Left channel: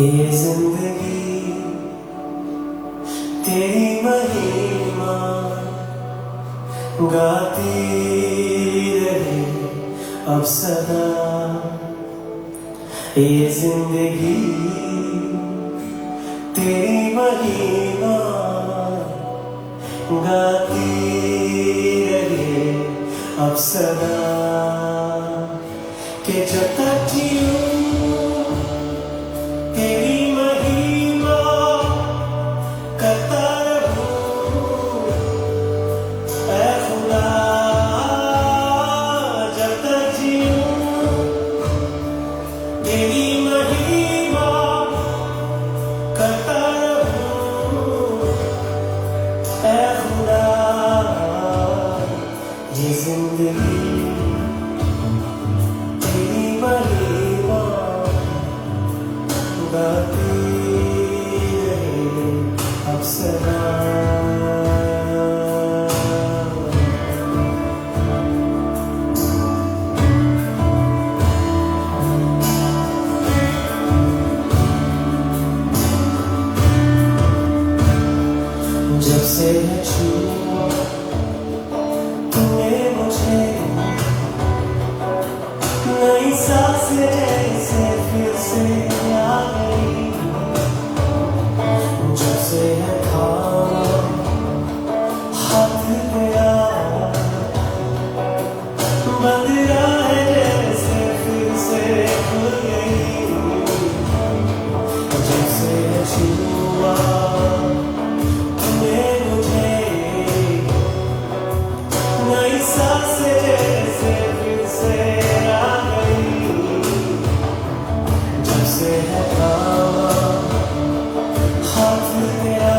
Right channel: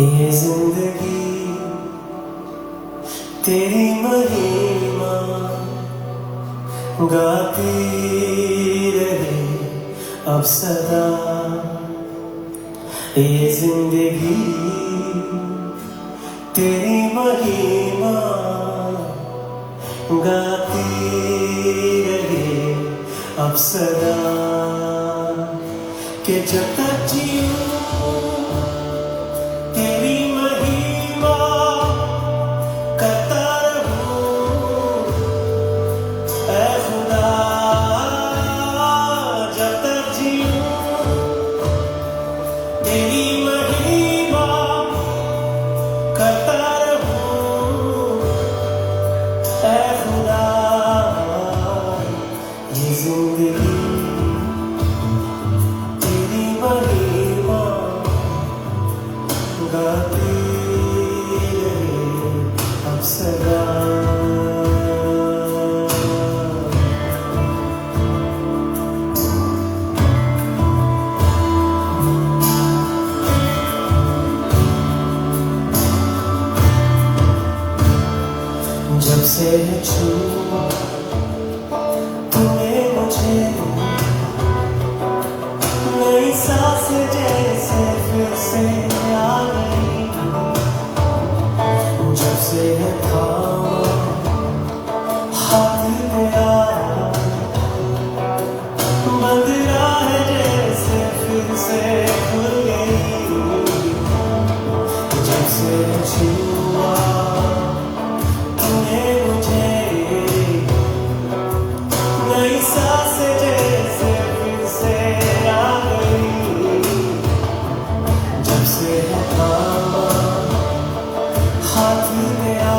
ये जिंदगी तेरी महिमा गाती रहे अब सदा। ये जिंदगी तेरी महिमा गाती रहे अब सदा। कि जब तक जीऊं तेरी महिमा करता रहूं ऐ खुदा। जब तक जीऊं तेरी महिमा करता रहूं ऐ खुदा। ये जिंदगी तेरी महिमा गाती रहे अब सदा। जब से छुआ तूने मुझे नई सांसें जैसे फिर से आई। जब से खाया हाथ गया बंद राहें जैसे फिर से खुल गई। जब से छुआ तूने मुझे नई सांसें जैसे फिर से आ गई। जब से हाथ गया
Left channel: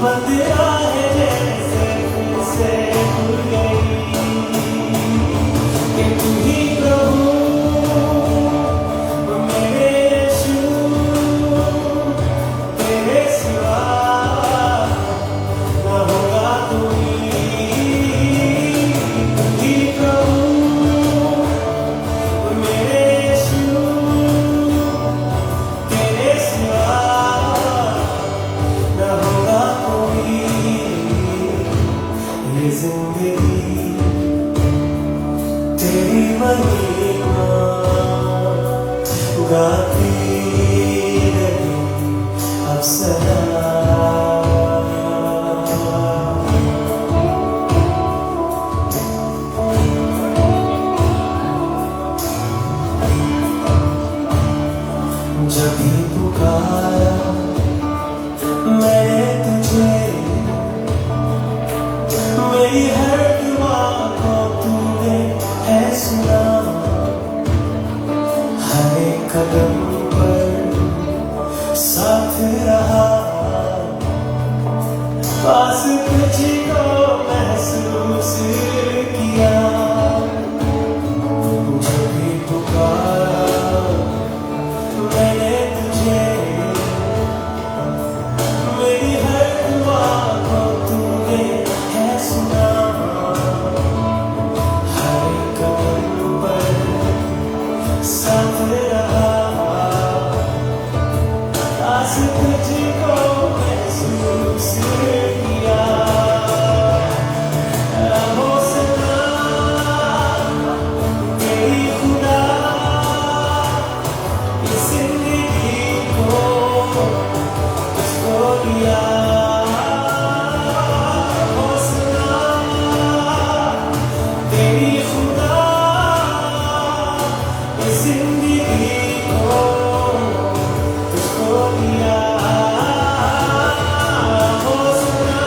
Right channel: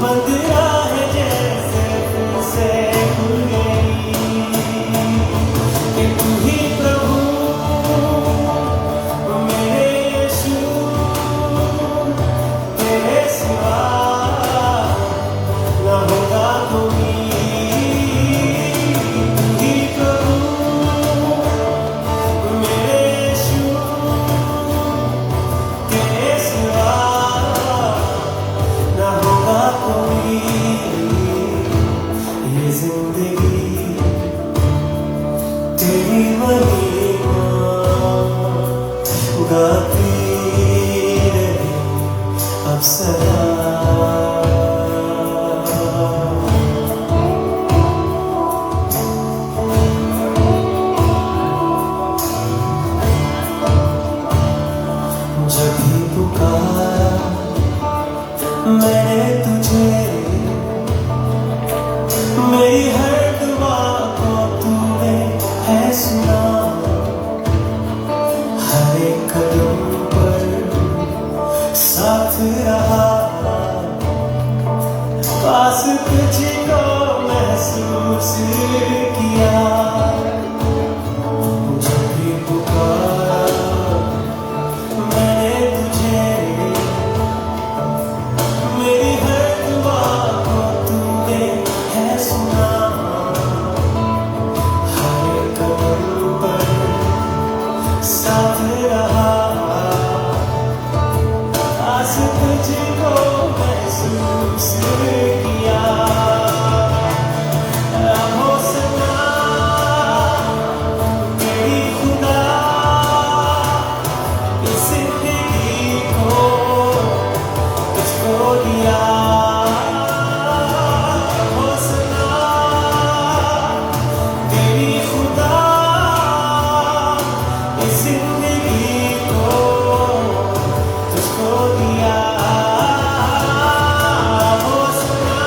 बंद राहें जैसे फिर से खुल गई। कि तू ही प्रभु मेरे यीशु, तेरे सिवा न होगा कोई। तू ही प्रभु मेरे यीशु, तेरे सिवा न होगा कोई। ये जिंदगी तेरी महिमा गाती रहे अब सदा। जब भी पुकारा मैंने तुझे, मेरी हर दुआ को तूने है सुना। हर एक कदम पर साथ रहा, पास तुझको महसूस किया। जब भी पुकारा मैंने तुझे, मेरी हर दुआ को तूने है सुना। हर एक कदम पर साथ रहा, पास तुझको महसूस किया। हो सना तेरी खुदा, इस जिंदगी को तुझको दिया। हो सना तेरी खुदा, इस जिंदगी को तुझको दिया। हो सना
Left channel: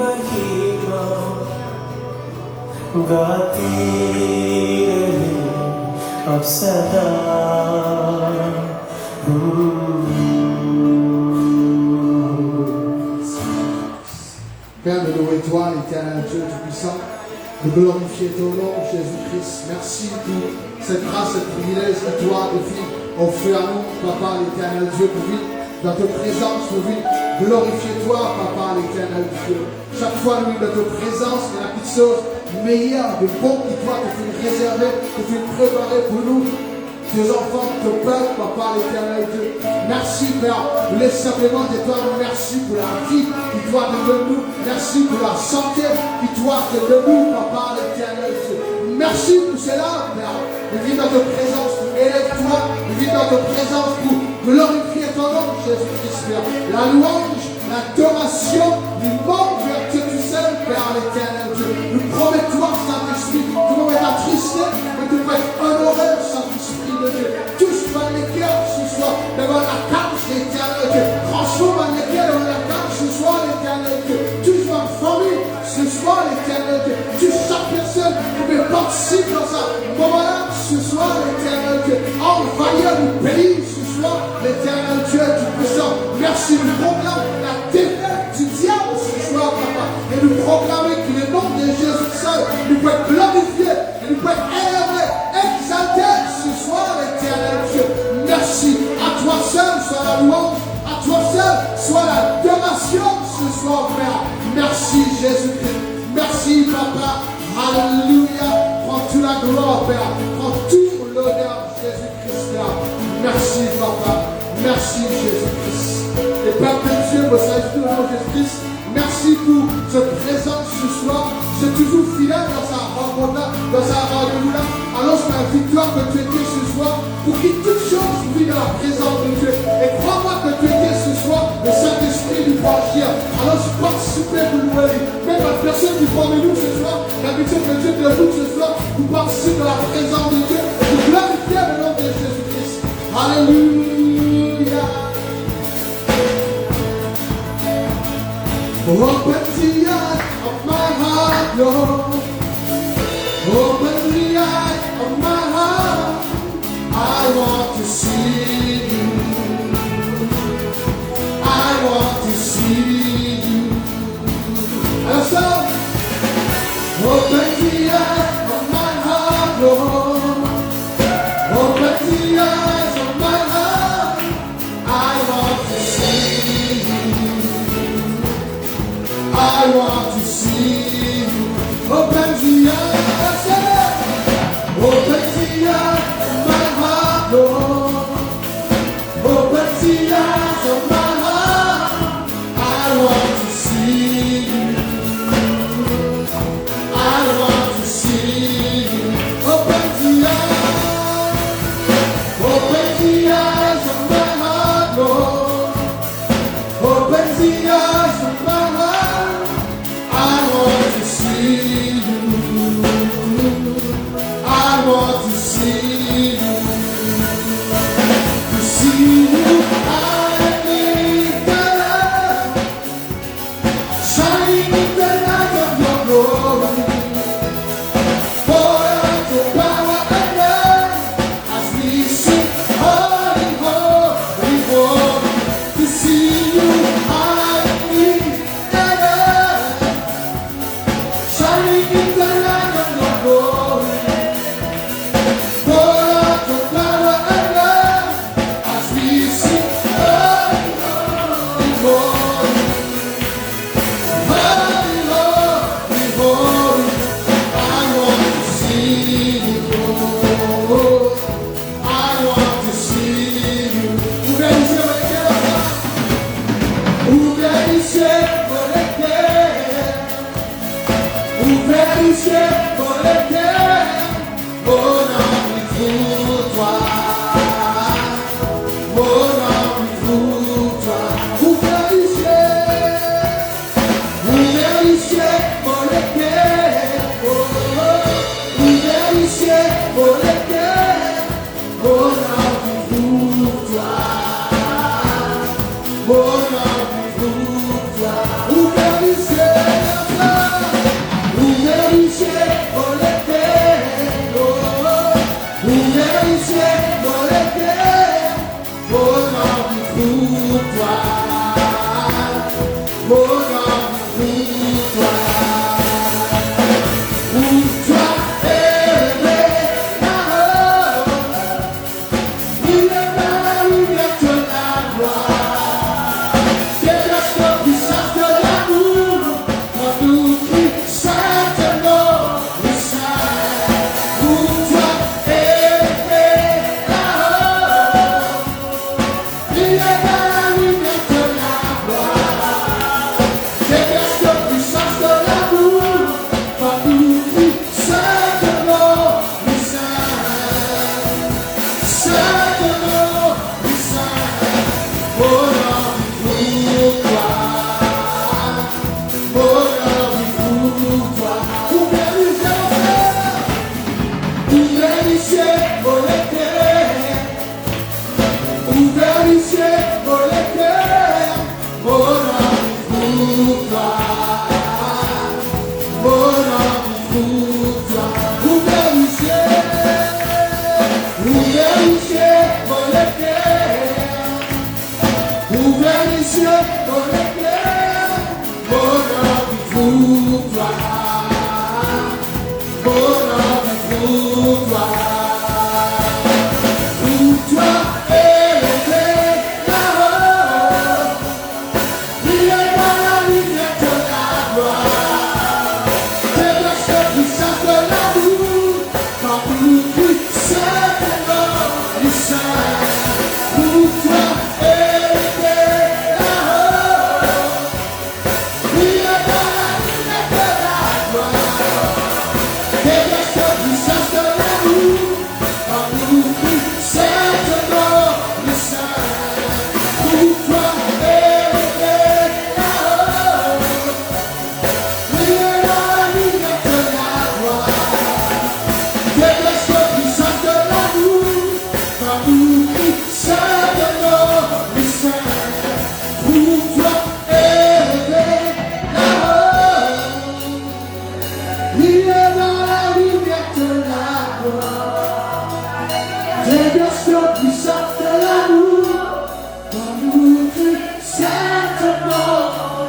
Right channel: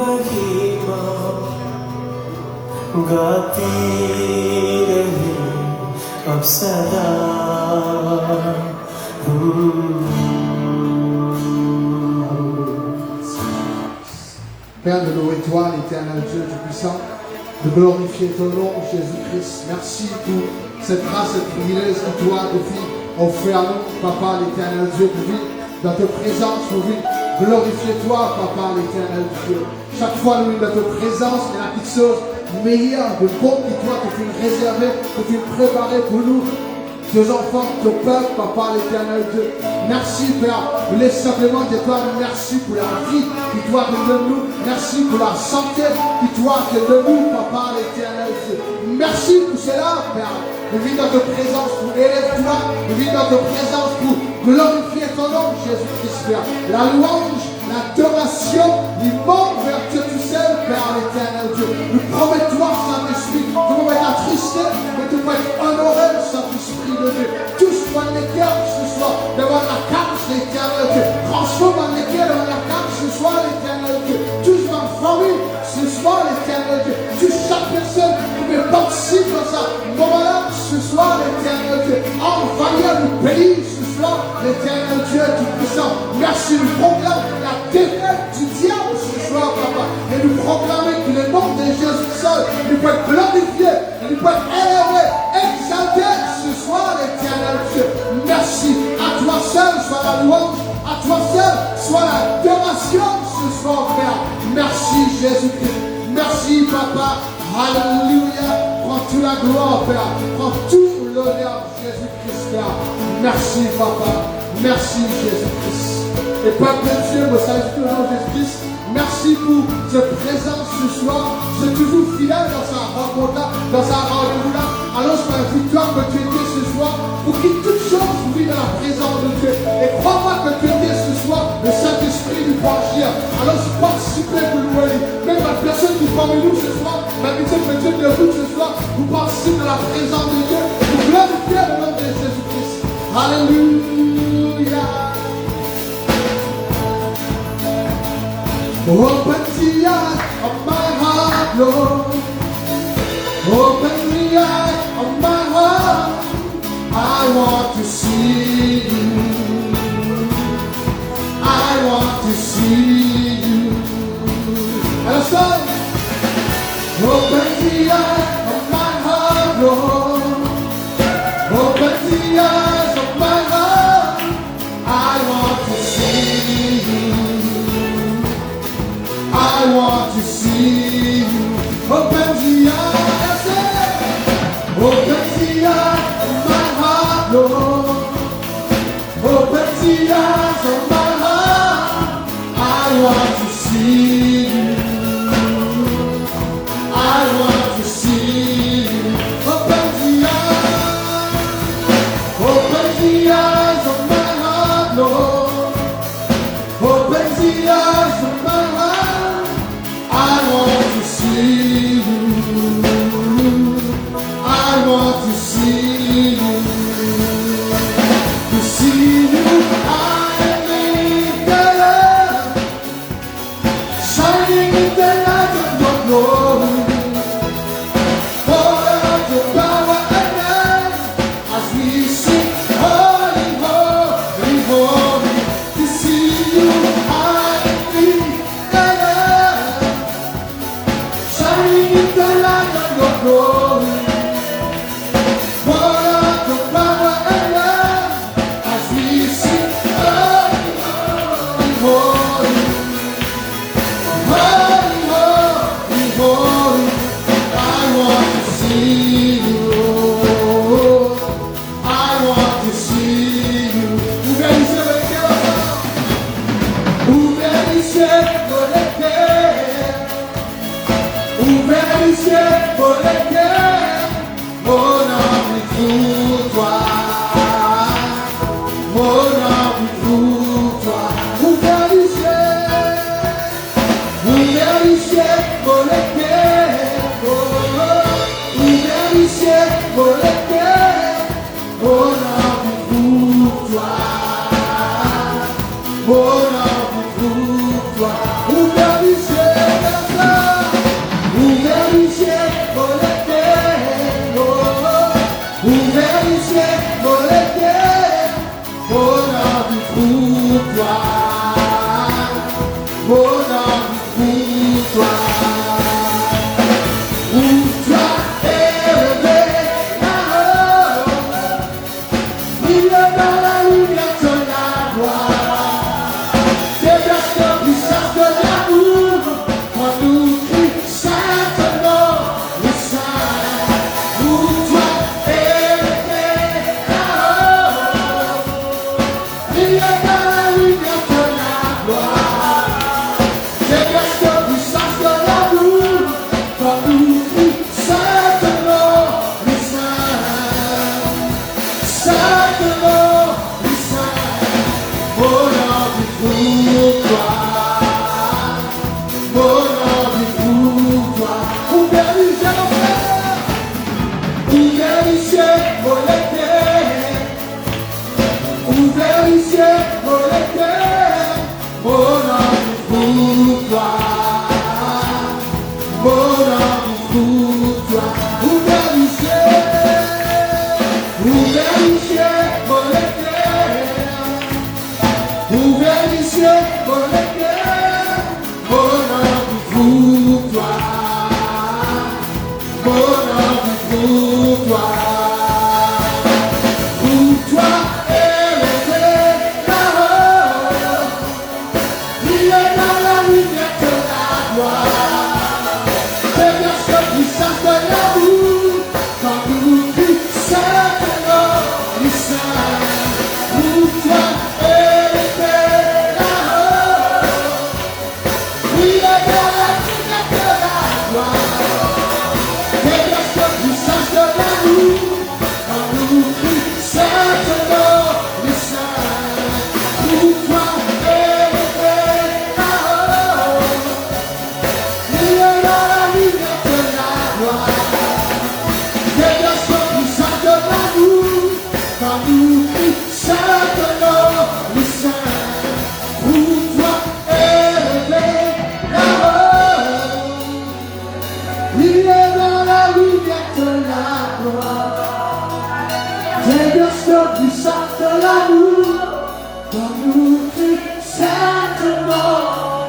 महिमा गाती रहे अब सदा Père, nous louons toi, l'éternel Dieu Tout-Puissant, de glorifier ton nom, Jésus-Christ. Merci pour cette grâce, cette privilège que toi, de vie, offert à nous, Papa, l'éternel Dieu, pour vivre dans ta présence, pour vivre. Glorifier toi, Papa, l'éternel Dieu. Chaque fois, nous, dans ta présence, il y a quelque chose de meilleur, de bon qui toi, que tu nous réservais, que tu nous préparais pour nous. Tes enfants, te peuple, Papa, l'éternel Dieu. Merci, Père. Nous voulons simplement dire toi, merci pour la vie qui toi te donne nous. Merci pour la santé qui toi te donne nous, Papa, l'éternel Dieu. Merci pour cela, Père. Nous vivons dans ta présence pour élever toi. Nous vivons dans ta présence pour glorifier ton nom, Jésus-Christ, Père. La louange, l'adoration, l'immense vers Dieu tout seul, Père, l'éternel Dieu. Nous promettons, Saint-Esprit, de nous être attristés, mais de nous être honorés, Saint-Esprit. Touche par les cœurs ce soir devant la carte l'éternel Dieu. Transforme les cœurs devant la carte ce soir l'éternel Dieu. Touche ma famille ce soir l'éternel Dieu. Touche chaque personne qui peut participer dans ça. Moment-là ce soir l'éternel Dieu. Envahir le pays ce soir l'éternel Dieu tout-puissant. Merci, nous proclame la défaite du diable ce soir, Papa. Et nous proclamer que le nom de Jésus seul nous peut être glorifié, nous peut être élevé, exalté ce soir, l'éternel Dieu. Merci. À toi seul soit la louange, à toi seul soit l'adoration ce soir, Père. Merci, Jésus-Christ. Merci, Papa. Alléluia. Prends toute la gloire, Père. Prends tout l'honneur, Jésus-Christ, Père. Merci, Papa. Merci, Jésus-Christ. Et Papa Dieu, me salue au nom de Jésus-Christ. Merci pour cette présence ce soir. C'est toujours fidèle dans sa rencontre-là, dans sa rendez-vous-là. Alors c'est la victoire que tu étais ce soir. Pour qu'il toute chose vit dans la présence de Dieu. Et crois-moi que tu étais ce soir le Saint-Esprit du Branchier. Alors je participe pour nous. Même la personne qui parmi nous ce soir, la victoire que Dieu de vous ce soir, vous participez dans la présence de Dieu. Pour glorifier le nom de Jésus-Christ. Alléluia. Open the eyes of my heart, Lord. Open the eyes of my heart. I want to see you. I want to see you. And so, open the eyes of my heart, Lord. Open the eyes of my heart. I want to see you. I want to see you. Open the eyes, open the eyes of my heart, Lord. Open the eyes of my heart. I want to see you. I want to see you. Open the eyes of my heart, Lord. Open the eyes of my heart. I want to see you. I want to see you. To see you, I need the love, shining in the light of your glory. Pour out your power and reign as we sing, holy, holy, holy. To see you, I need the love, shining in the light of your glory. Pour out your power and love as we sing, holy, holy, holy. Holy, holy, holy. I want to see you. I want to see you. Ouvert les cieux pour les cœurs. Ouvert les cieux pour les cœurs. Mon envie pour toi. Mon envie pour toi. Ouvert les cieux. Ouvert les cieux pour les cœurs. Ouvert les cieux pour les cœurs. Mon envie pour toi. Mon envie pour toi. Ouvert les cieux. pour toi. Bonheur vit pour toi. Pour toi élevé là-haut. Briller dans la lumière de la gloire. Que la seule puissance de l'amour, quand nous puissons le sein. Pour toi élevé là-haut. Briller dans la lumière de la gloire. Que la seule puissance de l'amour, quand nous puissons le sein. Pour toi élevé là-haut. Briller dans la lumière de la gloire. Que la seule puissance de l'amour, quand nous puissons le sein. Pour toi élevé là-haut. Briller dans la lumière de la gloire. Que la seule puissance de l'amour, quand nous puissons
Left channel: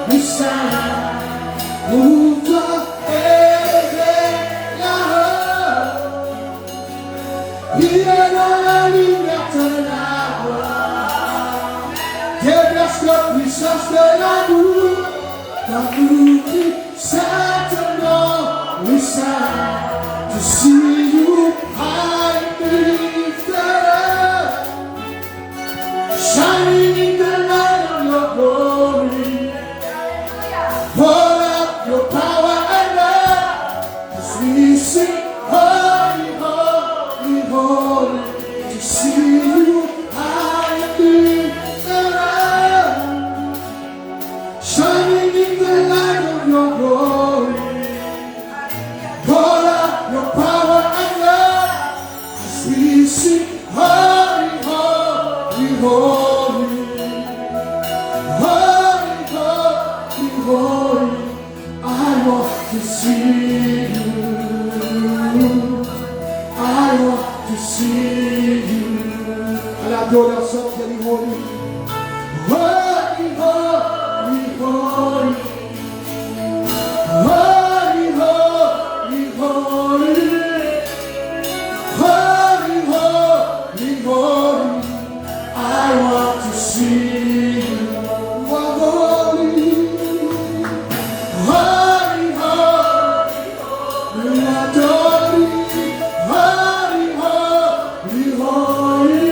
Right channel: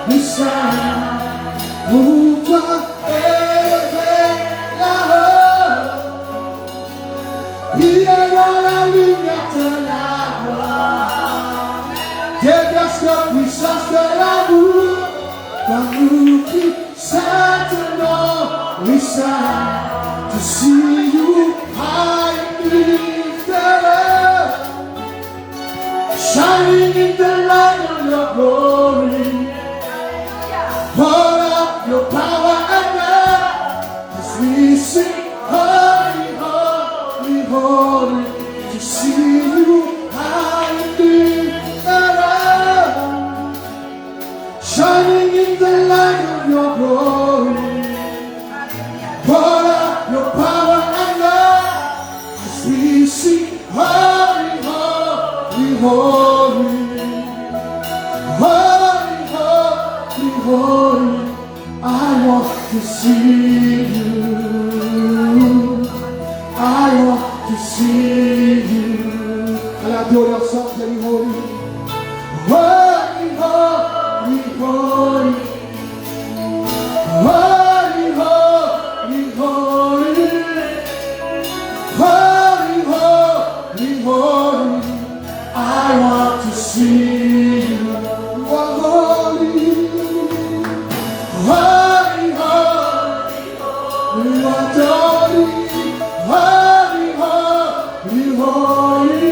le sein. Pour toi élevé là-haut. Briller dans la lumière de la gloire. Déverse la puissance de l'amour, quand nous puissons le sein. To see you high and lifted up, shining in the light of your glory. Pour up your power and love as we sing, holy, holy, holy. To see you high and lifted up, shining in the light of your glory. Pour up your power and love as we sing, holy, holy, holy. Holy, holy, holy, I want to see you. I want to see you. And I do that song getting holy. Holy, holy, holy. Holy, holy, holy. Holy, holy, holy. I want to see you. You are holy. Holy, holy, we adore you. Holy, holy, holy.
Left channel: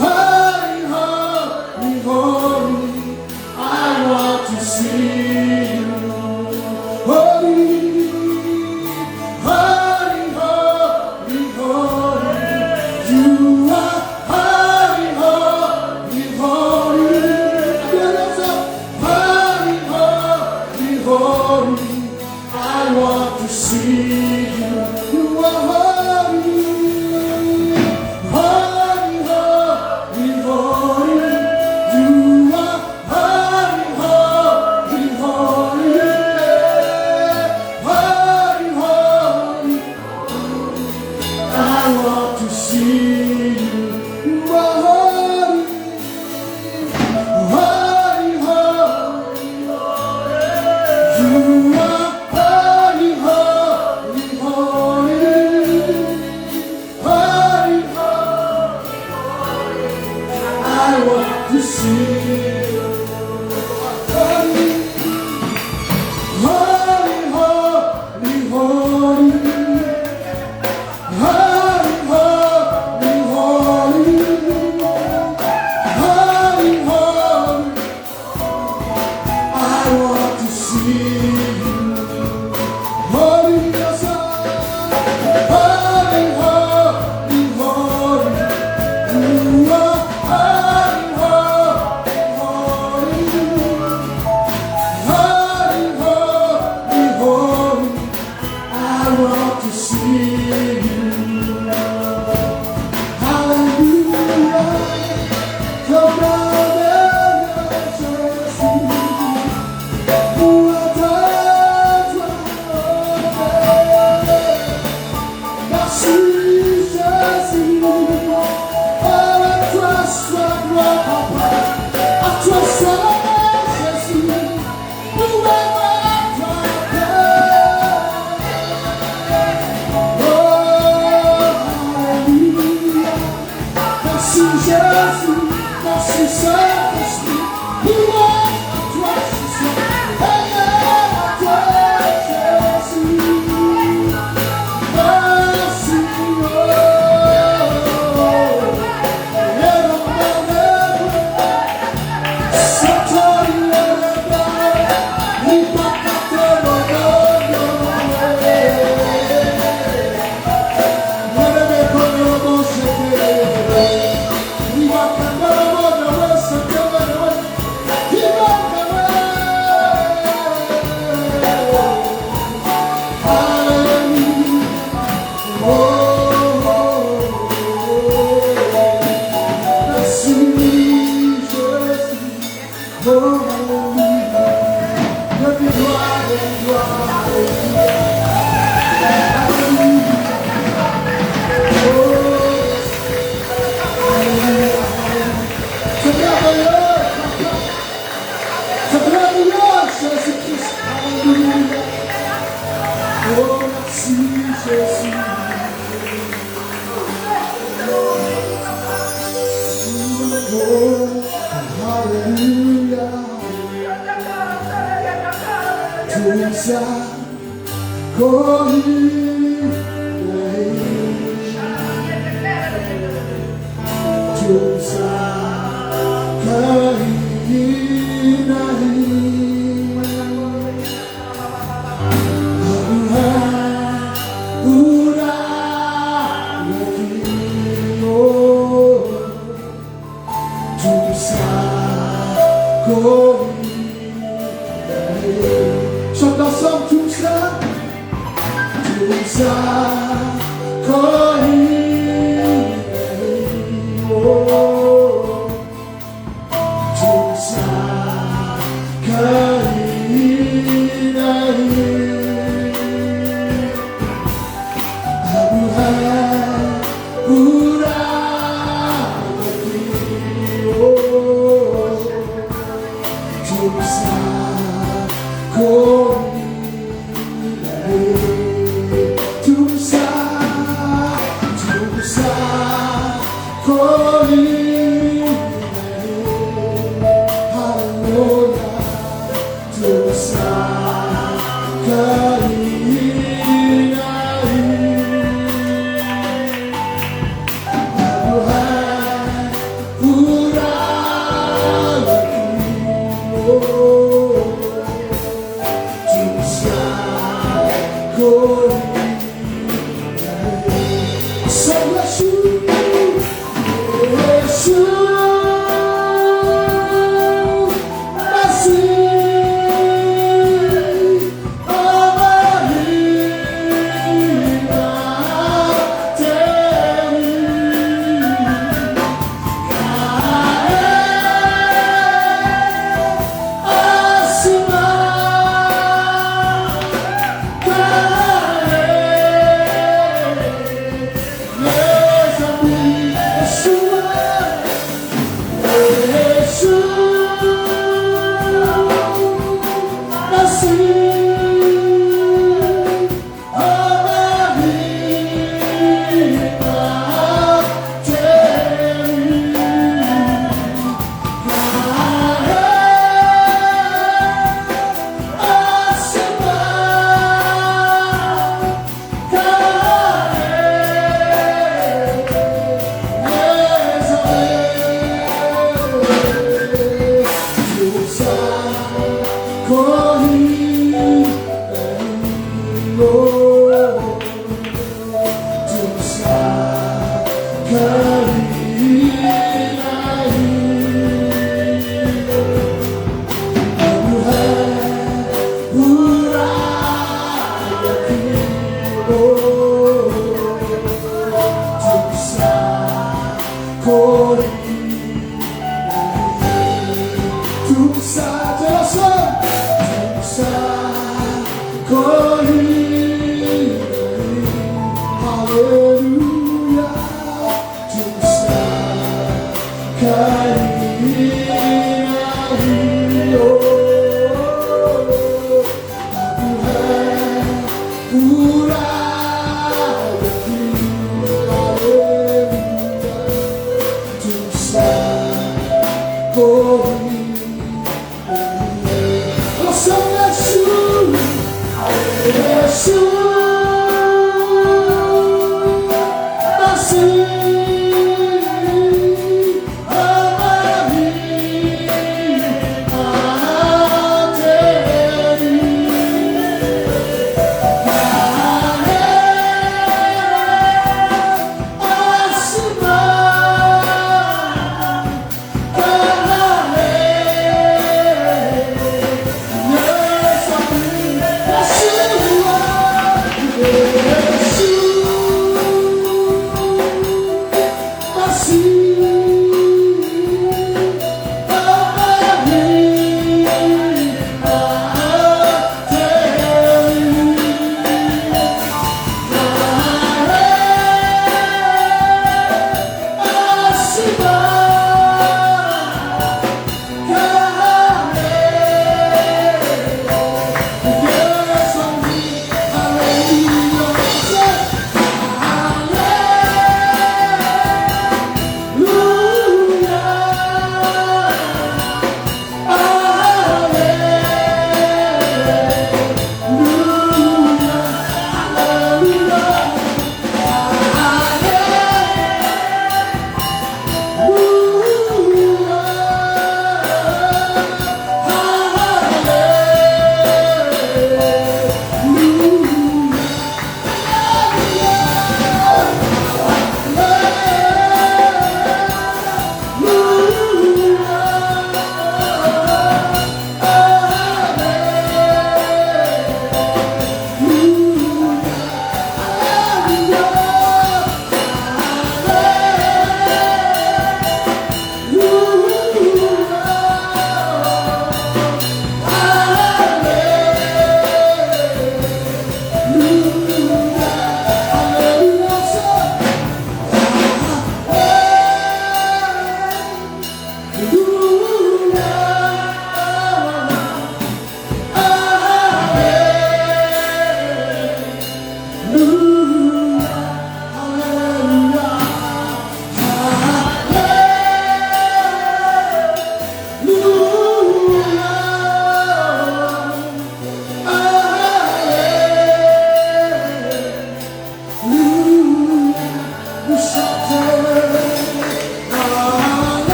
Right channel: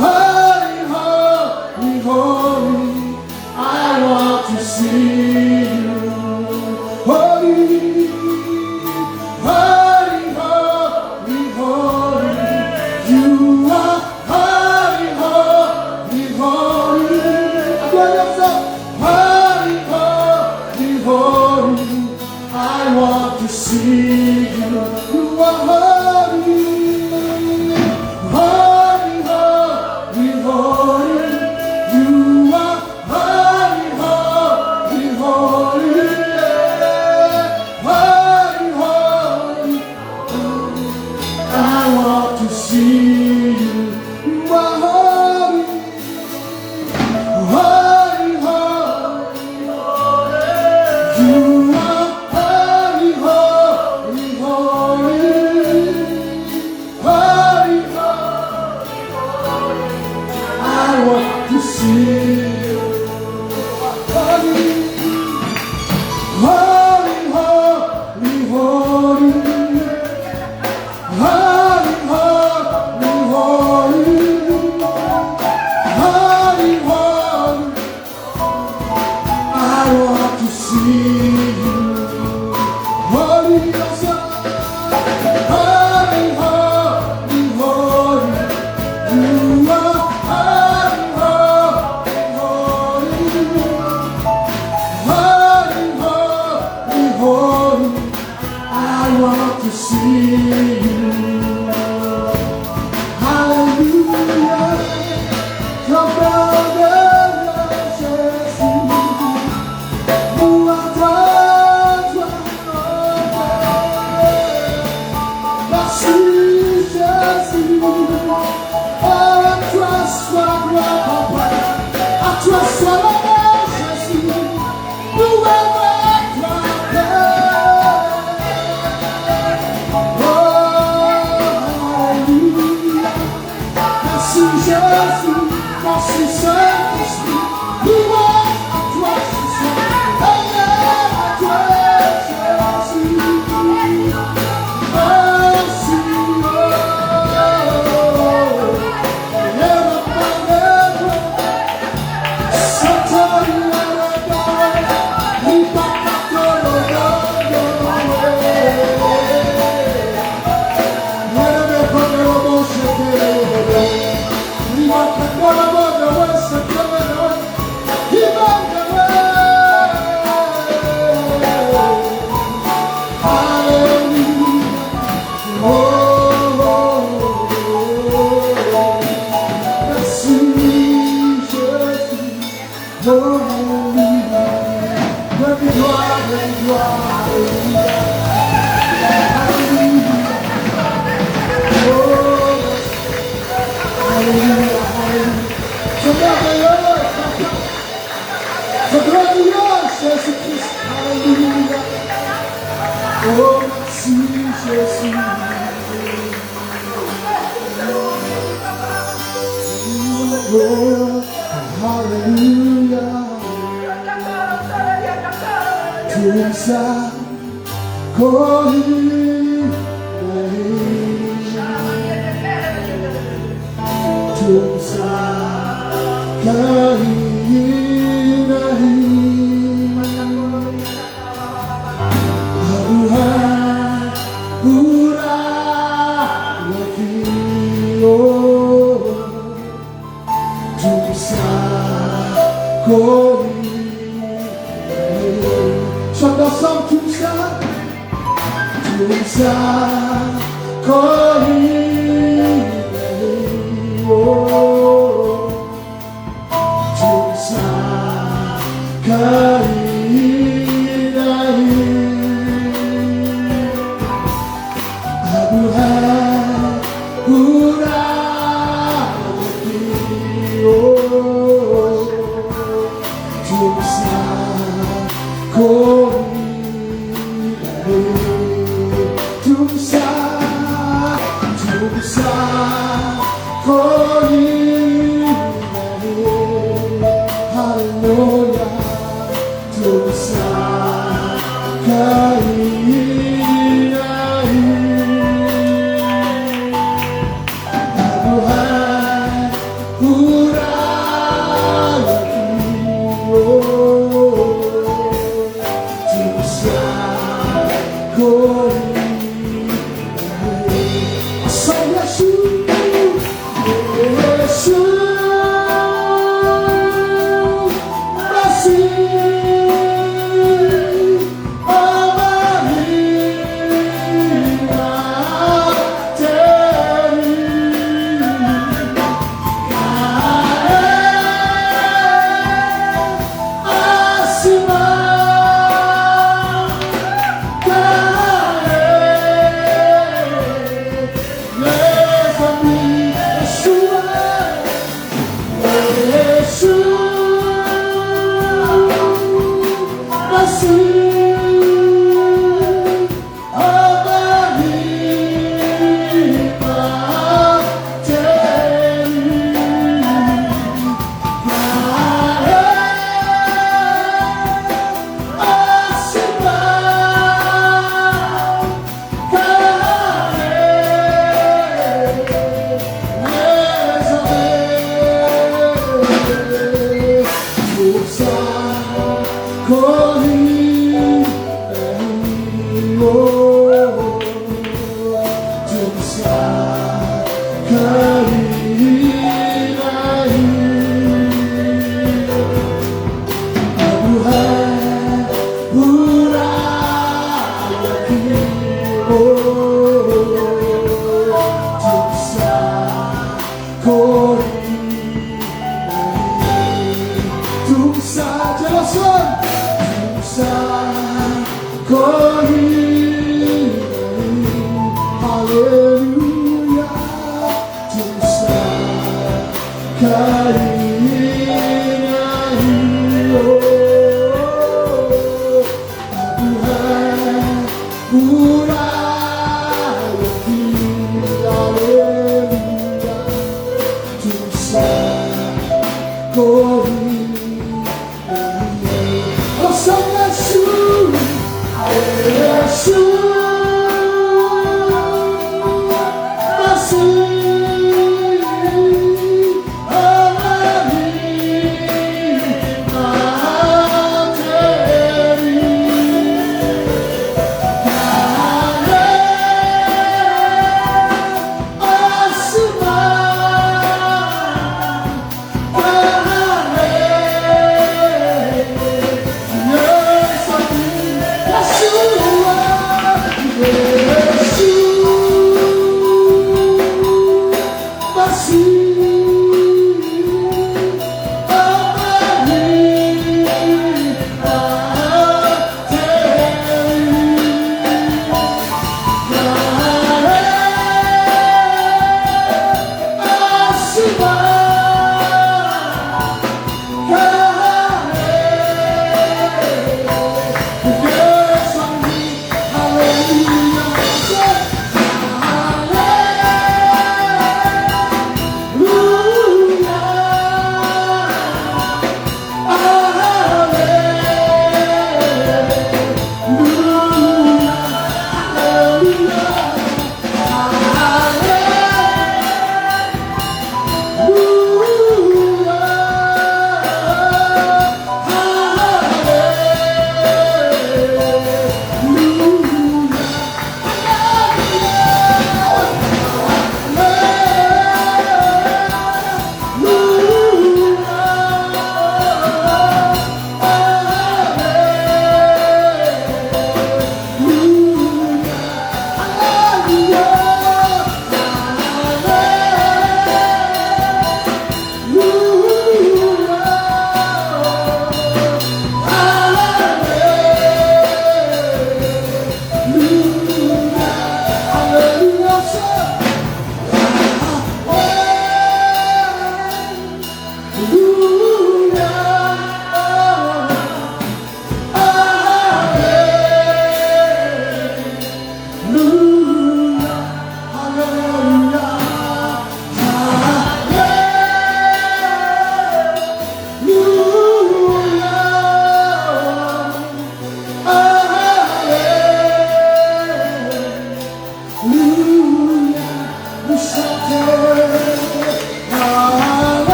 Holy, holy, holy. I want to see you. Holy, holy, holy, holy. You are holy, holy, holy. Holy, holy, holy. I want to see you. You are holy. Holy, holy, holy. You are holy, holy, holy. Holy, holy. I want to see you. You are holy. Holy, holy, you are holy, holy, holy. Holy, holy, I want to see you. Holy, holy, holy, holy. Holy, holy, holy. Holy, holy, I want to see you. Holy, holy, holy, holy. You are holy, holy, holy. Holy, holy, holy. I want to see you. Hallelujah. Come on. Jésus, nous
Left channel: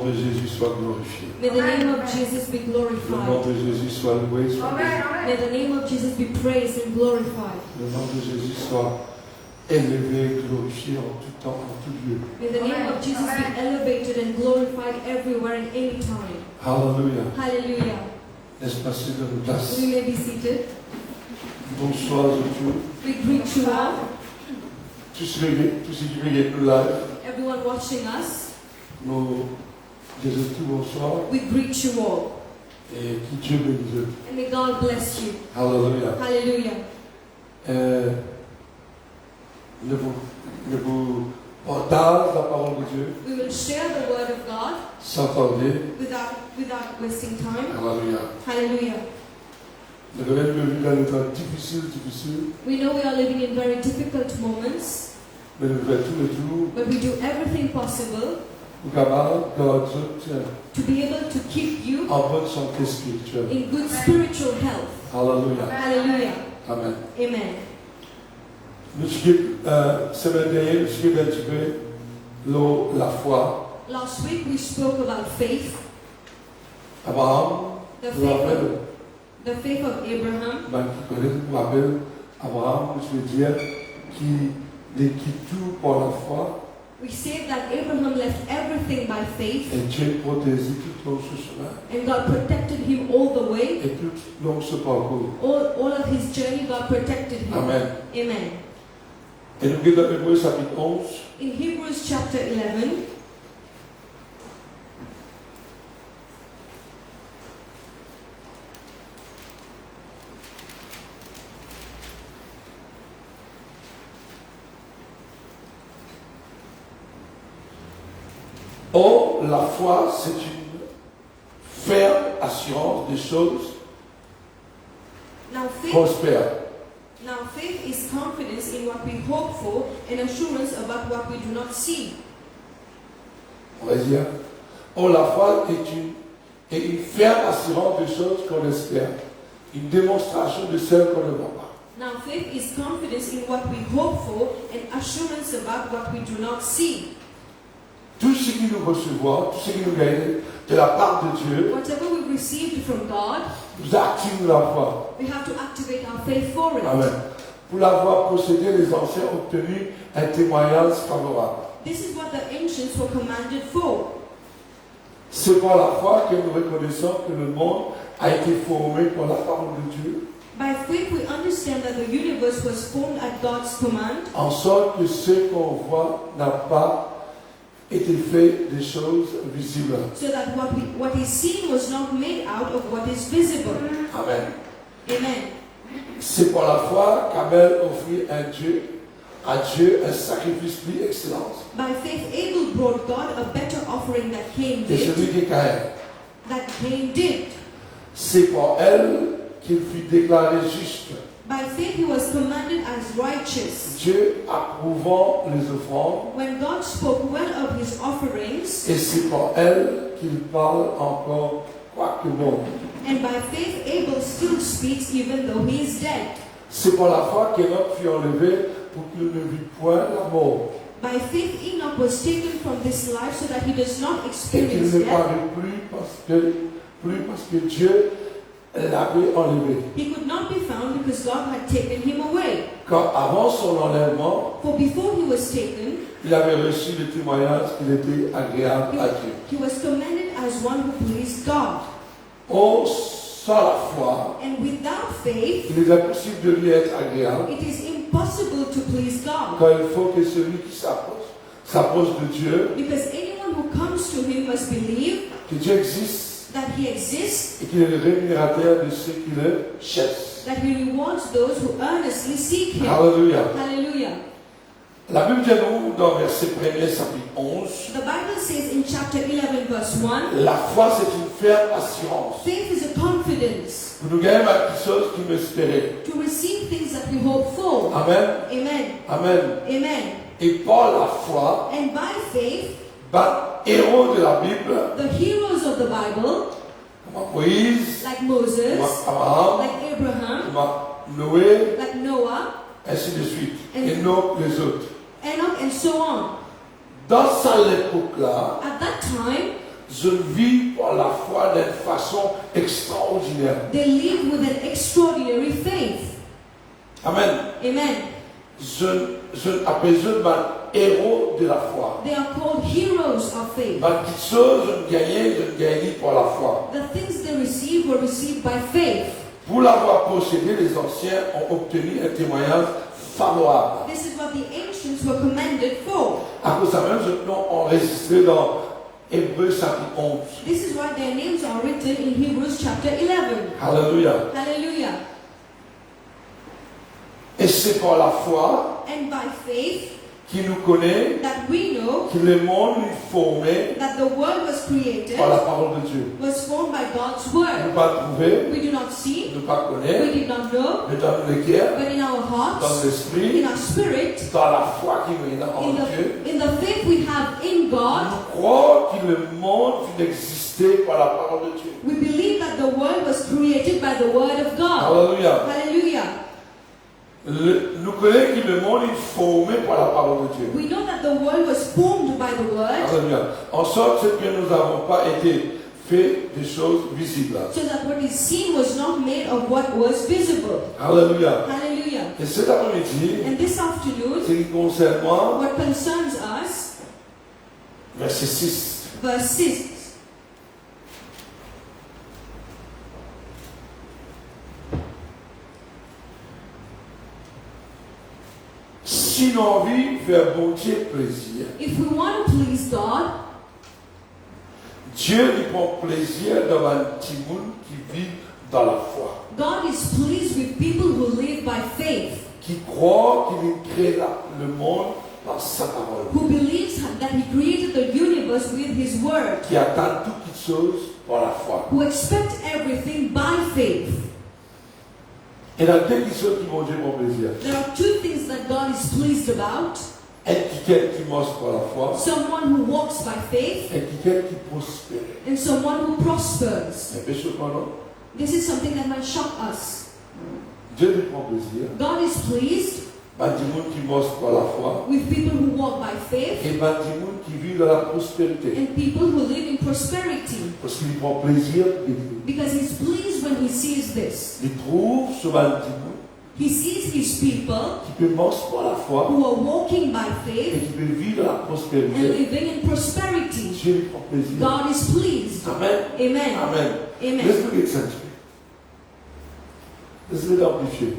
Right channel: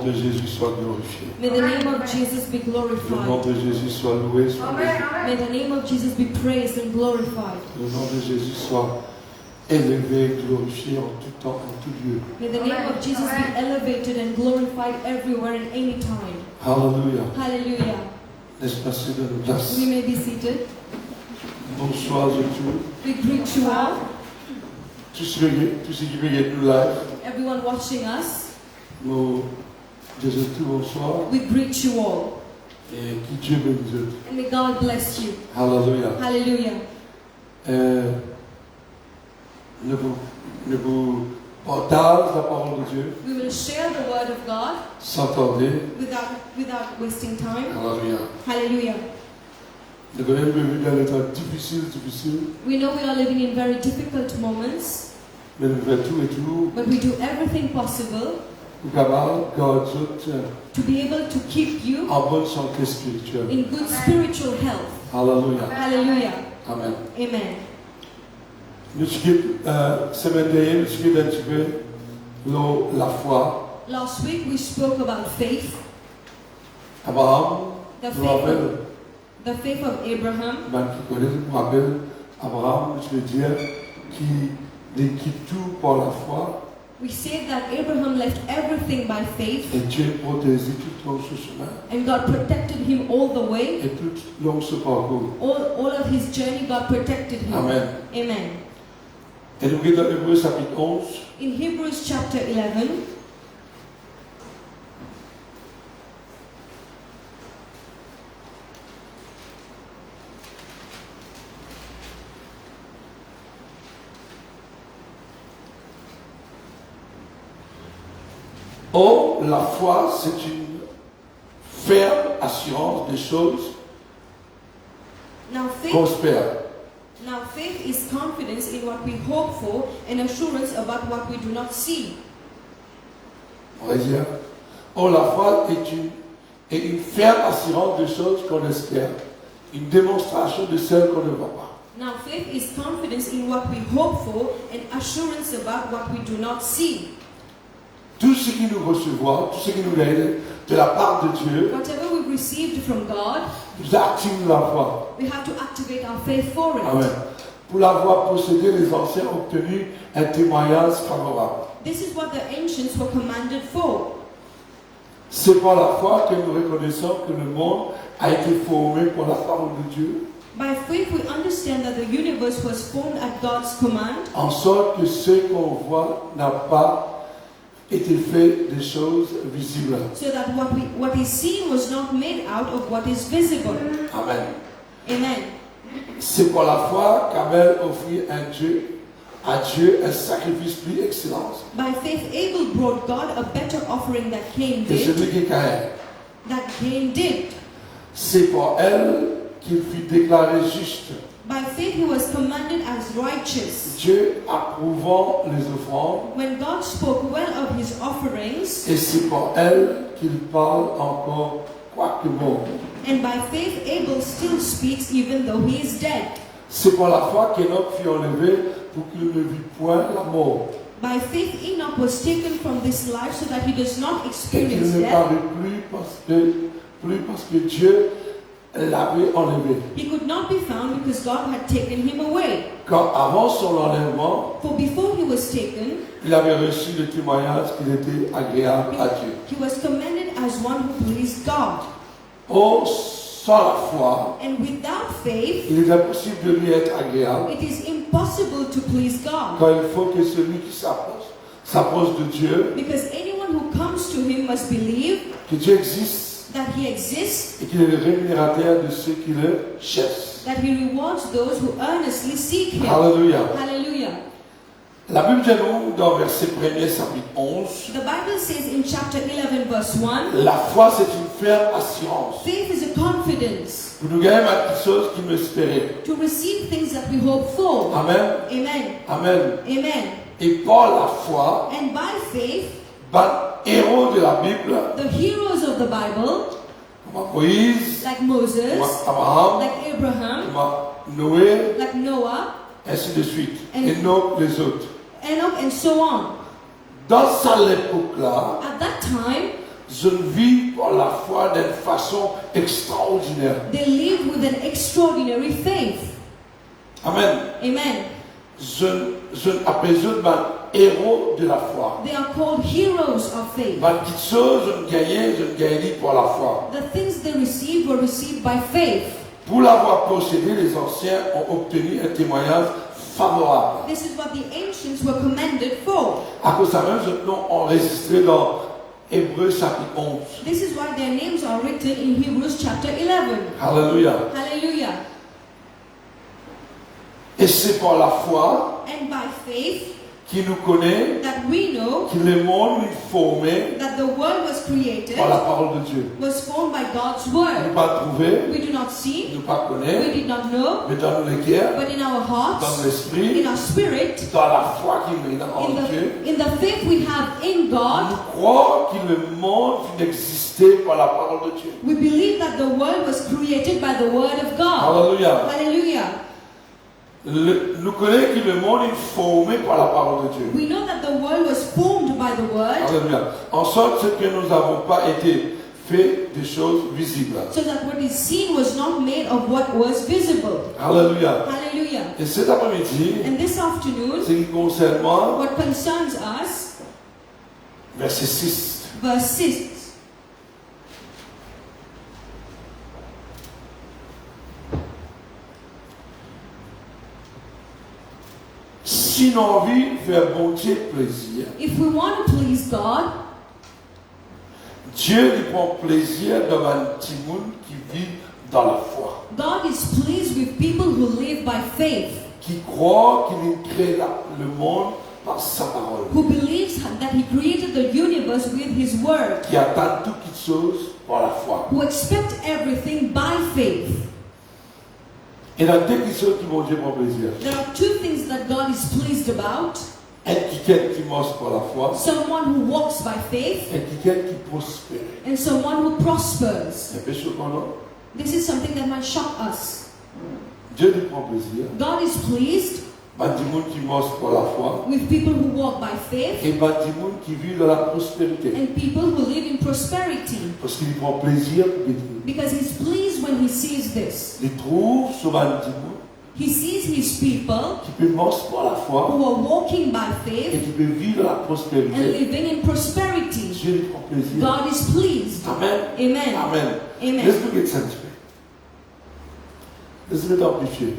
nom de Jésus soit glorifié. May the name of Jesus be Le nom glorified. de Jésus soit loué, soit béni. May the name of Jesus be praised and glorified. Le nom de Jésus soit élevé, glorifié en tout temps, en tout lieu. May the name of Jesus be elevated and glorified everywhere and any time. Alléluia. Hallelujah. Laisse passer de nos places. We may be seated. Bonsoir à tous. We greet you all, Tous ceux qui regardent nous live, everyone watching us. nous disons tout bonsoir We greet you all. et que Dieu bénisse. And may God bless you. Alléluia. Hallelujah. Je vous partage la parole de Dieu We will share the word of God sans tarder. without wasting time. Alléluia. Hallelujah. Nous venons de vivre dans des temps difficiles, We know we are living in very difficult moments, mais nous faisons tout et tout but we do everything possible pour capable garder to be able to keep you en bonne santé spirituelle. in good spiritual health. Alléluia. Hallelujah. Amen. Amen. Nous semaine dernière, nous suivons un petit peu la foi. Last week we spoke about faith, Abraham, the je me rappelle, faith of Abraham. qui connaît, je me rappelle, Abraham, je veux dire, qui quitte tout par la foi. We say that Abraham left everything by faith, Et Dieu protégeait tout long ce chemin. and God protected him all the way. Et tout long ce parcours. All of his journey, God protected him. Amen. Amen. Et nous regardons dans Hébreux chapitre 11. In Hebrews chapter 11, Or, la foi, c'est une ferme assurance des choses now qu'on faith, espère. now faith is confidence in what we hope for and assurance about what we do not see. On va dire. Or, la foi est une ferme assurance des choses qu'on espère. Une démonstration de celles qu'on ne voit pas. Now faith is confidence in what we hope for and assurance about what we do not see. Tout ce que nous recevons, tout ce qui nous aide de la part de Dieu, Whatever we've received from God, nous active la foi. we have to activate our faith for it. Amen. Pour l'avoir possédé, les anciens ont obtenu un témoignage favorable. This is what the ancients were commanded for. C'est par la foi que nous reconnaissons que le monde a été formé par la parole de Dieu, By faith we understand that the universe was formed at God's command, en sorte que ce qu'on voit n'a pas été fait des choses visibles. so that what is seen was not made out of what is visible. Amen. Amen. C'est par la foi qu'Abel offrit à Dieu un sacrifice plus excellent. By faith Abel brought God a better offering that Cain Et celui did. qui est Caïn. C'est par elle qu'il fut déclaré juste. By faith he was commanded as righteous. Dieu approuvant les offrandes, When God spoke well of his offerings, et c'est par elle qu'il parle encore quoique bon. and by faith Abel still speaks even though he is dead. C'est par la foi qu'Enoch fut enlevé pour qu'il ne vit point la mort, By faith Enoch was taken from this life so that he does not et qu'il experience ne death. parut plus parce que Dieu l'avait enlevé. He could not be found because God had taken him away. Quand avant son enlèvement, For before he was taken, il avait reçu le témoignage qu'il était agréable à Dieu. he was commended as one who pleased God. Or, sans la foi, And without faith, il est impossible de lui être agréable, it is impossible to please God. car il faut que celui qui s'approche de Dieu, Because anyone who comes to him must believe que Dieu existe that he exists, et qu'il est le rémunérateur de ceux qui le cherchent. that he rewards those who earnestly seek him. Alléluia. Hallelujah. La Bible dit nous dans verset 1er, chapitre 11, The Bible says in chapter 11 verse 1, la foi c'est une ferme assurance. faith is a confidence Pour nous gagner quelque chose qui nous espérait. to receive things that we hope for. Amen. Amen. Amen. Amen. Et par la foi, And by faith, héros de la Bible, the heroes of the Bible, comme Moïse, like Moses, comme Abraham, like Abraham, comme Noé, like Noah, ainsi de suite, And- et non les autres. Enoch, and so on. Dans cette époque-là, At that time, vivent par la foi d'une façon extraordinaire. They live with an extraordinary faith. Amen. Amen. Je appelle eux des héros de la foi. They are called heroes of faith. Petites choses, je gagne par la foi. The things they received were received by faith. Pour l'avoir possédé, les anciens ont obtenu un témoignage favorable. This is what the ancients were commended for. À cause de ça, même, je l'ai enregistré dans Hébreux chapitre 11. This is why their names are written in Hebrews chapter 11. Alléluia. Hallelujah. Et c'est par la foi And by faith qu'il nous connaît, that we know que le monde est formé that the world was created, par la parole de Dieu. was formed by God's Nous word. pas trouver, We do not see, nous pas we connaître, did not know, mais dans le cœur, but in our dans hearts, l'esprit, in our spirit, dans la foi qui nous est en Dieu, in the faith we have in God, nous croyons que le monde n'existait par la parole de Dieu. we believe that the world was created by the word of God. Alléluia. Hallelujah. Nous connaissons que le monde est formé par la parole de Dieu. We know that the world was formed by the word, Alléluia. En sorte que nous n'avons pas été fait des choses visibles. so that what is seen was not made of what was visible. Alléluia. Hallelujah. Et cet après-midi, And this afternoon, c'est concernant what concerns us, verset 6. verse 6. Si nous avons envie de faire bon Dieu plaisir, If we want to please God, Dieu lui prend plaisir dans un petit monde qui vit dans la foi, God is pleased with people who live by faith, qui croit qu'il crée le monde par sa parole, who believes that He created the universe with His word, qui attend toutes choses par la foi. who expect everything by faith. Et dans deux choses qui vont Dieu prend plaisir. There are two things that God is pleased about. Quelqu'un qui marche par la foi, Someone who walks by faith et quelqu'un qui prospère. and someone who prospers. Un peu surprenant. This is something that might shock us. Dieu lui prend plaisir. God is pleased Du monde qui marche par la foi, with people who walk by faith et du monde qui vit dans la prospérité. and people who live in prosperity, Parce qu'il prend plaisir, because He's pleased when He sees this. il trouve sur un petit monde He sees His people qui peut marcher par la foi who are walking by et faith qui peut vivre dans la and prospérité. living in prosperity. Dieu lui prend plaisir. God is pleased. Amen. Amen. Amen. Amen. Laisse-nous accentuer. Laisse-nous amplifier.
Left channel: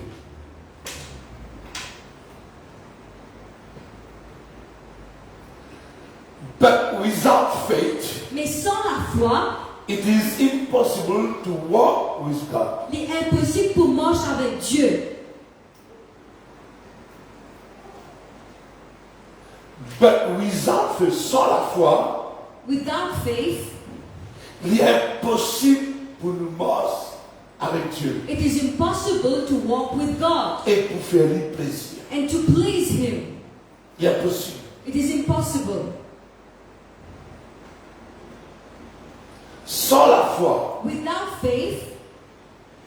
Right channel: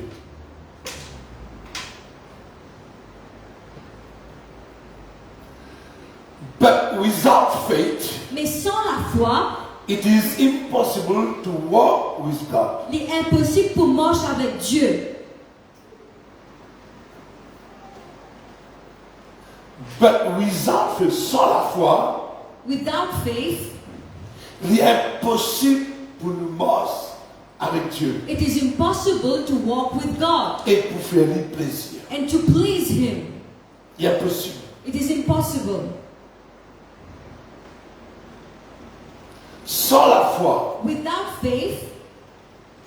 But without faith, Mais sans la foi, it is impossible to walk with God. il est impossible pour marcher avec Dieu. But without faith, sans la foi, Without faith, il est impossible pour nous marcher avec Dieu it is impossible to walk with God et pour faire lui plaisir. and to please Him. Il est impossible. It is impossible. Sans la foi, Without faith,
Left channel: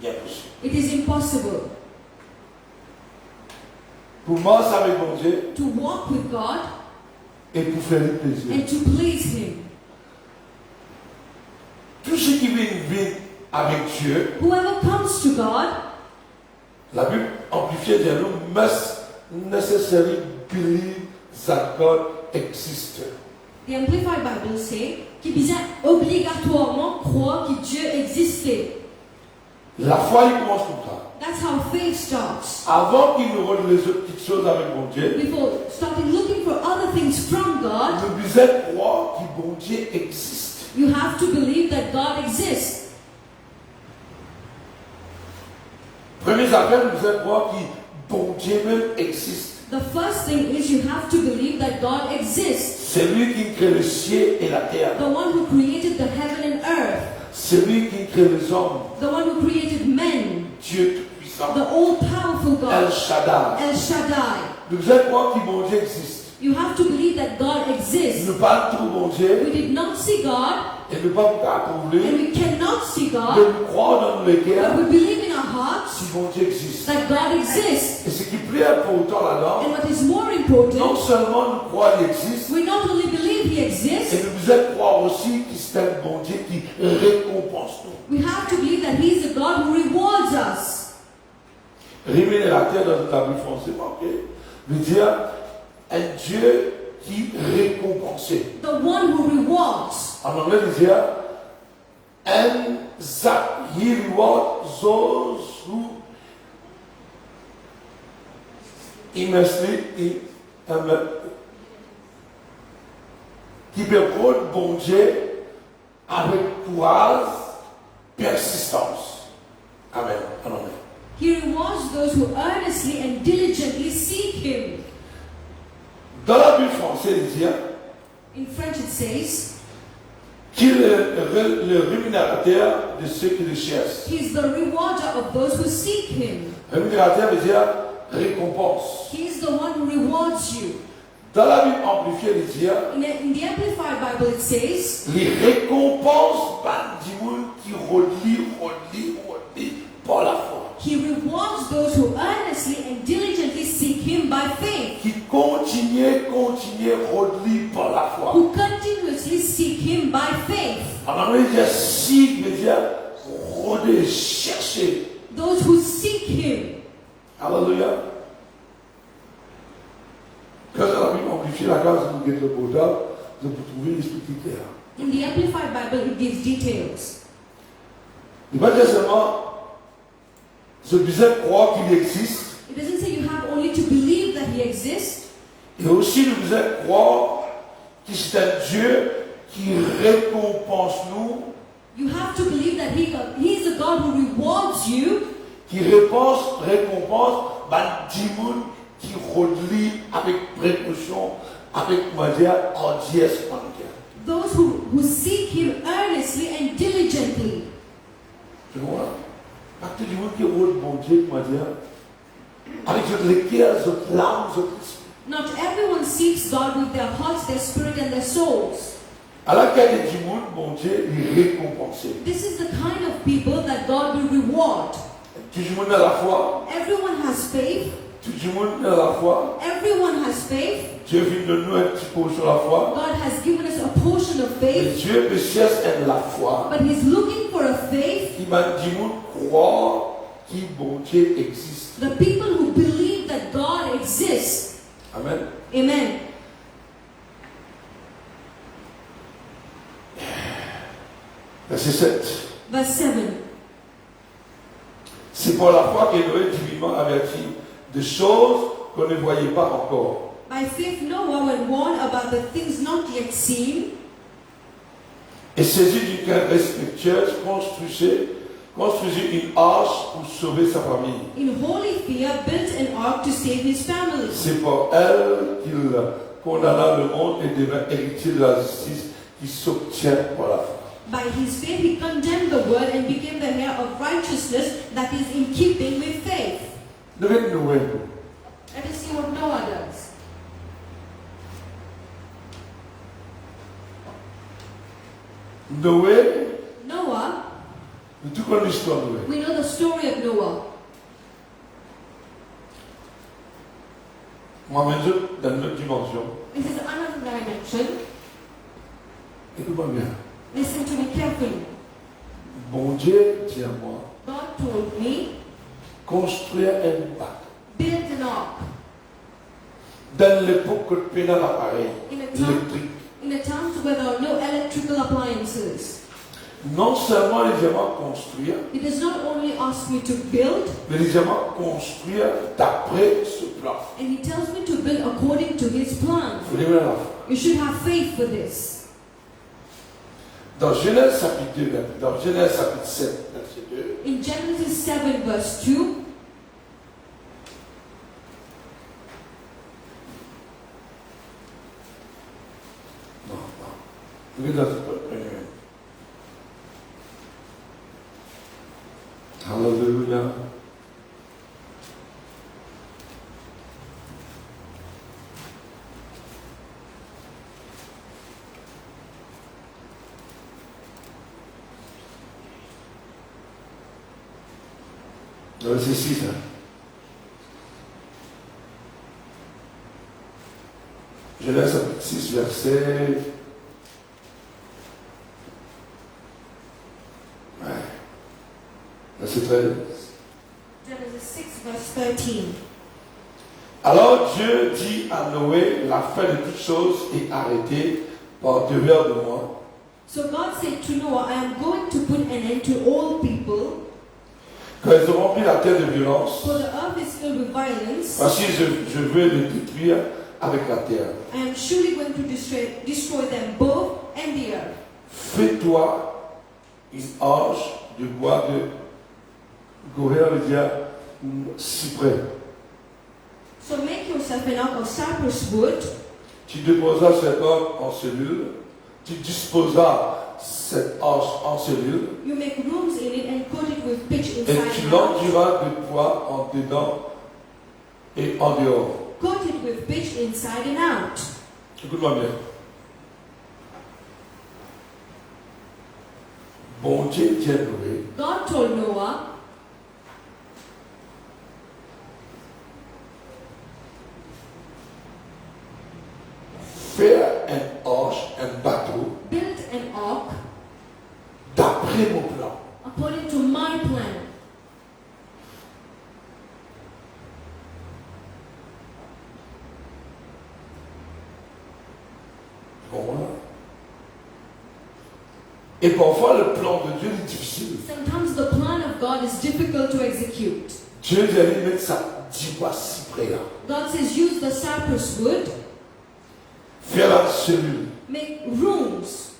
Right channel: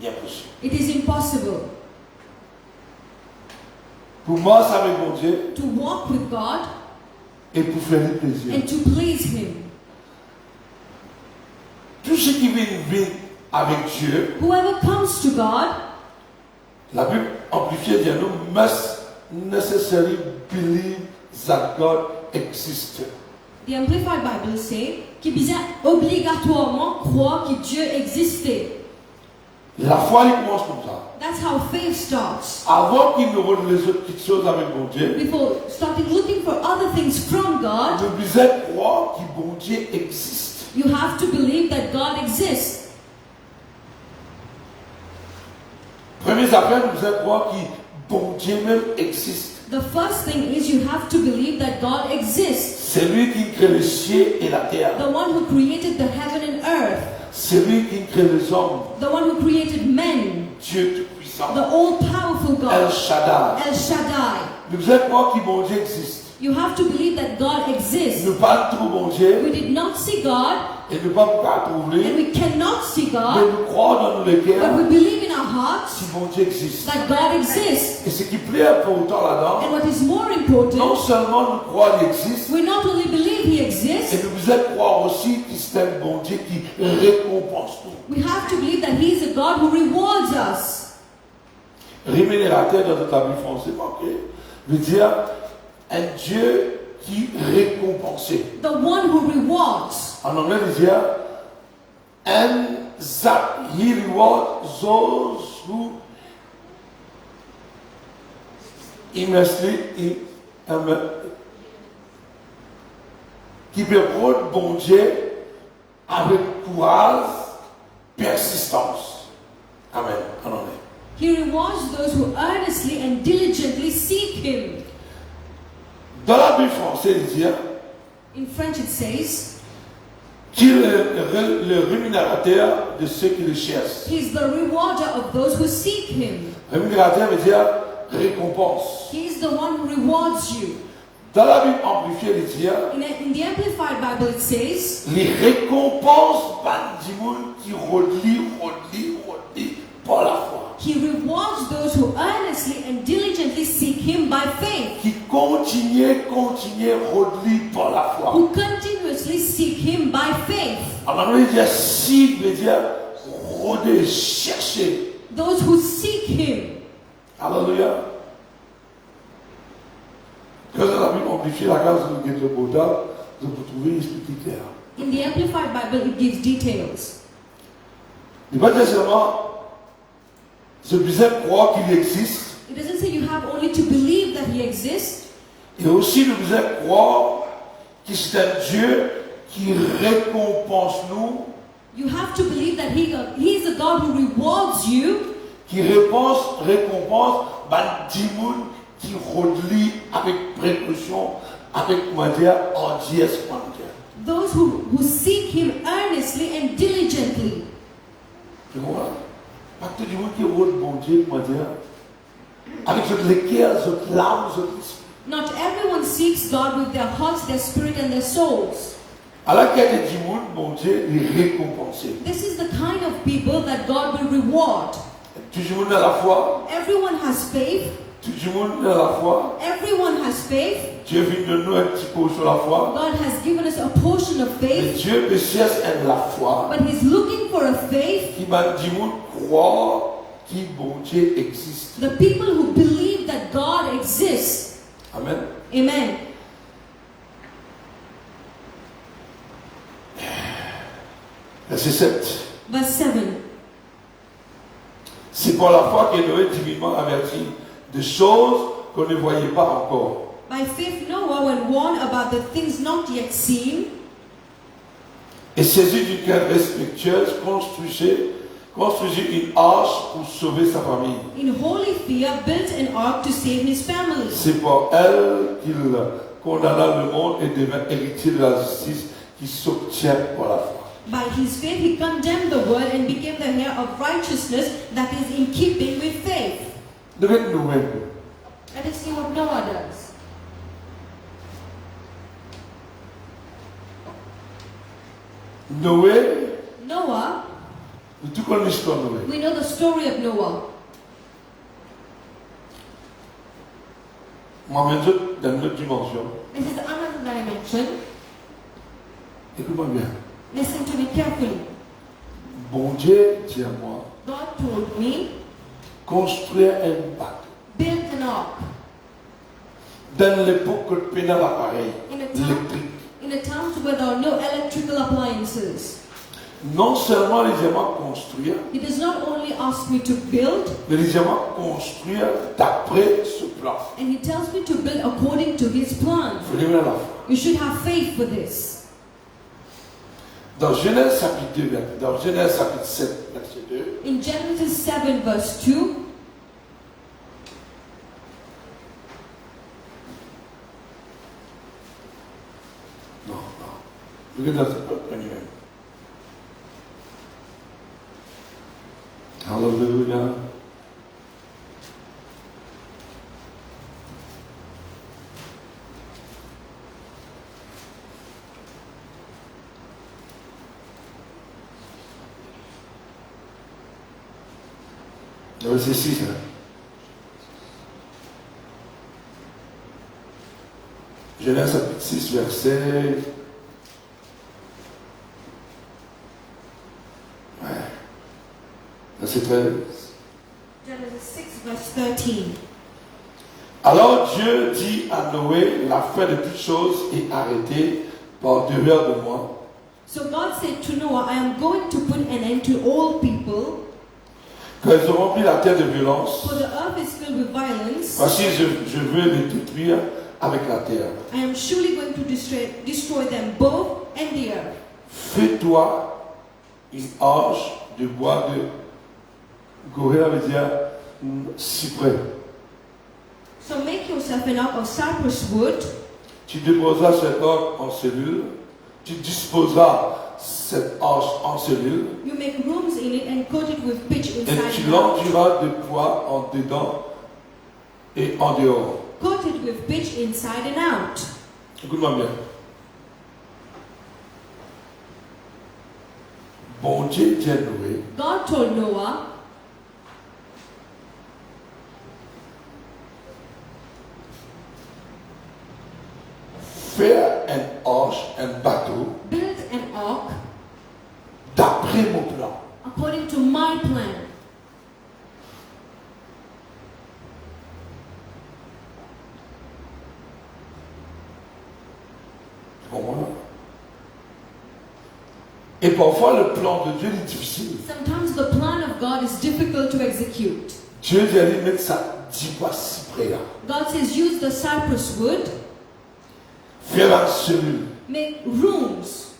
il est impossible. it is impossible Pour marcher avec mon Dieu to walk with God et pour faire lui plaisir. and to please Him. Tout ce qui vient vivre avec Dieu, Whoever comes to God, la Bible amplifiée dit nous must necessarily believe that God exists. the Amplified Bible say qu'il besoin obligatoirement croire que Dieu existait. La foi, il commence comme ça. That's how faith starts. Avant qu'il nous donne les autres petites choses avec mon Dieu, Before starting looking for other things from God, nous devons croire que mon Dieu existe. you have to believe that God exists. Première affaire, nous devons croire que mon Dieu même existe. The first thing is you have to believe that God exists. C'est lui qui crée le ciel et la terre. The one who created the heaven and earth. C'est lui qui crée les hommes. The one who created men. Dieu Tout-Puissant. The all-powerful El God. Shaddai. El Shaddai. Nous devons croire que mon Dieu existe. You have to believe that God exists. Nous parlons trop mon Dieu We did not see God et nous ne pouvons pas and trouver, we cannot see mais God, nous croyons dans le but cœur we believe in our hearts que mon Dieu existe. that God exists. Et ce qui est plus important là-dedans, And what is more non important, seulement nous croyons qu'il existe, we not only believe He et exists, nous devons croire aussi qu'il c'est un bon Dieu qui récompense nous. We have to believe that He is a God who rewards us. Rémunérateur dans notre Bible français marqué veut dire un Dieu qui récompense. The one who rewards. En anglais, veut dire He rewards those who immensely qui peut rendre bon Dieu avec courage, persistance. Amen. Amen. He rewards those who earnestly and diligently seek Him. Dans la Bible française, il dit In French it says, qu'il est le rémunérateur de ceux qui le cherchent. He is the rewarder of those who seek Him. Rémunérateur veut dire récompense. He is the one who rewards you. Dans la Bible amplifiée, il dit In the Amplified Bible it says, les récompenses par du monde qui relie par la foi. He rewards those who earnestly and diligently seek Him by faith, Qui continue, relie par la foi. who continuously seek Him by faith. En anglais, il dit si, veut dire rôder, chercher. Those who seek Him. Alléluia. Quand la Bible amplifie la grâce de nous le portable, de vous trouver l'esprit qui terre. In the Amplified Bible it gives details. Il n'est pas dire seulement ce besoin de croire qu'il existe, It doesn't say you have only to believe that He exists. il y a aussi le besoin de croire que c'est un Dieu qui récompense nous, You have to believe that He is a God who rewards you, qui récompense du monde qui relie avec précaution, avec, on va dire, hardiesse. those who seek Him earnestly and diligently. Tu vois? Pas tout le monde qui rôde bon Dieu, on va dire, avec votre cœur, votre larme, votre esprit. Not everyone seeks God with their hearts, their spirit, and their souls. À la quête du monde, bon Dieu, il récompense. This is the kind of people that God will reward. Tout le monde a la foi. Everyone has faith. Tout le monde a la foi. Everyone has faith. Dieu vient de nous un petit peu sur la foi. God has given us a portion of Mais faith, Dieu me cherche la foi but He's looking for a faith. qui m'a dit croire que bon Dieu existe. The people who believe that God exists. Amen. Amen. Verset 7. Verse 7. C'est pour la foi que Noé divinement averti de choses qu'on ne voyait pas encore. By faith, Noah, when warned about the things not yet seen, Et saisi d'une crainte respectueuse, construisit une arche pour sauver sa famille. in holy fear, built an ark to save his family. C'est pour elle qu'il condamna le monde et devint héritier de la justice qui s'obtient par la foi. By his faith, he condemned the world and became the heir of righteousness that is in keeping with faith. Devez nous voir. Let us see what Noah does. Noé, Noah, nous tout connaissons l'histoire de Noé. we know the story of Noah. Moi, maintenant, dans une autre dimension, This is another dimension. écoute-moi bien. Listen to me carefully. Bon Dieu dit à moi, God told me, construire un bac. build an ark. Dans l'époque que le pénal appareil In a électrique, time where there are no electrical appliances. non seulement les diamants construire, He does not only ask me to build, mais les diamants construire d'après ce plan. and he tells me to build according to his plan. Il faut dire la foi. You should have faith for this. Dans Genèse chapitre 2, dans Genèse chapitre 7, verset 2, In Genesis 7 verse 2, non. Regarde la première. Alléluia. Verset 6. Genèse chapitre 6, verset Verset 13. Genesis 6, verse 13. Alors Dieu dit à Noé, la fin de toutes choses est arrêtée par devers de moi. So God said to Noah, I am going to put an end to all people, Quand ils auront rempli la terre de violence, for the earth is filled with violence. voici je veux les détruire avec la terre. I am surely going to destroy them both and the earth. Fais-toi une arche de bois de Goher, veut dire cyprès. So make yourself an ark of cypress wood. Tu déposeras cette arche en cellule. Tu disposeras cette arche en cellule. You make rooms in it and coat it with pitch Et inside tu and out. l'enduiras de bois en dedans et en dehors. Coat it with pitch inside and out. Écoute-moi bien. Bon Dieu dit à Noé, God told Noah, faire une arche, un bateau, build an ark d'après mon plan. according to my plan. Tu comprends? Et parfois le plan de Dieu est difficile. Sometimes the plan of God is difficult to execute. Dieu dit aller mettre ça 10 bois cyprès là. God says use the cypress wood, Faire la cellule. make rooms,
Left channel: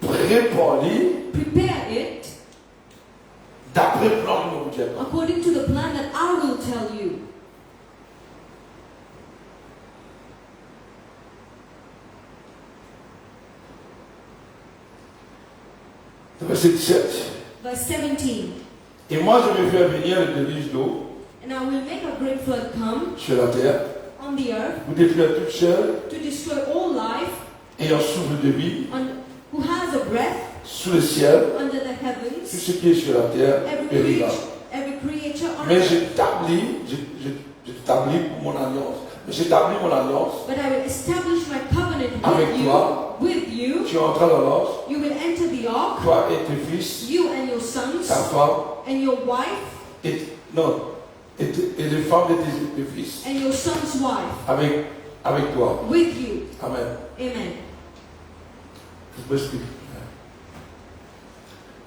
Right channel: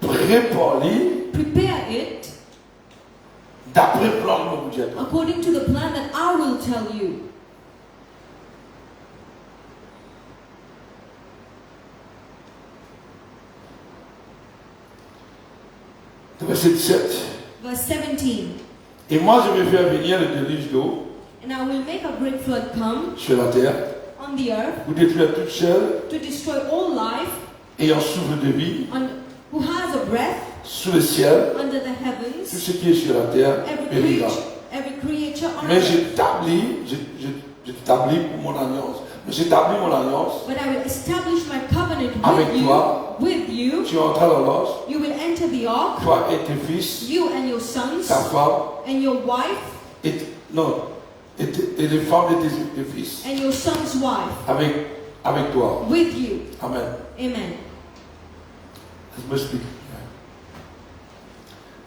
Prépare-les prepare it d'après le plan de mon Dieu. according to the plan that I will tell you. Verset 17. Verse 17. Et moi je vais faire venir le déluge d'eau And I will make a great flood come sur la terre on the earth pour détruire toute chair to destroy all life ayant souffle de vie who has a breath sous le ciel. under the Tout heavens, ce qui est sur la terre périra. every creature on Mais earth. j'établis mon alliance. J'établis mon alliance. But I will establish my covenant Avec with you. toi. With you. Tu entreras dans l'ange, You will enter the ark, toi et tes fils, you and your sons, ta femme, and your wife, et les femmes de tes fils, and your son's wife, avec toi. with you. Amen. Amen. Je m'explique.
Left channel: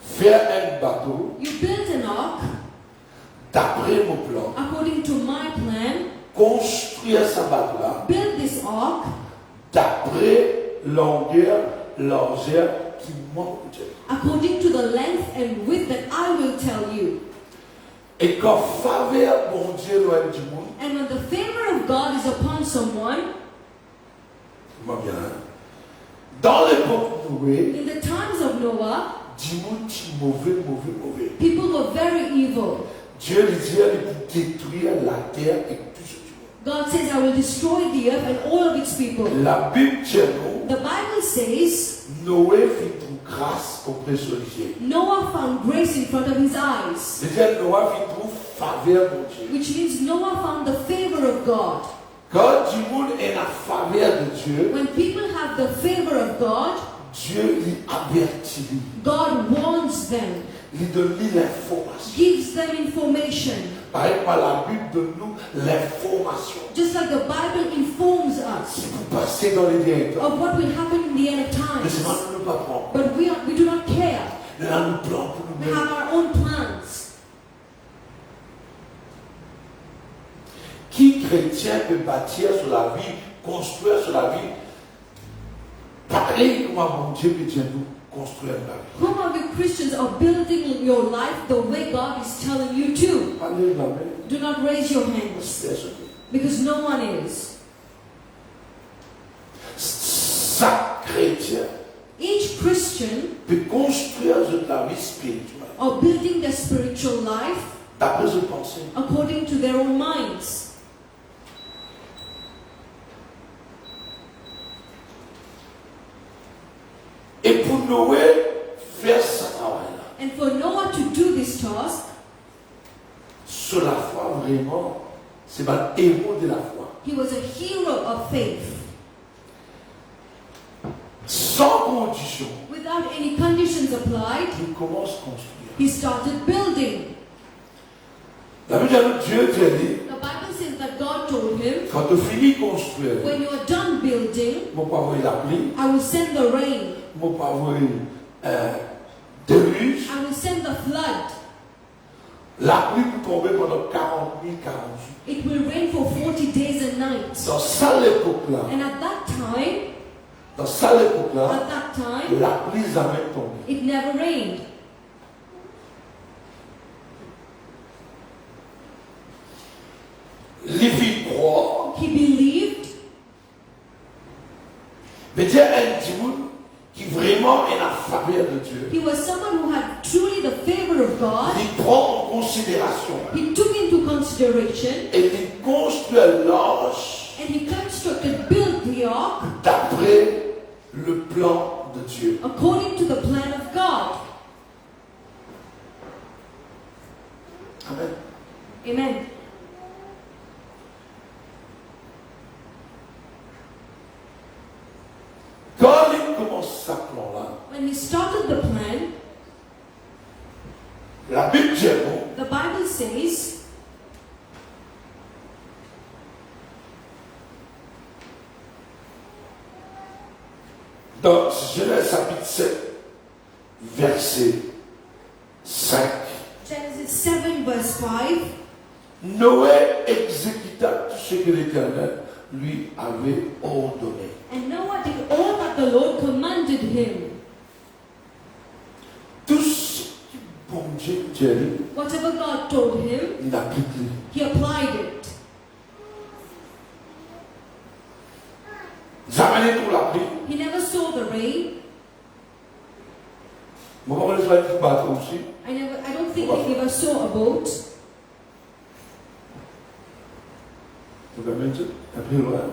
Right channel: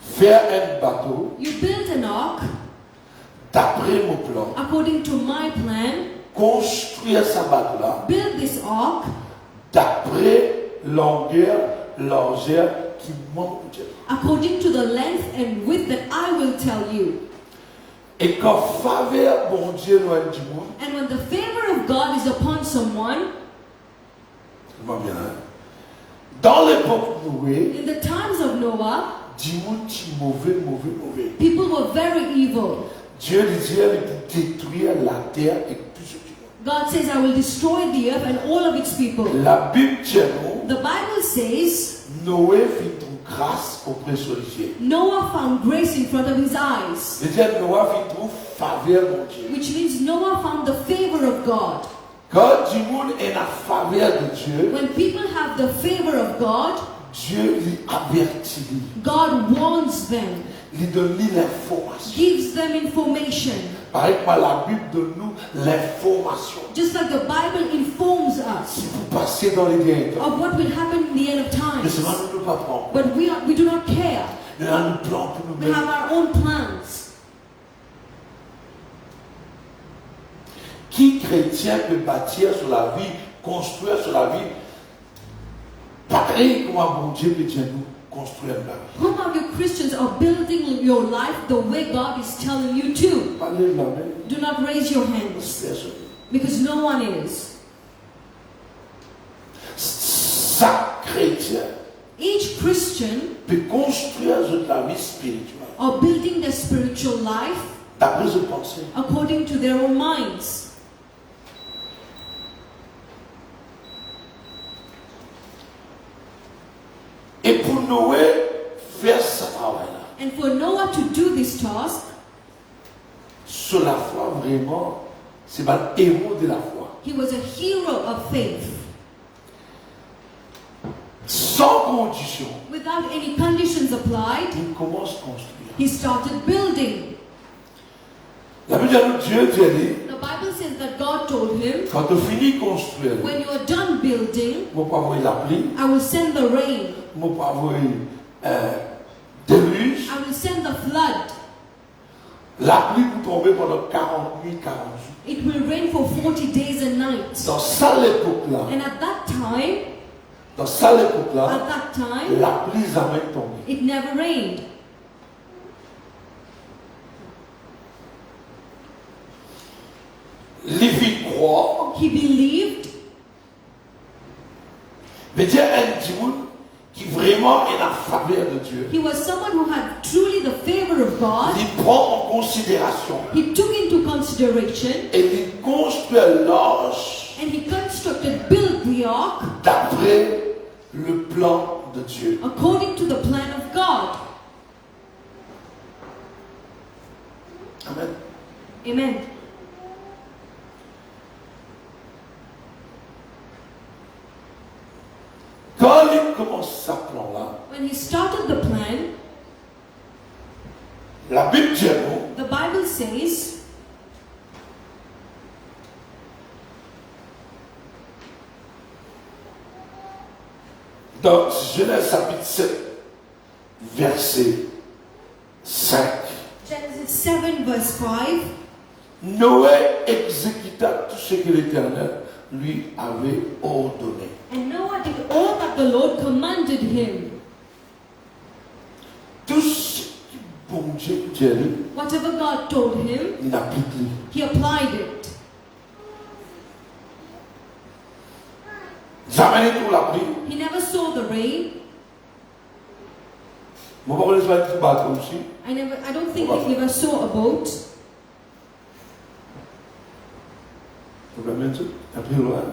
Faire un bateau You build an ark d'après mon plan. according to my plan. Construire sa bateau-là Build this ark d'après longueur, largeur qui manque. according to the length and width that I will tell you. Et quand faveur bon Dieu loin du monde, And when the favor of God is upon someone, comment bien, hein? Dans l'époque de Noé, in the times of Noah, du monde qui mauvais. people were very evil. Dieu lui dit de détruire la terre et tout ce qui est. God says, I will destroy the earth and all of its people. La Bible dit non, The Bible says, Noé fit une grâce auprès de Dieu. Noah found grace in front of his eyes, C'est-à-dire Noé fit une faveur mon Dieu. which means Noah found the favor of God. Quand du monde est la faveur de Dieu, When people have the favor of God, Dieu lui avertit, God warns them, lui donne l'information. gives them information. Par exemple, la Bible donne-nous l'information. Just like the Bible informs us Si vous passez dans les derniers temps, of what will happen in the end of mais c'est times. pas nous pas prendre. But we do not care. Nous avons un plan pour We nous-mêmes. have our own plans. Qui chrétien peut bâtir sur la vie, construire sur la vie, pareil comme un bon Dieu peut dire nous construire la vie. Whom of you Christians are building your life the way God is telling you to? Parlez la main, Do not raise your hands, personne. because no one is. Chaque chrétien Each Christian peut construire sur la vie spirituelle are building their spiritual life d'après ses pensées. according to their own minds. Et pour Noé, faire ce travail-là, And for Noah to do this task, sur la foi, vraiment, c'est un héros de la foi. he was a hero of faith. Sans condition, Without any conditions applied, il commence à construire. He started building. La Bible dit, Dieu dit, The Bible says that God told him, quand tu finis de construire, when you are done building, je ne vais pas envoyer la pluie, I will send the rain. je ne vais pas envoyer déluge. I will send the flood. La pluie peut tomber pendant 40 nuits, 40 jours. It will rain for 40 days and nights. Dans cette époque-là, And at that time, la pluie n'a jamais tombé. it never rained. Lévi croit, He believed. mais Dieu est un Dieu qui vraiment est la faveur de Dieu. He was someone who had truly the favor of God. Il prend en considération He took into consideration et il construit l'arche and he constructed, built the ark d'après le plan de Dieu. according to the plan of God. Amen. Amen. Quand il commence sa plan-là, When he started the plan, la Bible dit non, the Bible says, dans Genèse chapitre 7, verset 5, Genesis 7 verse 5, Noé exécuta tout ce que l'Éternel lui avait ordonné. and Noah did all that the Lord commanded him. Tout ce que bon Dieu dit, Whatever God told him, il applique. he applied it. Jamais pour la pluie. He never saw the rain. Mon papa les va qui battre aussi. I don't think he ever saw a boat. Vous comprenez ça? Après, voilà.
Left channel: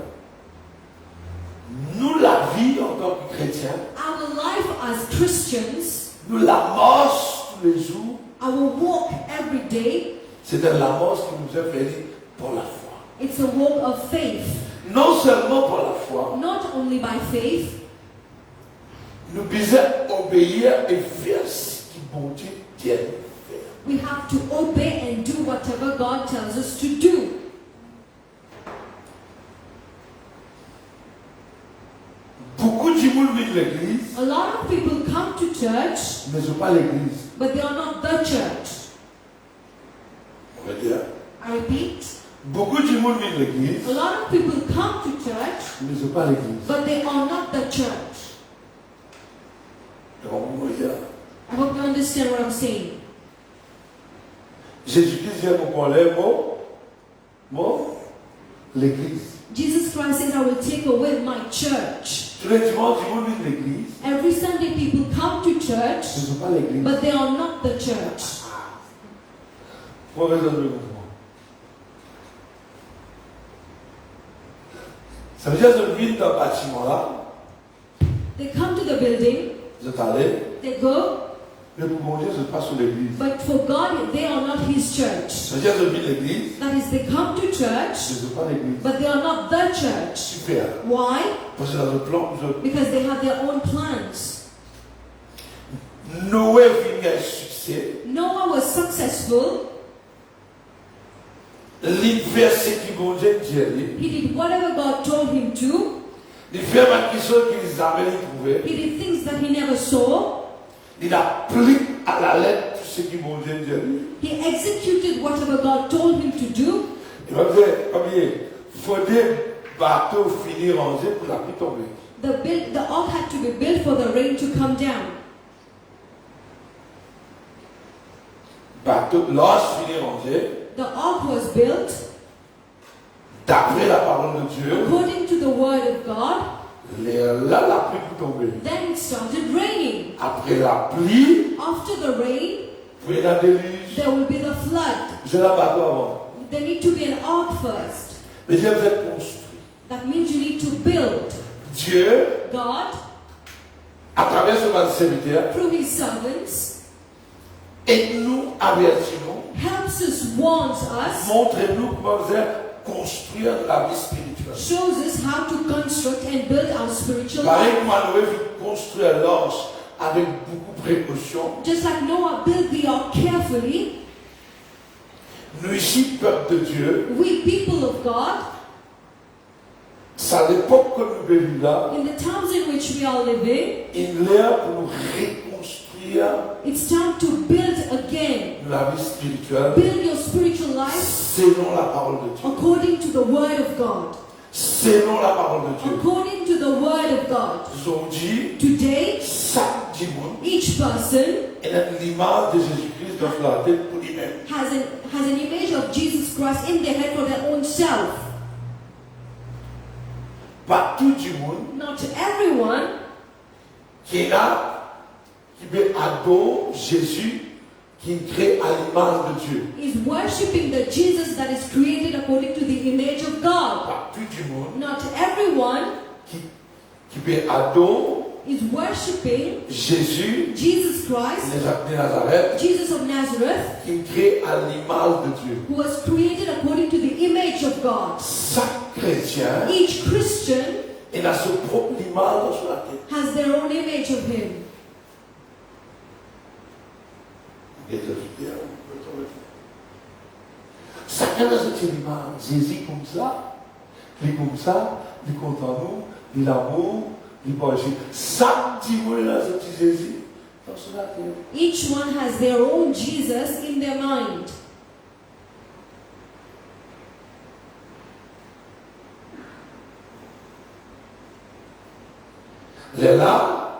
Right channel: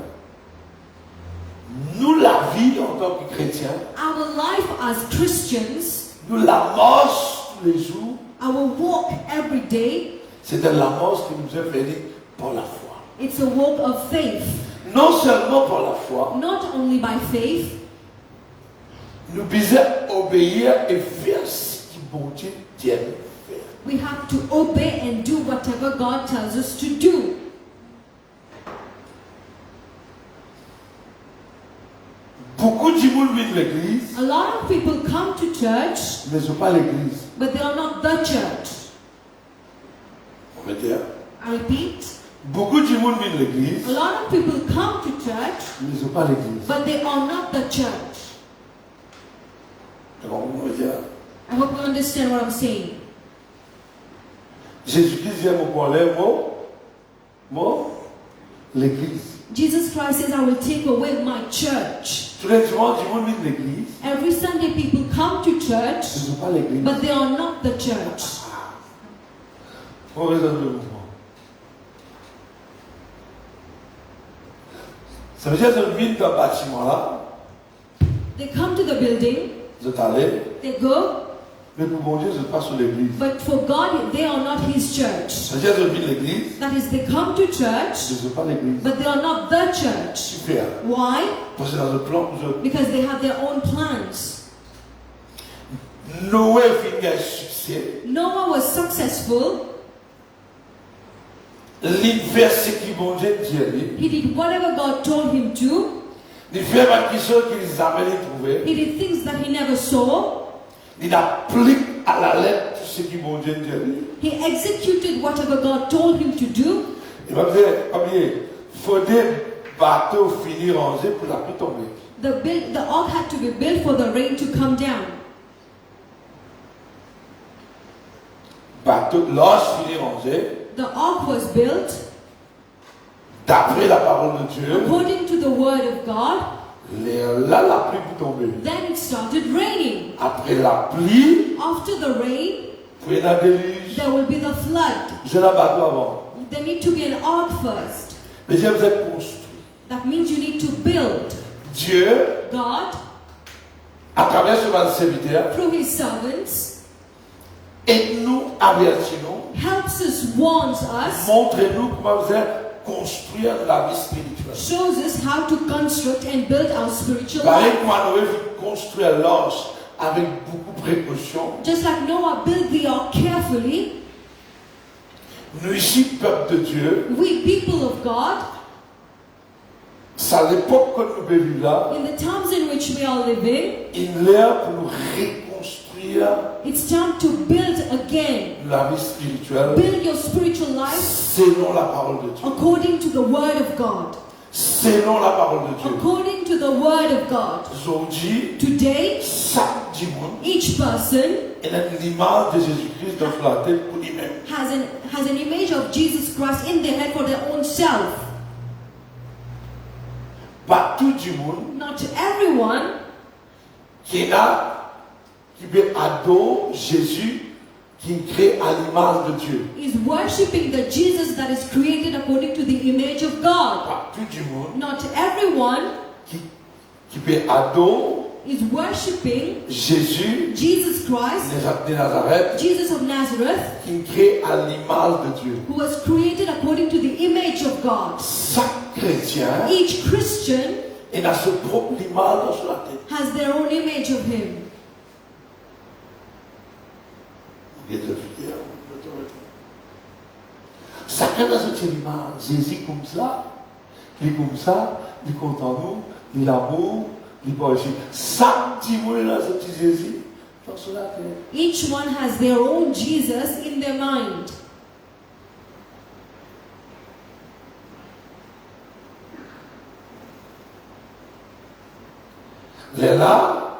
Nous, la vie en tant que chrétiens, Our life as Christians, nous la marche tous les jours, our walk every day, c'est de la marche qui nous est faite pour la foi. it's a walk of faith. Non seulement pour la foi, Not only by faith, nous devons obéir et faire ce que bon Dieu dit de faire. we have to obey and do whatever God tells us to do. Beaucoup de gens viennent à l'église, A lot of people come to church, mais ne sont pas l'église. but they are not the church. On va dire. I repeat, Beaucoup de gens viennent à l'église, a lot of people come to church, mais ne sont pas l'église. but they are not the church. Alors, on va dire. I hope you understand what I'm saying. Jésus-Christ dit à mon problème, moi, l'église. Jesus Christ says, I will take away my church. Tous les dimanches, du monde vient à l'église, Every Sunday people come to church, ce ne sont pas l'église. but they are not the church. Pour raison de mouvement. Ça veut dire que je viens dans le bâtiment là, They come to the building, je t'allais, they go, mais pour mon Dieu, je passe sur l'église. but for God, they are not His church. Ça veut dire que je viens à l'église, That is, they come to je church, ne suis pas l'église. but they are not the church. Super. Why? Parce que dans le plan, Because they have their own plans. Noé vient un succès. Noah was successful. L'université qui mon Dieu dit, He did whatever God told him to. il fait ma question qu'ils avaient trouvé. He did things that he never saw. Il applique à la lettre tout ce qui mon Dieu dit. He executed whatever God told him to do. Il va dire, il faut des bateaux finis rangés pour la pluie tomber. The ark had to be built for the rain to come down. Bateau, l'ange finis rangé, The ark was built d'après la parole de Dieu. according to the word of God. Là, la pluie peut tomber. Then it started raining. Après la pluie, After the rain, puis la déluge. there will be the flood. J'ai la bateau avant. There need to be an ark first. Mais Dieu vous êtes construit. That means you need to build. Dieu, God, à travers son serviteur, through His servants, aide-nous, avertis-nous, helps us, warns us, montrez-nous comment vous êtes construire la vie spirituelle. shows us how to construct and build our spiritual Pareil life. comme Noé veut construire l'arche avec beaucoup de précaution. Just like Noah built the ark carefully, Nous ici, peuple de Dieu, we people of God, c'est à l'époque que nous vivons là, in the times in which we are living, il est pour nous reconstruire it's time to build again. la vie spirituelle Build your spiritual life selon la parole de Dieu. according to the word of God. Selon la parole de Dieu. According to the word of God. Aujourd'hui, Today, chaque dimanche, each person il a l'image de Jésus-Christ dans la tête pour lui-même. has an image of Jesus Christ in their head for their own self. Pas tout le monde Not everyone qui est là, qui veut adorer Jésus, qui crée à l'image de Dieu. is worshipping the Jesus that is created according to the image of God. Pas tout le monde Not everyone qui veut adorer is worshipping Jésus Jesus Christ, de Nazareth, Jesus of Nazareth, qui crée à l'image de Dieu. who was created according to the image of God. Chaque chrétien, Each Christian il a sa propre image sur la tête. has their own image of him. Chacun a cette image. Jésus comme ça, il est comme ça, il est content nous, il l'amour, il boit. Chaque dimanche a cette Jésus dans son tête. Each one has their own Jesus in their mind. Là,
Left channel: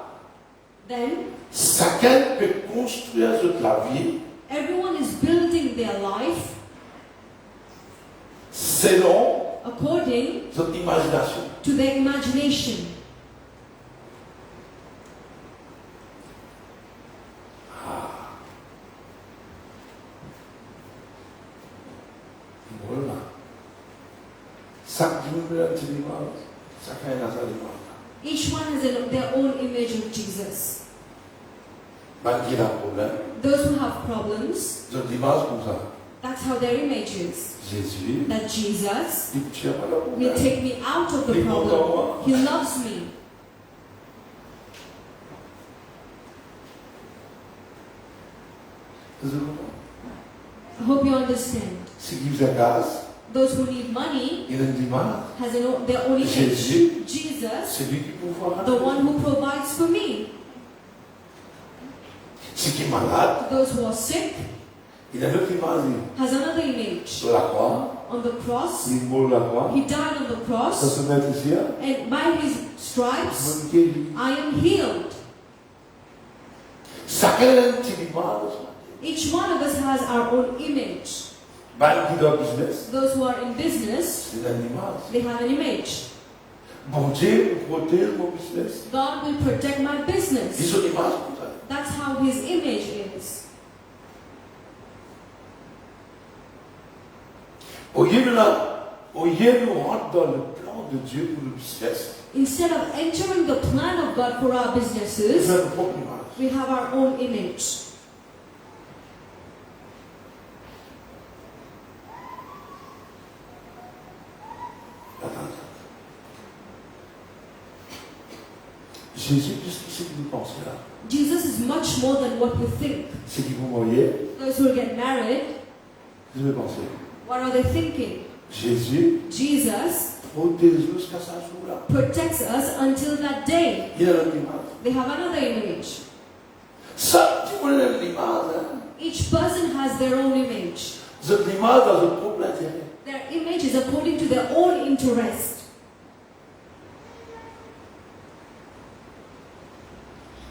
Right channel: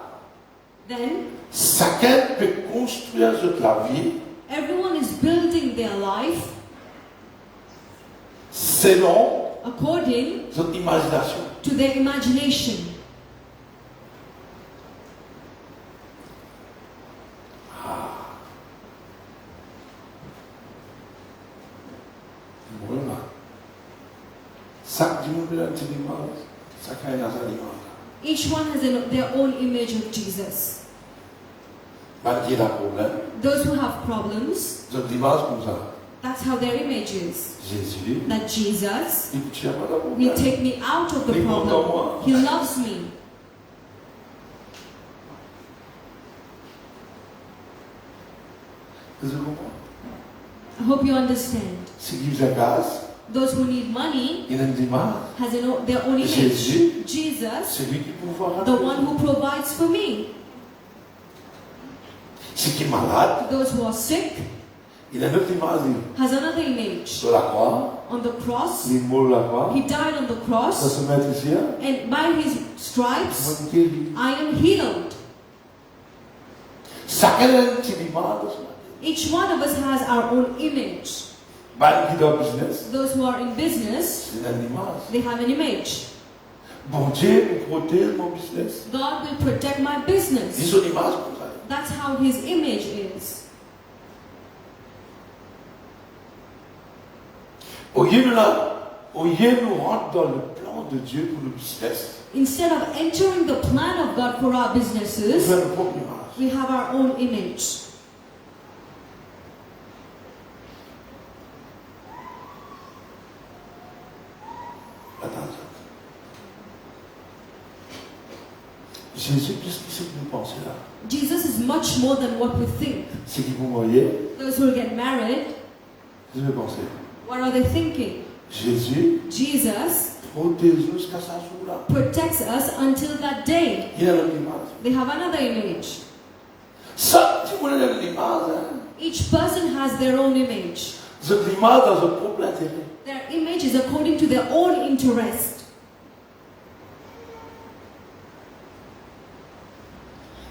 Then chacun peut construire sa vie everyone is building their life selon according son imagination. to their imagination. Voilà. Chaque dimanche a une image, chacun a sa image. Each one has their own image of Jesus. Malgré la problème, Those who have problems, j'ai une image comme ça. that's how their image is. Jésus, That Jesus il ne tient pas de will problème. take me out of the problem. He loves me. Vous comprenez? I hope you understand. Si vous avez gaz, Those who need money il a une image. has their own image. Jésus. Jesus, C'est lui qui peut voir. the one who provides for me. Si qui est malade, Those who are sick il a une autre image. has another image. Sur la croix, On the cross, il mourut la croix. he died on the Ça cross, se met ici. and by his stripes, Mon Dieu, I am healed. chacun a une petite image. Each one of us has our own image. Bah, qui doit business, Those who are in business, c'est une image. they have an image. Bon Dieu protège mon business. God will protect my Ils business. ont une image comme ça. That's how his image is. Au lieu de nous rentrer dans le plan de Dieu pour le business, Instead of entering the plan of God for our nous businesses, avons notre propre image. we have our own image. Attends. Jésus, qu'est-ce que c'est que vous pensez là? Jesus is much more than what we think. C'est qui vous voyez? Those who get married, Qu'est-ce que vous pensez? what are they thinking? Jésus Jesus protège-nous jusqu'à ce jour-là. protects us until that day. Il a notre image. They have another image. Ça, tu connais l'image, hein? Each person has their own image. Cette image a son propre intérêt. Their image is according to their own interest.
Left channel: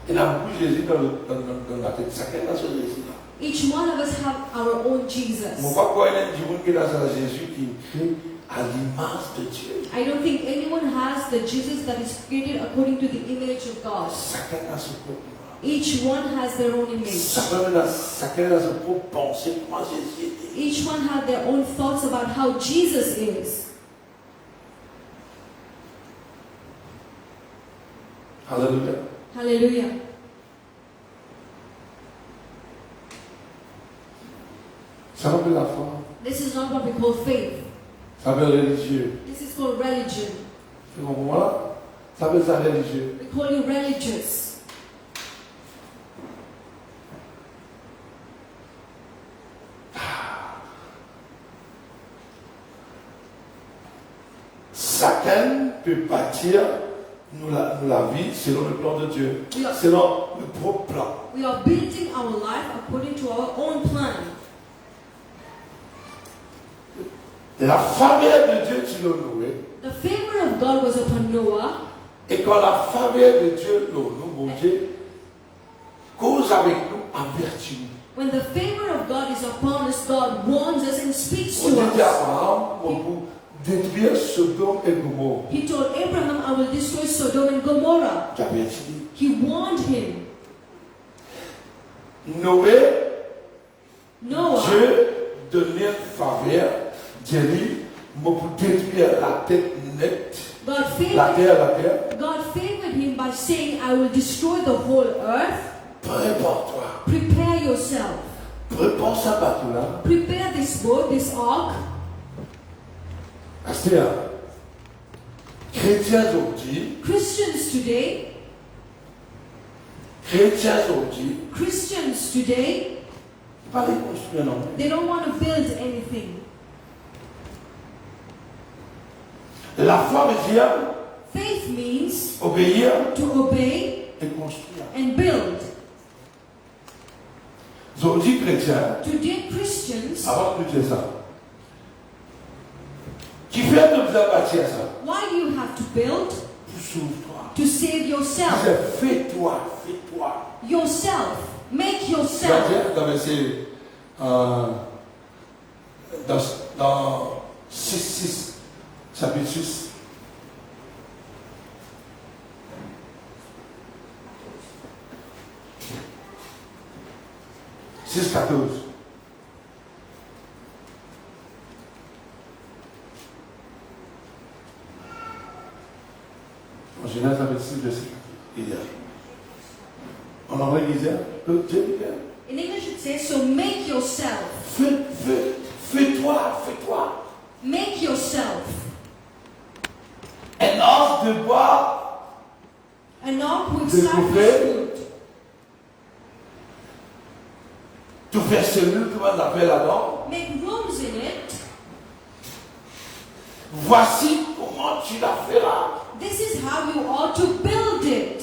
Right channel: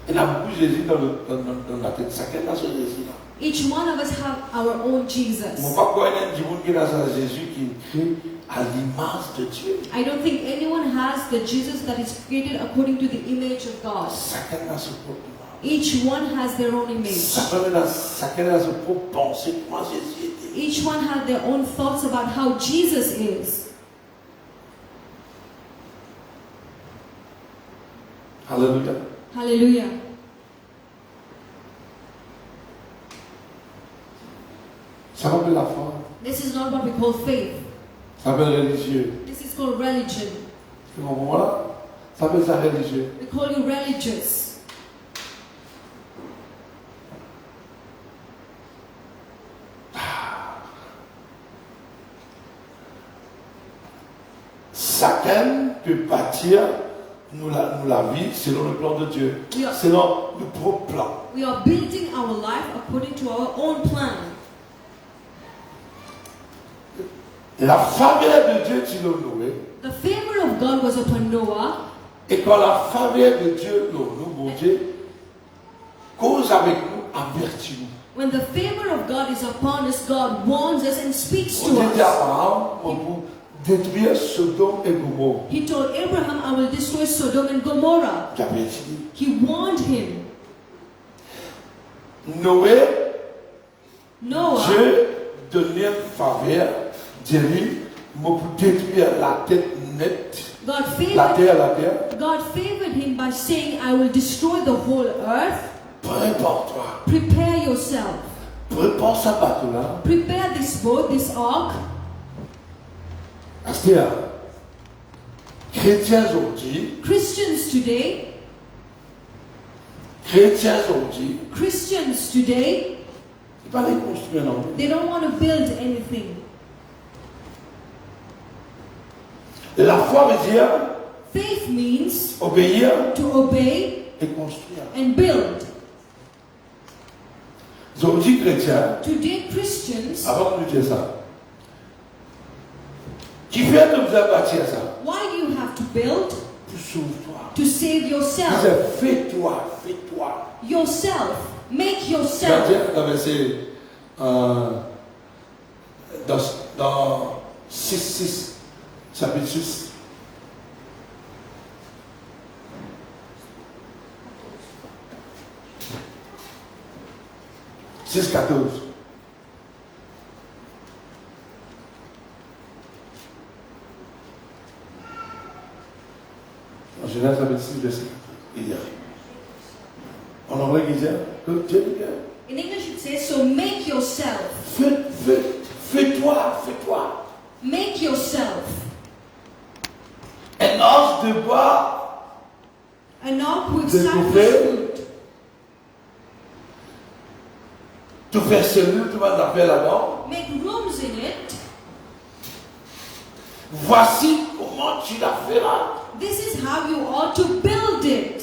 Il y a beaucoup de Jésus dans la tête. Chacun a son Jésus là. Each one of us have our own On Jesus. ne va pas croire qu'il y a un qui est dans un Jésus qui est créé à l'image de Dieu. I don't think anyone has the Jesus that is created according to the image of God. Chacun a son propre image. Each one has their own image. Chacun a son propre pensée. Moi, Jésus était. Each one have their own thoughts about how Jesus is. Alléluia. Hallelujah. Ça s'appelle la foi. This is not what we call faith. Ça s'appelle religieux. This is called religion. Tu comprends là? Ça s'appelle ça religieux. We call you religious. chacun peut bâtir nous la vie selon le plan de Dieu, Oui. selon le propre plan. We are building our life according to our own plan. La faveur de Dieu sur Noé, The favor of God was upon Noah, et quand la faveur de Dieu, mon Dieu, cause avec nous, avertit nous. when the favor of God is upon us, God warns us and speaks On to dit à us. Abraham, pour détruire Sodome et Gomorrhe. He told Abraham, I will destroy Sodom and Gomorrah. Qui avait dit, He warned him. Noé, Noah, Dieu donnait une faveur, Dieu dit, pour détruire la tête nette, God la favored, terre, God favored him by saying, I will destroy the whole earth. prépare-toi, Prepare yourself. prépare ce bateau-là. Prepare this boat, this ark. C'est-à-dire, chrétiens aujourd'hui, Christians today, Christians today, ils ne pas les construire non plus. they don't want to build anything. La foi veut dire Faith means obéir to obey et construire. and build. Aujourd'hui, chrétiens, Today, Christians, avant de dire ça, qui fait que vous avez bâti à ça? why do you have to build? Pour sauve-toi. To save Vous yourself. êtes fais-toi, fais-toi. Yourself. Make Tu vas yourself. dire dans verset, dans 6, chapitre 6. « 6, 14. En Genèse, chapitre 6, verset 14. Il y a. En anglais, il disait, In English it says, so make yourself. fais-toi, fais-toi. Make yourself. Un os de bois, An ark with De cypress couper. wood. tout faire cellule, tout va faire là-dedans. Make rooms in it. Voici comment tu la feras. This is how you ought to build it.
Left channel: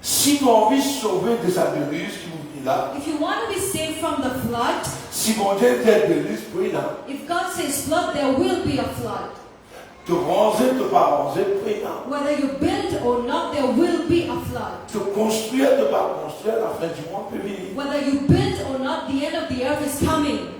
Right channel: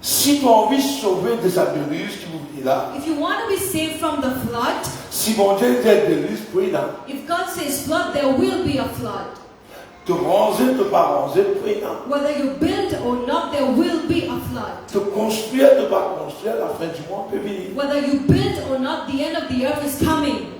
Si tu as envie de sauver des abeilles qui vous disent là, If you want to be saved from the flood, si mon Dieu dit abeilles, prie là. if God says flood, there will be a flood. Te ranger, te pas ranger, prie là. Whether you build or not, there will be a flood. Te construire, te pas construire, la fin du monde peut venir. Whether you build or not, the end of the earth is coming.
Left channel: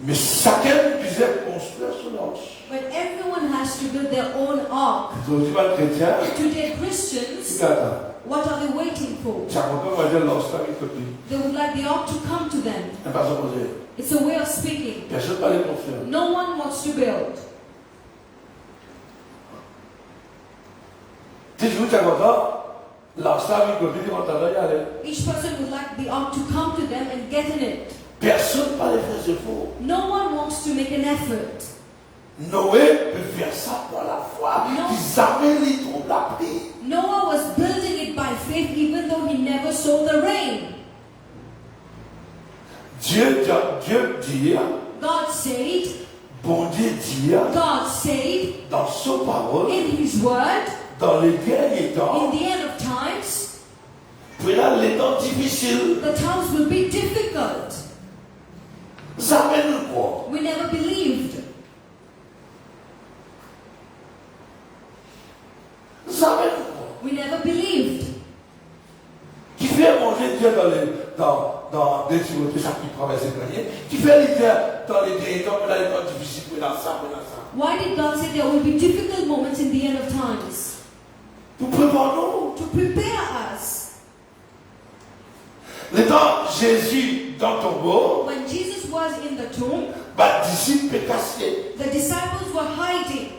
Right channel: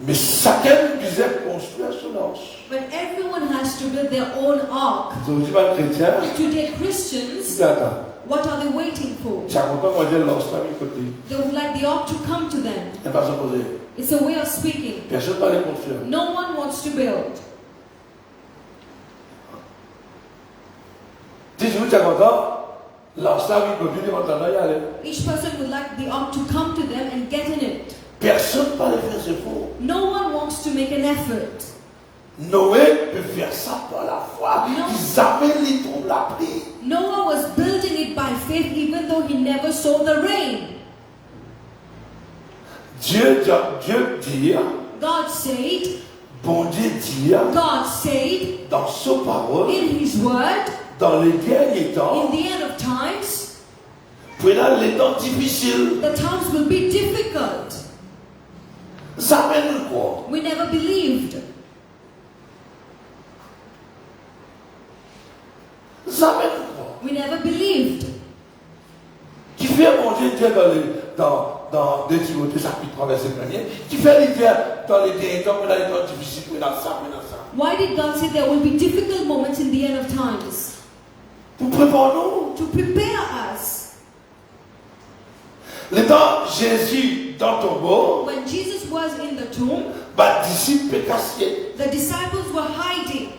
Mais chacun disait construire son os. But everyone has to build their own ark. Aujourd'hui, les chrétiens, Today, Christians, regarde, what are they waiting for? ça ne peut pas dire l'os là, il peut dire. They would like the ark to come to them. Ne pas s'opposer. It's a way of speaking. Personne ne va les construire. No one wants to build. Si tu es content, l'os là, il peut dire, on t'en a y aller. Each person would like the ark to come to them and get in it. Personne ne va les faire, c'est faux. No one wants to make an effort. Noé peut faire ça par la foi. Non. Ils avaient les troubles appris. Noah was building it by faith even though he never saw the rain. Dieu dit, God said, bon Dieu dit, God said dans sa parole, in his word, dans les derniers temps, in the end of times, pendant les temps difficiles, the times will be difficult. ça mène quoi? We never believed. Ça mène quoi? We never believed. Qui fait manger Dieu dans 2 Timothée chapitre 3 verset 1er, qui fait l'hiver dans les derniers temps, pendant les temps difficiles, pendant ça. Why did God say there will be difficult moments in the end of times? Pour préparer nous. To prepare us. Le temps Jésus dans ton tombeau, When Jesus was in the tomb, disciples cassés. the disciples were hiding.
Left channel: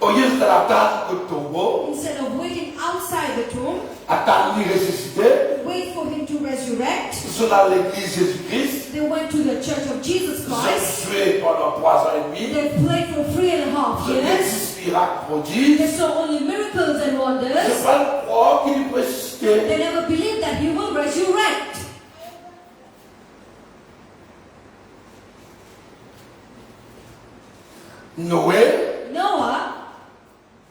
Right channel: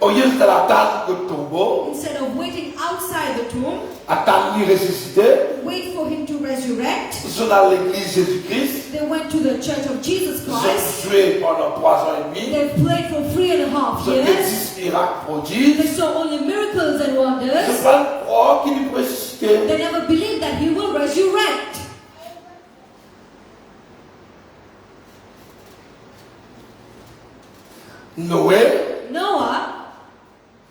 Au lieu de l'attendre au tombeau, Instead of waiting outside the tomb, attendre lui ressusciter, wait for him to resurrect, ils sont dans l'église Jésus-Christ, they went to the church of Jesus ils Christ. ont tué pendant 3 ans et demi, They played for 3.5 ils ont fait years. 10 miracles prodiges, They saw only miracles and ils ne wonders. pas croire qu'il peut ressusciter. They never believed that he will resurrect. Noé, Noah,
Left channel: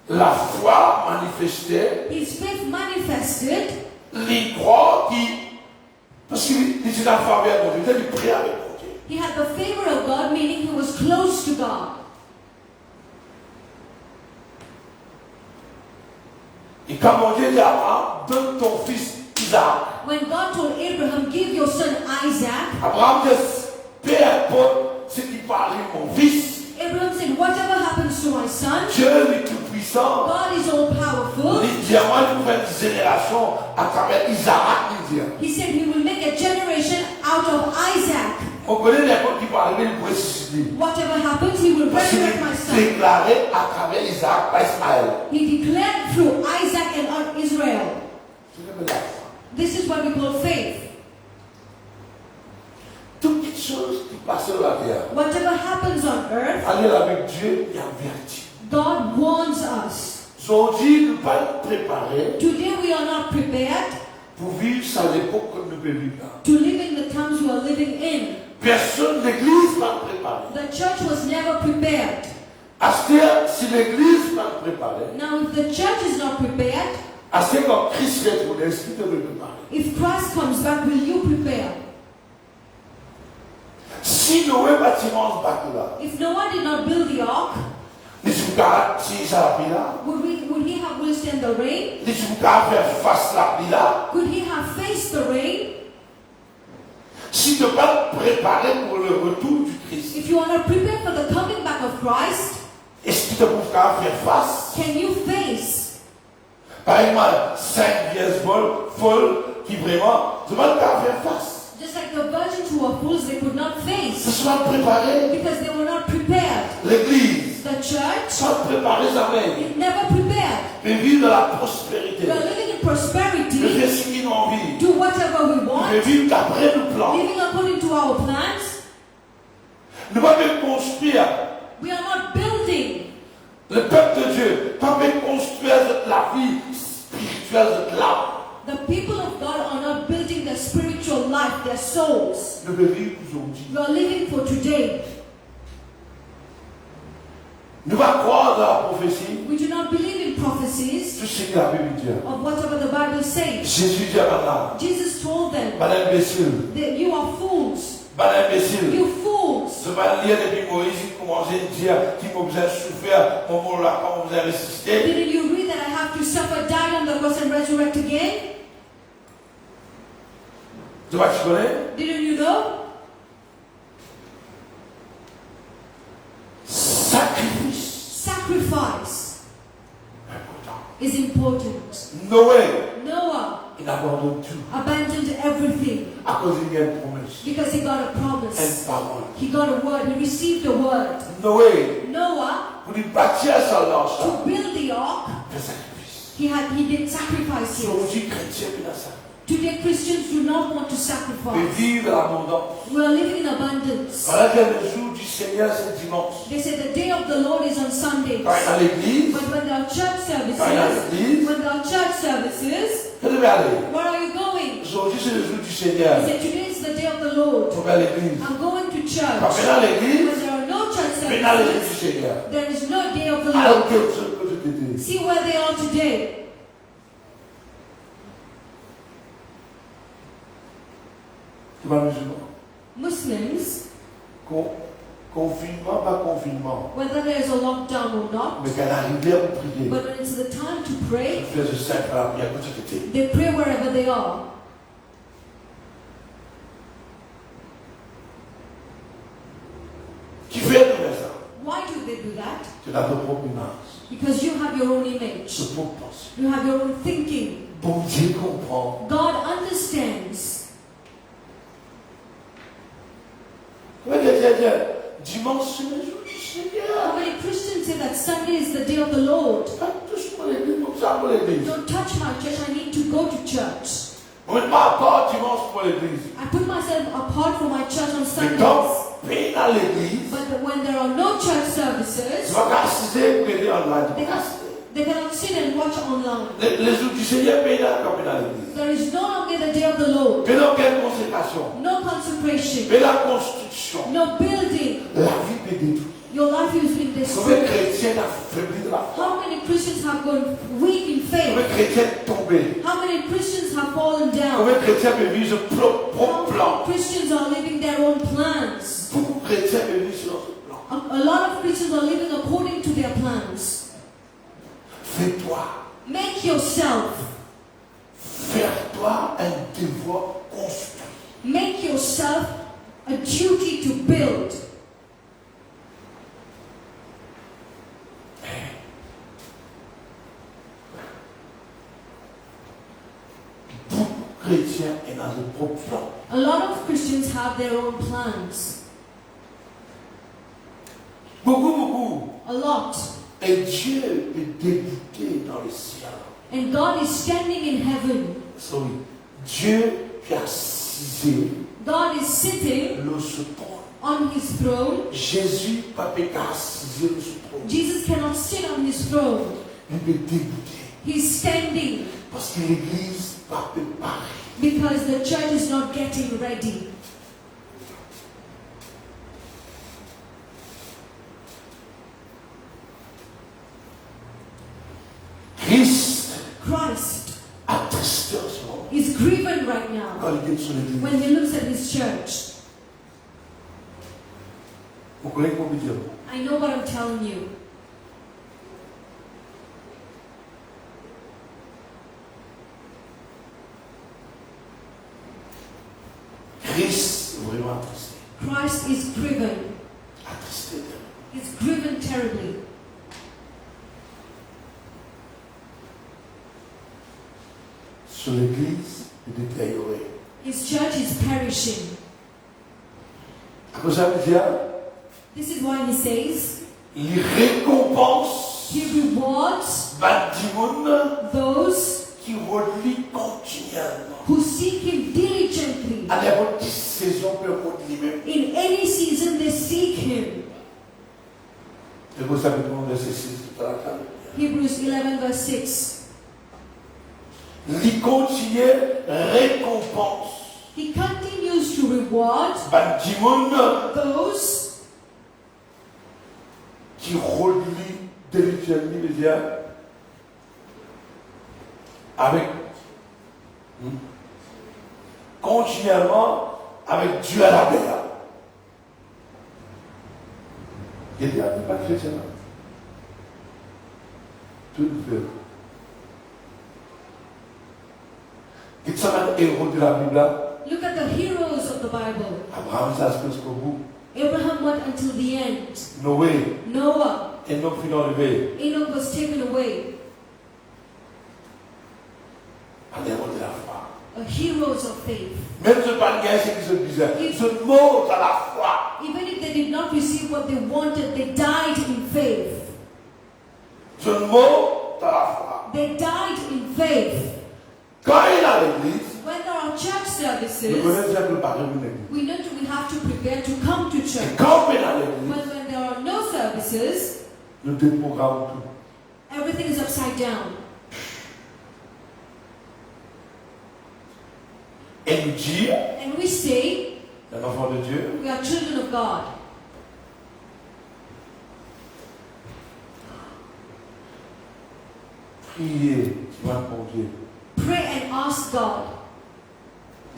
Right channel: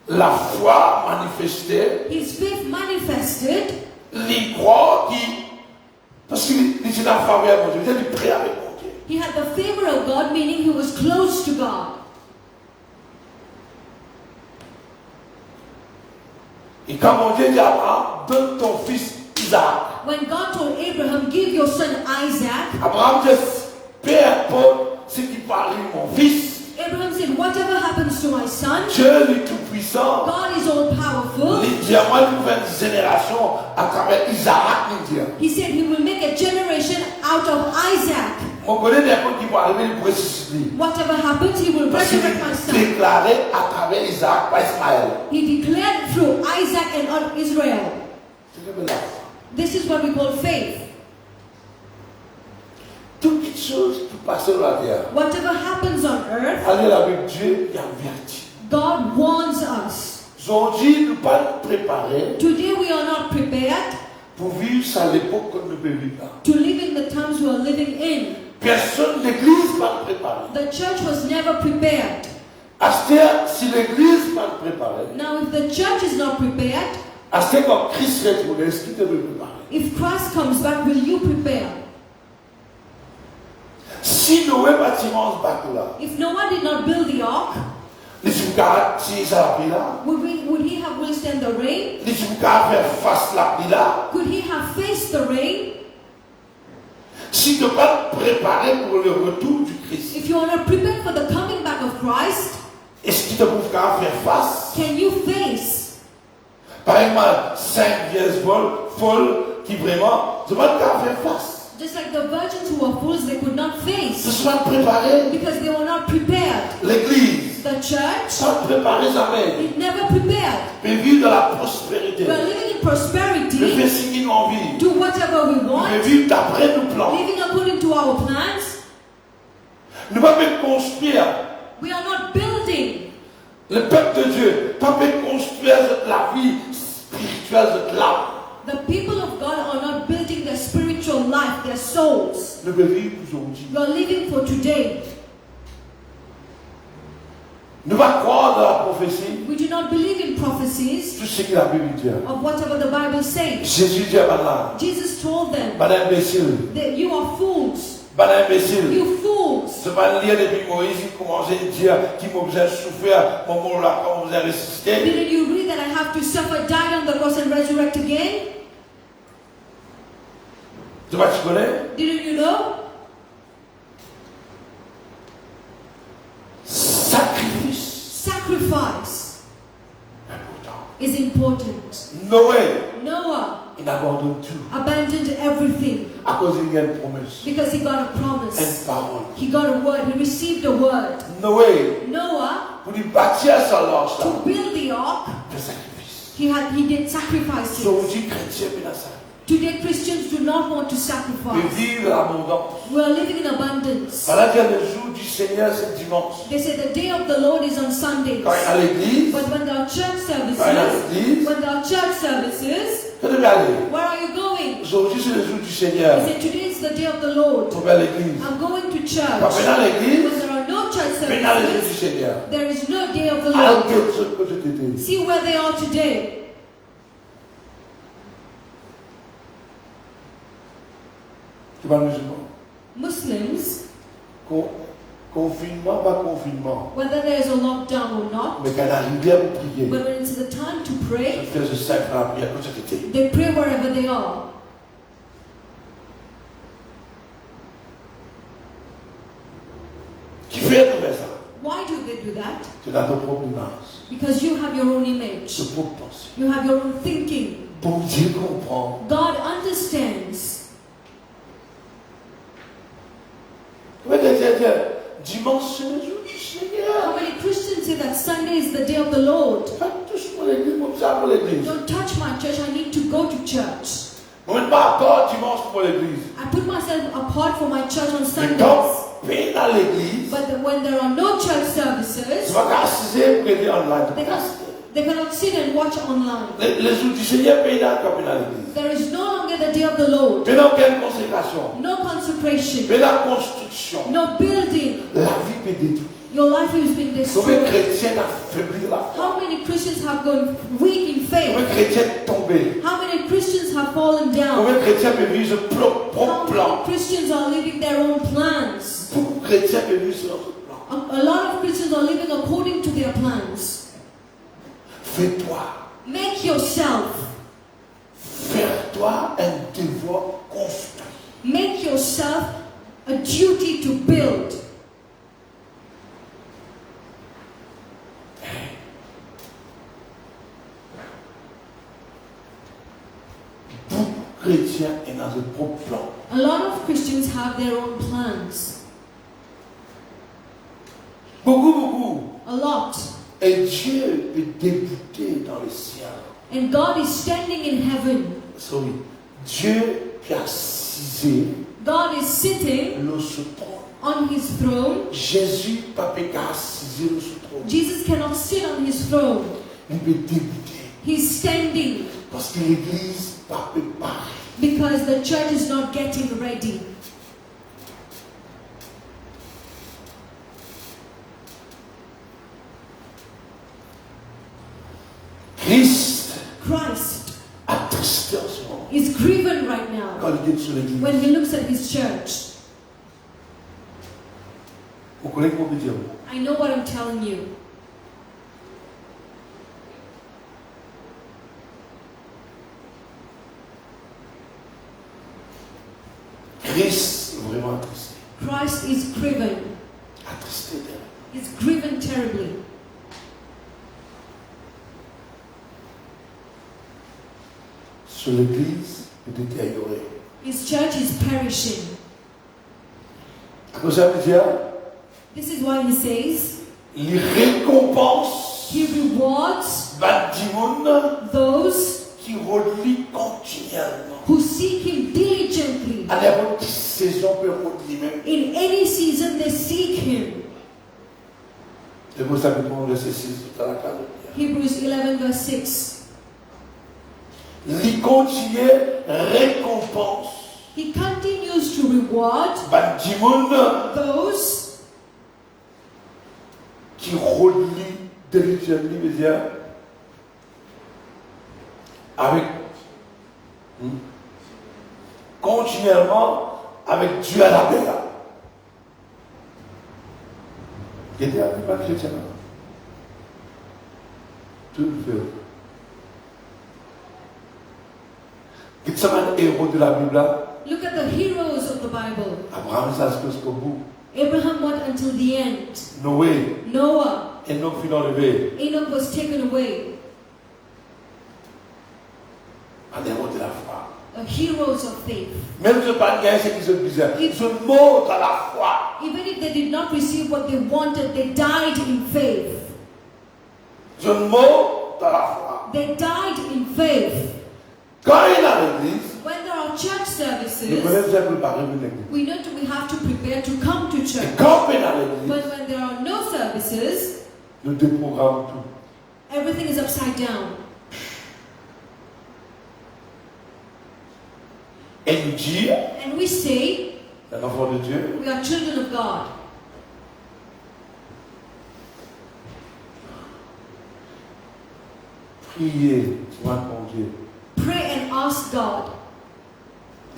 la foi manifestée, his faith manifested les croix qui, parce qu'il était en faveur de Dieu, il était prêt avec Dieu. he had the favor of God, meaning he was close to God. Et quand mon Dieu dit à Abraham, donne ton fils Isaac. When God told Abraham, give your son Isaac, Abraham dit, peu importe ce qui parle mon fils, Abraham said, whatever happens to my son, Dieu est tout puissant. God is all powerful. Il y aura une nouvelle génération à travers Isaac. He said he will make a generation out of Isaac. On connaît des gens qui vont arriver pour ressusciter. Whatever happens, he will Parce qu'il resurrect my son. déclaré à travers Isaac par Ismaël. He declared through Isaac and on Israel. This is what we call faith. Toute chose qui passe sur la terre. Whatever happens on earth, Allez avec Dieu et en vérité. God warns us. Aujourd'hui, nous pas préparer Today we are not prepared pour vivre à l'époque qu'on ne peut vivre là. to live in the times we are living in. Personne, l'église va préparer. The church was never prepared. Astère, si l'église va préparer, Now if the church is not prepared, Astère quand Christ retourne, est-ce qu'il te veut préparer? if Christ comes back, will you prepare? Si Noé bâtiment se bat là, If Noah did not build the ark, les jours si ça a là, would he have withstand the rain? les jours faire face la là, Could he have faced the rain? si tu pas préparé pour le retour du Christ, If you are not prepared for the coming back of Christ, est-ce qu'il te pourra faire face? can you face? Par exemple, 5 vieilles folles qui vraiment ne peuvent pas faire face. Just like the virgins who were fools, they could not Ce face soit préparé, because they were not prepared. l'église, The church soit préparée jamais, is never prepared. mais vivre dans la prospérité, We are living in de prosperity, faire ce qu'il a envie, do whatever we de want, vivre d'après nos plans. living according to our plans. Ne pas même construire. We are not building. Le peuple de Dieu, pas même construire la vie spirituelle de l'âme. The people of God are not building their spiritual life, their souls. Nous devons vivre aujourd'hui. We are living for today. Nous va croire dans la prophétie, We do not believe in prophecies tout ce que la Bible dit. of whatever the Bible says. Jésus dit à madame, Jesus told them madame imbécile, that you are fools. madame imbécile. You fools. Je vais lire depuis Moïse, il commençait à dire qu'il m'a besoin de souffrir, mon mot là, quand on vous a ressuscité. Didn't you read that I have to suffer, die on the cross and resurrect again? Tu vois, tu connais? Didn't you know? Sacrifice. Sacrifice Important. is important. Noé, Noah il abandonne tout. abandoned everything À cause d'une promesse. because he got a Une promise. parole. He got a word. He received a word. Noé, Noah, pour lui bâtir sa lance, to build the ark, fait sacrifice. he did sacrifices. Aujourd'hui, chrétien, il a ça. Today Christians do not want to Et sacrifice. vivre l'abondance. We are living in abundance. Voilà qu'il y a le jour du Seigneur, c'est dimanche. They say the day of the Lord is on Sundays. Quand il y a l'église, But when there are church quand il y a services, l'église, when there are church services, vous devez aller. where are you going? Aujourd'hui, c'est le jour du Seigneur. He said, today is the day of the Lord. On va à l'église. I'm going to Quand church. on est à l'église, When there are no church maintenant le jour du services, Seigneur. there is no day of the Alors, Lord. quel truc que je te dis. See where they are today. Tu vas musulman. Muslims, Confinement, pas confinement. whether there is a lockdown or not, Mais quand arrive à prier, but when it's the time to je pray, fais ce sacre à prière, comme ça que tu es. they pray wherever they are. Qui fait tout ça? Why do they do that? Tu as ton propre image, Because you have your own image. ton propre pensée. You have your own thinking. Bon Dieu comprend. God understands. Oui, dimanche, c'est le jour du Seigneur. How many Christians say that Sunday is the day of the Lord? Pas touche pour l'église, mon ça pour l'église. Don't touch my church, I need to go to church. On ne pas encore dimanche pour l'église. I put myself apart for my church on Mais Sundays. quand paye dans l'église, But when there are no church tu services, vas casser pour aider en live. they cannot sit and watch online. Les jours du Seigneur payent dans l'église. There is no longer the day of the Lord. Mais dans quelle consécration? No consecration. Mais la construction. No building. La vie peut détruire. Your life is being Combien de destroyed. chrétiens ont faibli de la foi? How many Christians have gone weak in Combien faith? de chrétiens sont tombés? How many Christians have fallen down? Combien de chrétiens vivent sur leur How propre plan? many Christians are living their own plans? Beaucoup de chrétiens vivent sur leur plan. A lot of Christians are living according to their plans. Fais-toi, Make yourself, fais-toi un devoir construit. make yourself a duty to build. Beaucoup de chrétiens sont dans leur propre plan. A lot of Christians have their own plans. Beaucoup. A lot. Et Dieu est débouté dans le ciel. And God is standing in heaven. Sorry. Dieu est assisé God is sitting le sur trône. on his throne. Jésus pas peut assisé le sur trône. Jesus cannot sit on his throne. Il peut débouter. He's standing Parce que l'église pas préparée. because the church is not getting ready. Christ Attristé en ce moment. is grieving right now Quand il est sur l'église. when he looks at his church. Vous connaissez comment dire? I know what I'm telling you. Christ est vraiment attristé. Christ is grieving. Attristé d'elle. He's grieving terribly. Sur l'église est détériorée. His church is perishing. Après ça veut dire, This is why he says, il récompense he rewards Badimoun those qui relie continuellement. who seek him diligently. À n'importe quelle saison peut relie même. In any season they seek him. C'est pour ça que tout le monde verset 6 dans la carte. Hebrews 11 verse 6. Il continue récompense He continues to reward Badimoun those qui relie diligently, veut dire avec continuellement avec Dieu à la terre. Il n'y a pas chrétien. Tout le fait. Qui sont les héros de la Bible là? Look at the heroes of the Bible. Abraham, ça se passe au bout. Abraham went until the end. Noé, Noah, Enoch fut enlevé. Enoch was taken away. Un héros de la foi. Heroes of faith. Même ce pas de guerre, c'est qu'ils sont bizarres. Ils se montrent à la foi. Even if they did not receive what they wanted, they died in faith. Ils se montrent à la foi. They died in faith. Quand il est à l'église, When there are church nous services, connaissons préparer une église. we know that we have to prepare to come to Et church. quand il est à l'église, But when there are no services, nous déprogrammons tout. everything is upside down. Et nous dire, And we say, un enfant de Dieu, we are children of God. priez, demande mon Dieu. Pray and ask God.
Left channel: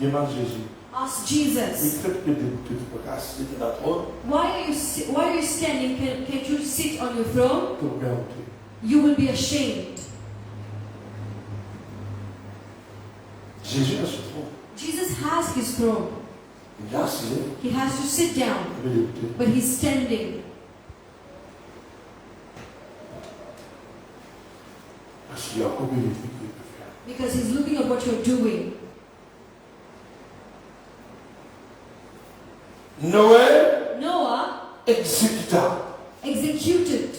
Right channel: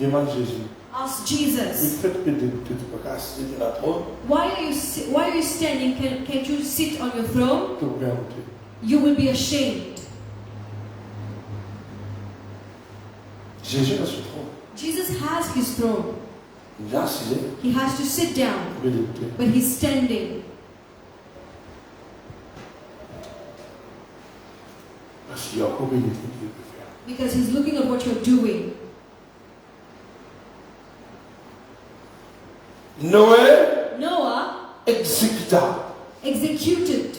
Demande Jésus. Ask Mais Jesus. faites que tu peux casser de la trône, Why are you standing? Can't you sit on your throne? pour bien entrer. You will be ashamed. Jésus est sur le trône. Jesus has his throne. Il est assis, He has to sit down, il veut l'écouter. but he's standing Parce qu'il y a encore une étude qu'il peut faire. because he's looking at what you're doing. Noé Noah exécuta executed.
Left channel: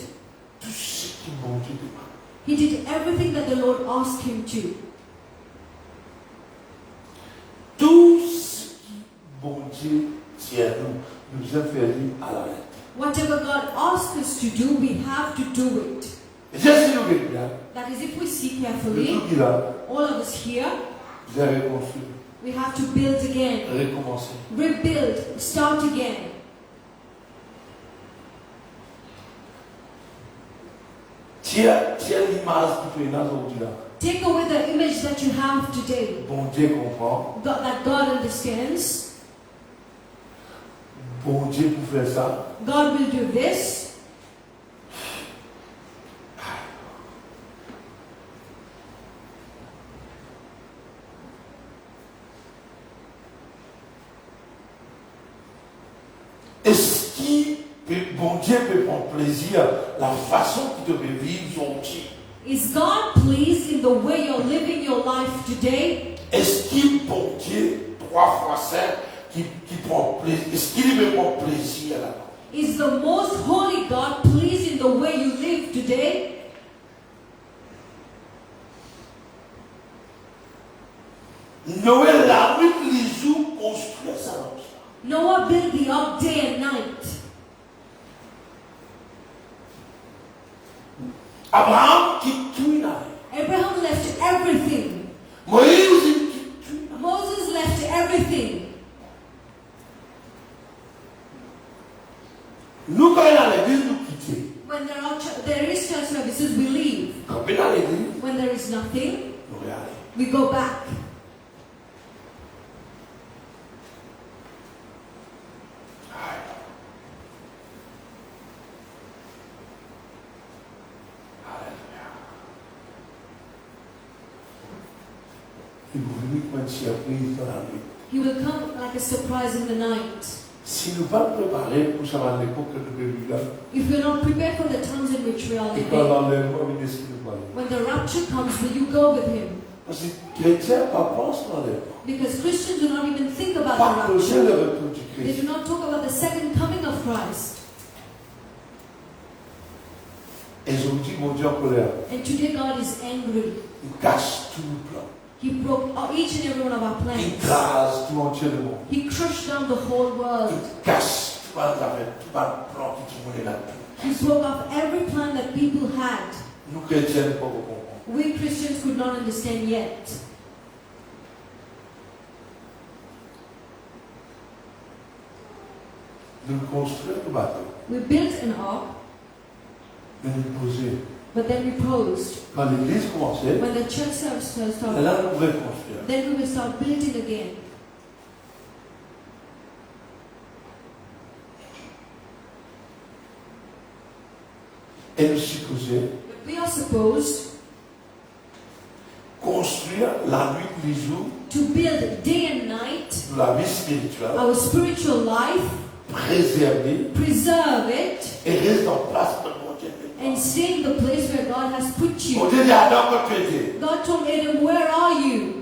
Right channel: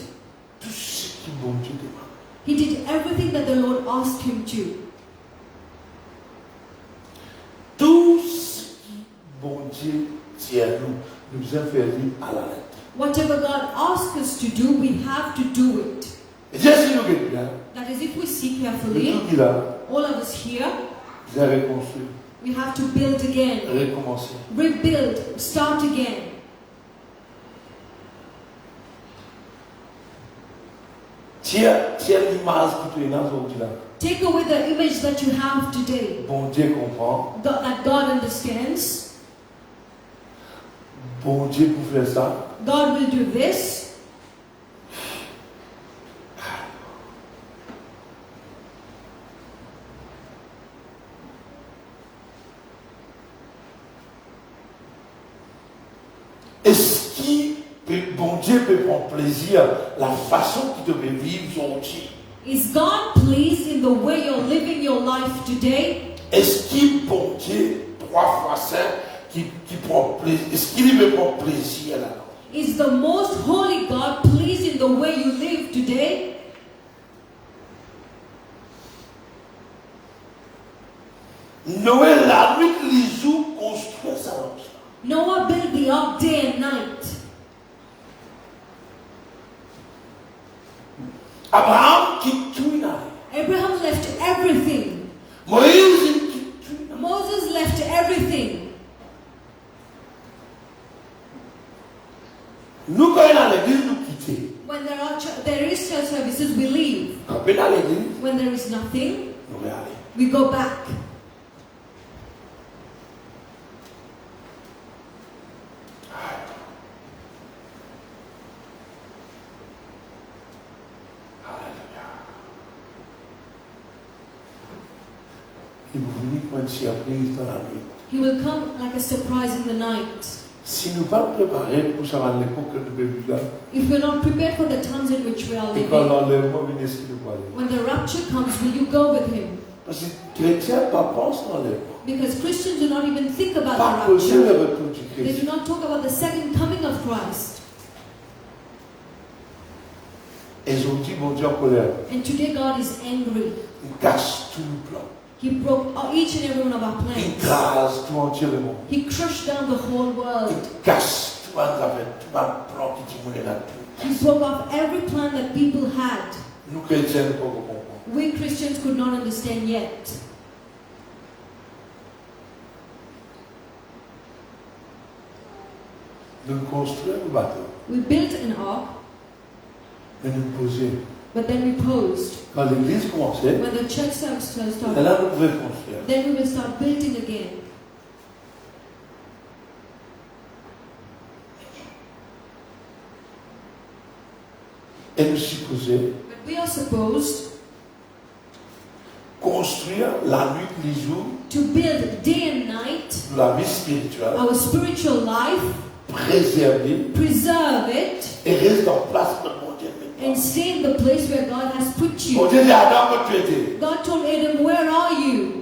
tout ce que mon Dieu demande. He did everything that the Lord asked him to. Tout ce que mon Dieu dit à nous, nous a fait dire à la lettre. Whatever God asks us to do, we have to do it. Et Dieu, si nous regardons, That is, if we see le carefully, tout qu'il a, all of us here, vous avez reconstruit, we have to build again, recommencer. rebuild, start again. Tiens l'image qui est dans aujourd'hui là. Take away the image that you have today. Bon Dieu comprend. That God understands. Bon Dieu pour faire ça. God will do this. Est-ce que bon Dieu peut prendre plaisir la façon que tu peux vivre aujourd'hui? Is God pleased in the way you're living your life today? Est-ce qu'il bon Dieu 3 fois saint qui prend plaisir? Est-ce qu'il me prend plaisir là? Is the most holy God pleased in the way you live today? Noël la nuit les jours construit ça. Noah built the ark day and night. Abraham quitte tout là. Abraham left everything. Moïse quitte tout. Moses left everything. Nous quand on est dans l'église nous quitter. When there is church services, we leave. Quand on est dans l'église, When there is nothing, nous regardons. we go back. Il vous dit quand il y a pris dans la nuit. He will come like a surprise in the night. Si nous ne pas préparés pour ça à l'époque que nous vivons là, If we're not prepared for the times in which we are et quand living, l'enlèvement vient ce qu'il nous parle. when the rapture comes, will you go with him? Parce que les chrétiens ne pensent pas à l'enlèvement. Because Christians do not even think about Pas the penser rapture. le retour du They Christ. do not talk about the second coming of Christ. Et aujourd'hui, mon Dieu en colère, And today God is angry. il cache tous nos plans. He broke each and every one of our Il plans. crase tout entier le monde. He crushed down the whole world. Il cache tout un plan qui voulait la paix. He broke off every plan that people had. Nous, chrétiens, ne pouvons pas comprendre. We Christians could not understand yet. Nous construisons un bateau, We built an ark, mais nous poser. but then we posed. Quand l'église commençait, When the church service et started, là, nous pouvions construire. then we will start building again. Et nous supposons But we are supposed construire la nuit, les jours, to build day and night de la vie spirituelle, our spiritual life, préserver preserve it, et rester en place pour mon Dieu. and stay in the place where God has put Mon you. Dieu dit à Adam que tu étais. God told Adam, where are you?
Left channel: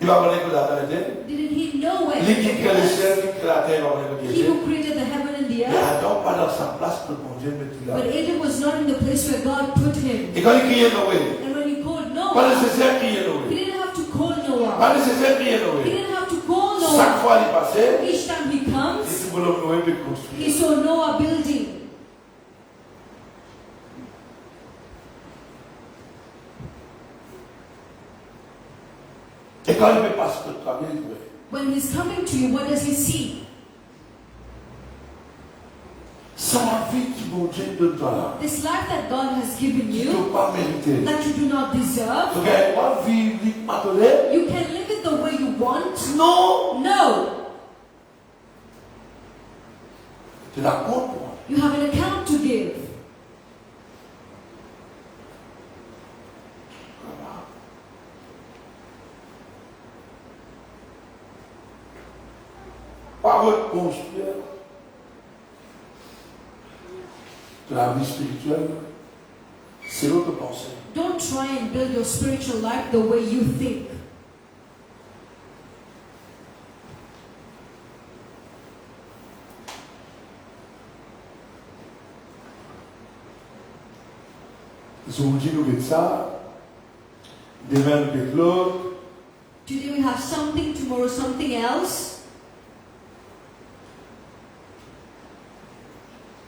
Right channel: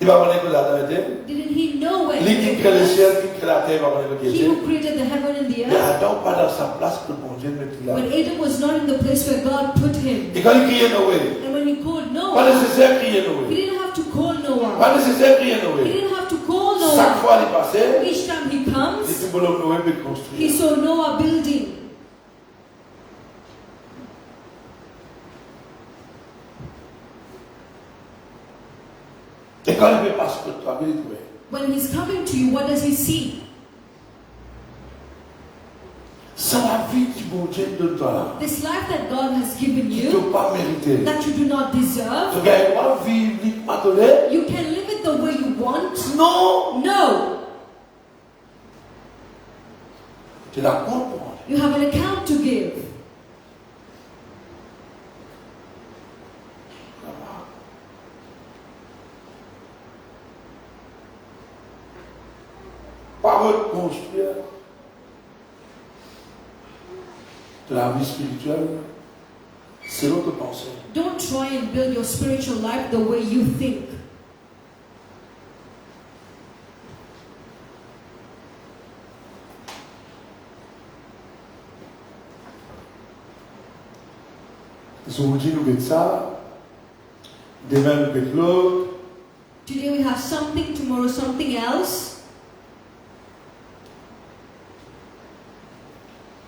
Il va voir que Adam était. Didn't he know where Lui qui he crée le was? ciel, qui crée la terre, il va voir que tu He étais. who created the heaven and the Mais earth. Adam pas dans sa place pour mon Dieu mettre là. But Adam was not in the place where God put him. Et quand il criait Noé, And when he called pas Noah, nécessaire de crier he Noé. didn't have to call Noah. Pas nécessaire de crier He Noé. didn't have to call Chaque Noah. fois il passait, Each time he il comes, dit que Noé peut he construire. saw Noah building. Et quand il veut passer le travail, il dit, When he's coming to you, what does he see? c'est la vie qui mon Dieu donne toi. This life that God has given Tu ne you, peux pas mériter. that you do not deserve. Tu gagnes pas vie uniquement donnée? You can live it the way you want. Non. No. Tu la comprends. You have an account to give. Pas reconstruire de la vie spirituelle, c'est votre pensée. Don't try and build your spiritual life the way you think. Aujourd'hui, nous faites ça. Demain, nous faites l'autre. Today we have something, tomorrow something else.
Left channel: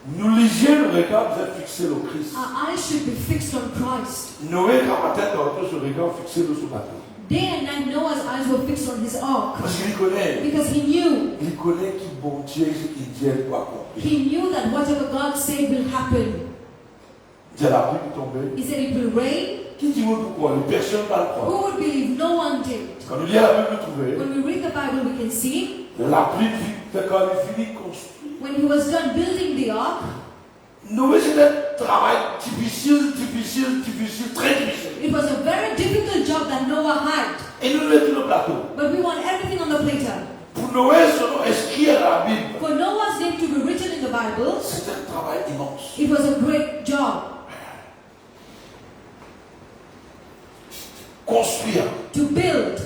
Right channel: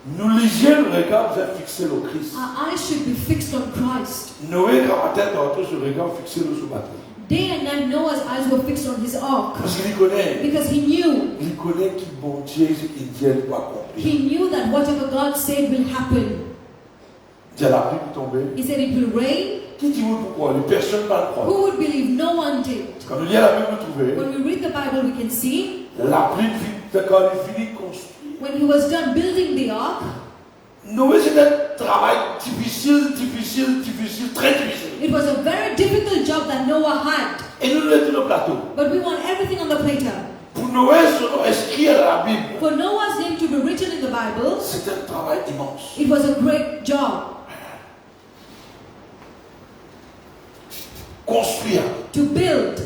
Nous lisions le regard vers fixé au Christ. Our eyes should be fixed on Christ. Noé, dans la tête, dans ce regard fixé sur le bateau. Day and night, Noah's eyes were fixed on his ark Parce qu'il connaît. because he knew. Il connaît qui bon Dieu, il dit, elle doit accomplir. He knew that whatever God said will happen. Il y a la pluie qui tombait. He said it will rain. Qui dit oui pourquoi? Les personnes ne parlent pas. Who would believe? No one did. Comme il y a la Bible trouvée, When we read the Bible, we can see la pluie, quand il finit de construire. when he was done building the ark, Noé, c'est un travail difficile, très difficile. it was a very difficult job that Noah had. Et nous l'avons dit le plateau. But we want everything on the platter. Pour Noé, son nom inscrit à la Bible, For Noah's name to be written in the Bible, c'est un travail immense. it was a great job. Construire. To build.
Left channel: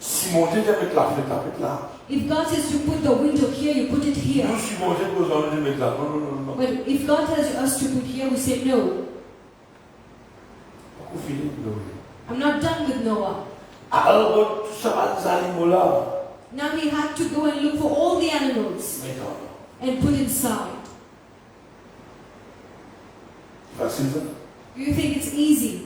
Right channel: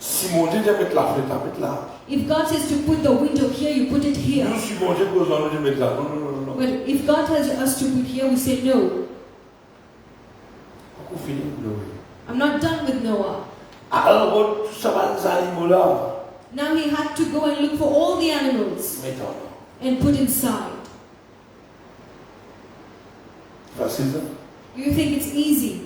Si mon Dieu vient mettre la fenêtre, mettre là. If God says to put the window here, you put it here. Nous, si mon Dieu pose dans le mettre là. Non. But if God tells us to put here, we say no. On finit Noé. I'm not done with Noah. Alors, tout ça va nous animaux là. Now he had to go and look for all the animals Maintenant. and put inside. Facile ça. You think it's easy?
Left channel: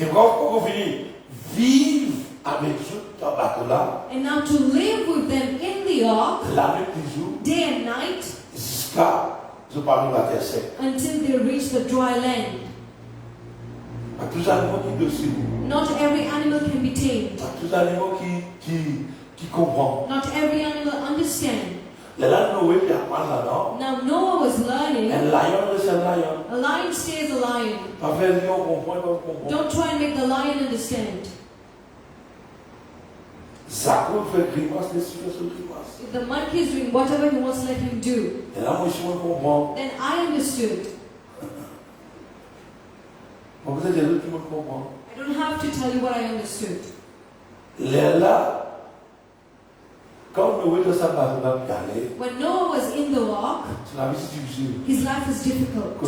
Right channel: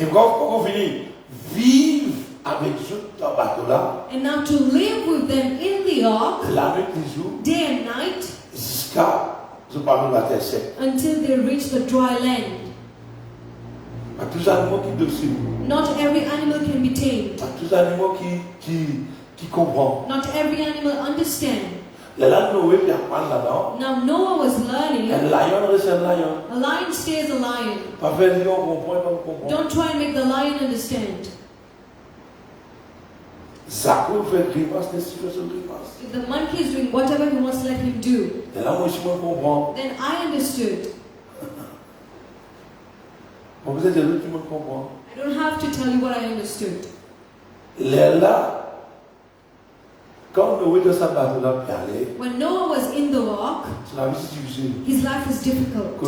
Et quand on finit, vivre avec eux dans le bateau là, And now to live with them in the ark, la nuit du jour, day and night, jusqu'à ce parmi la terre sec. until they reach the dry land. À tous les animaux qui dessus, Not every animal can be tamed. à tous les animaux qui comprennent. Not every animal understand. Les langues Noé qui apprennent là-dedans, Now Noah was learning. un lion reste un lion. A lion stays a lion. Pas faire lion comprend comme comprend. Don't try and make the lion understand. Zako fait grimace, des situations grimace. If the monkey is doing whatever he wants, let him do. Et là, moi, je comprends. Then I understood. On vous a dit, tout le monde comprend. I don't have to tell you what I understood. Les là, quand Noé de sa maison là, When Noah was in the ark, c'est la vie si difficile. his life was difficult.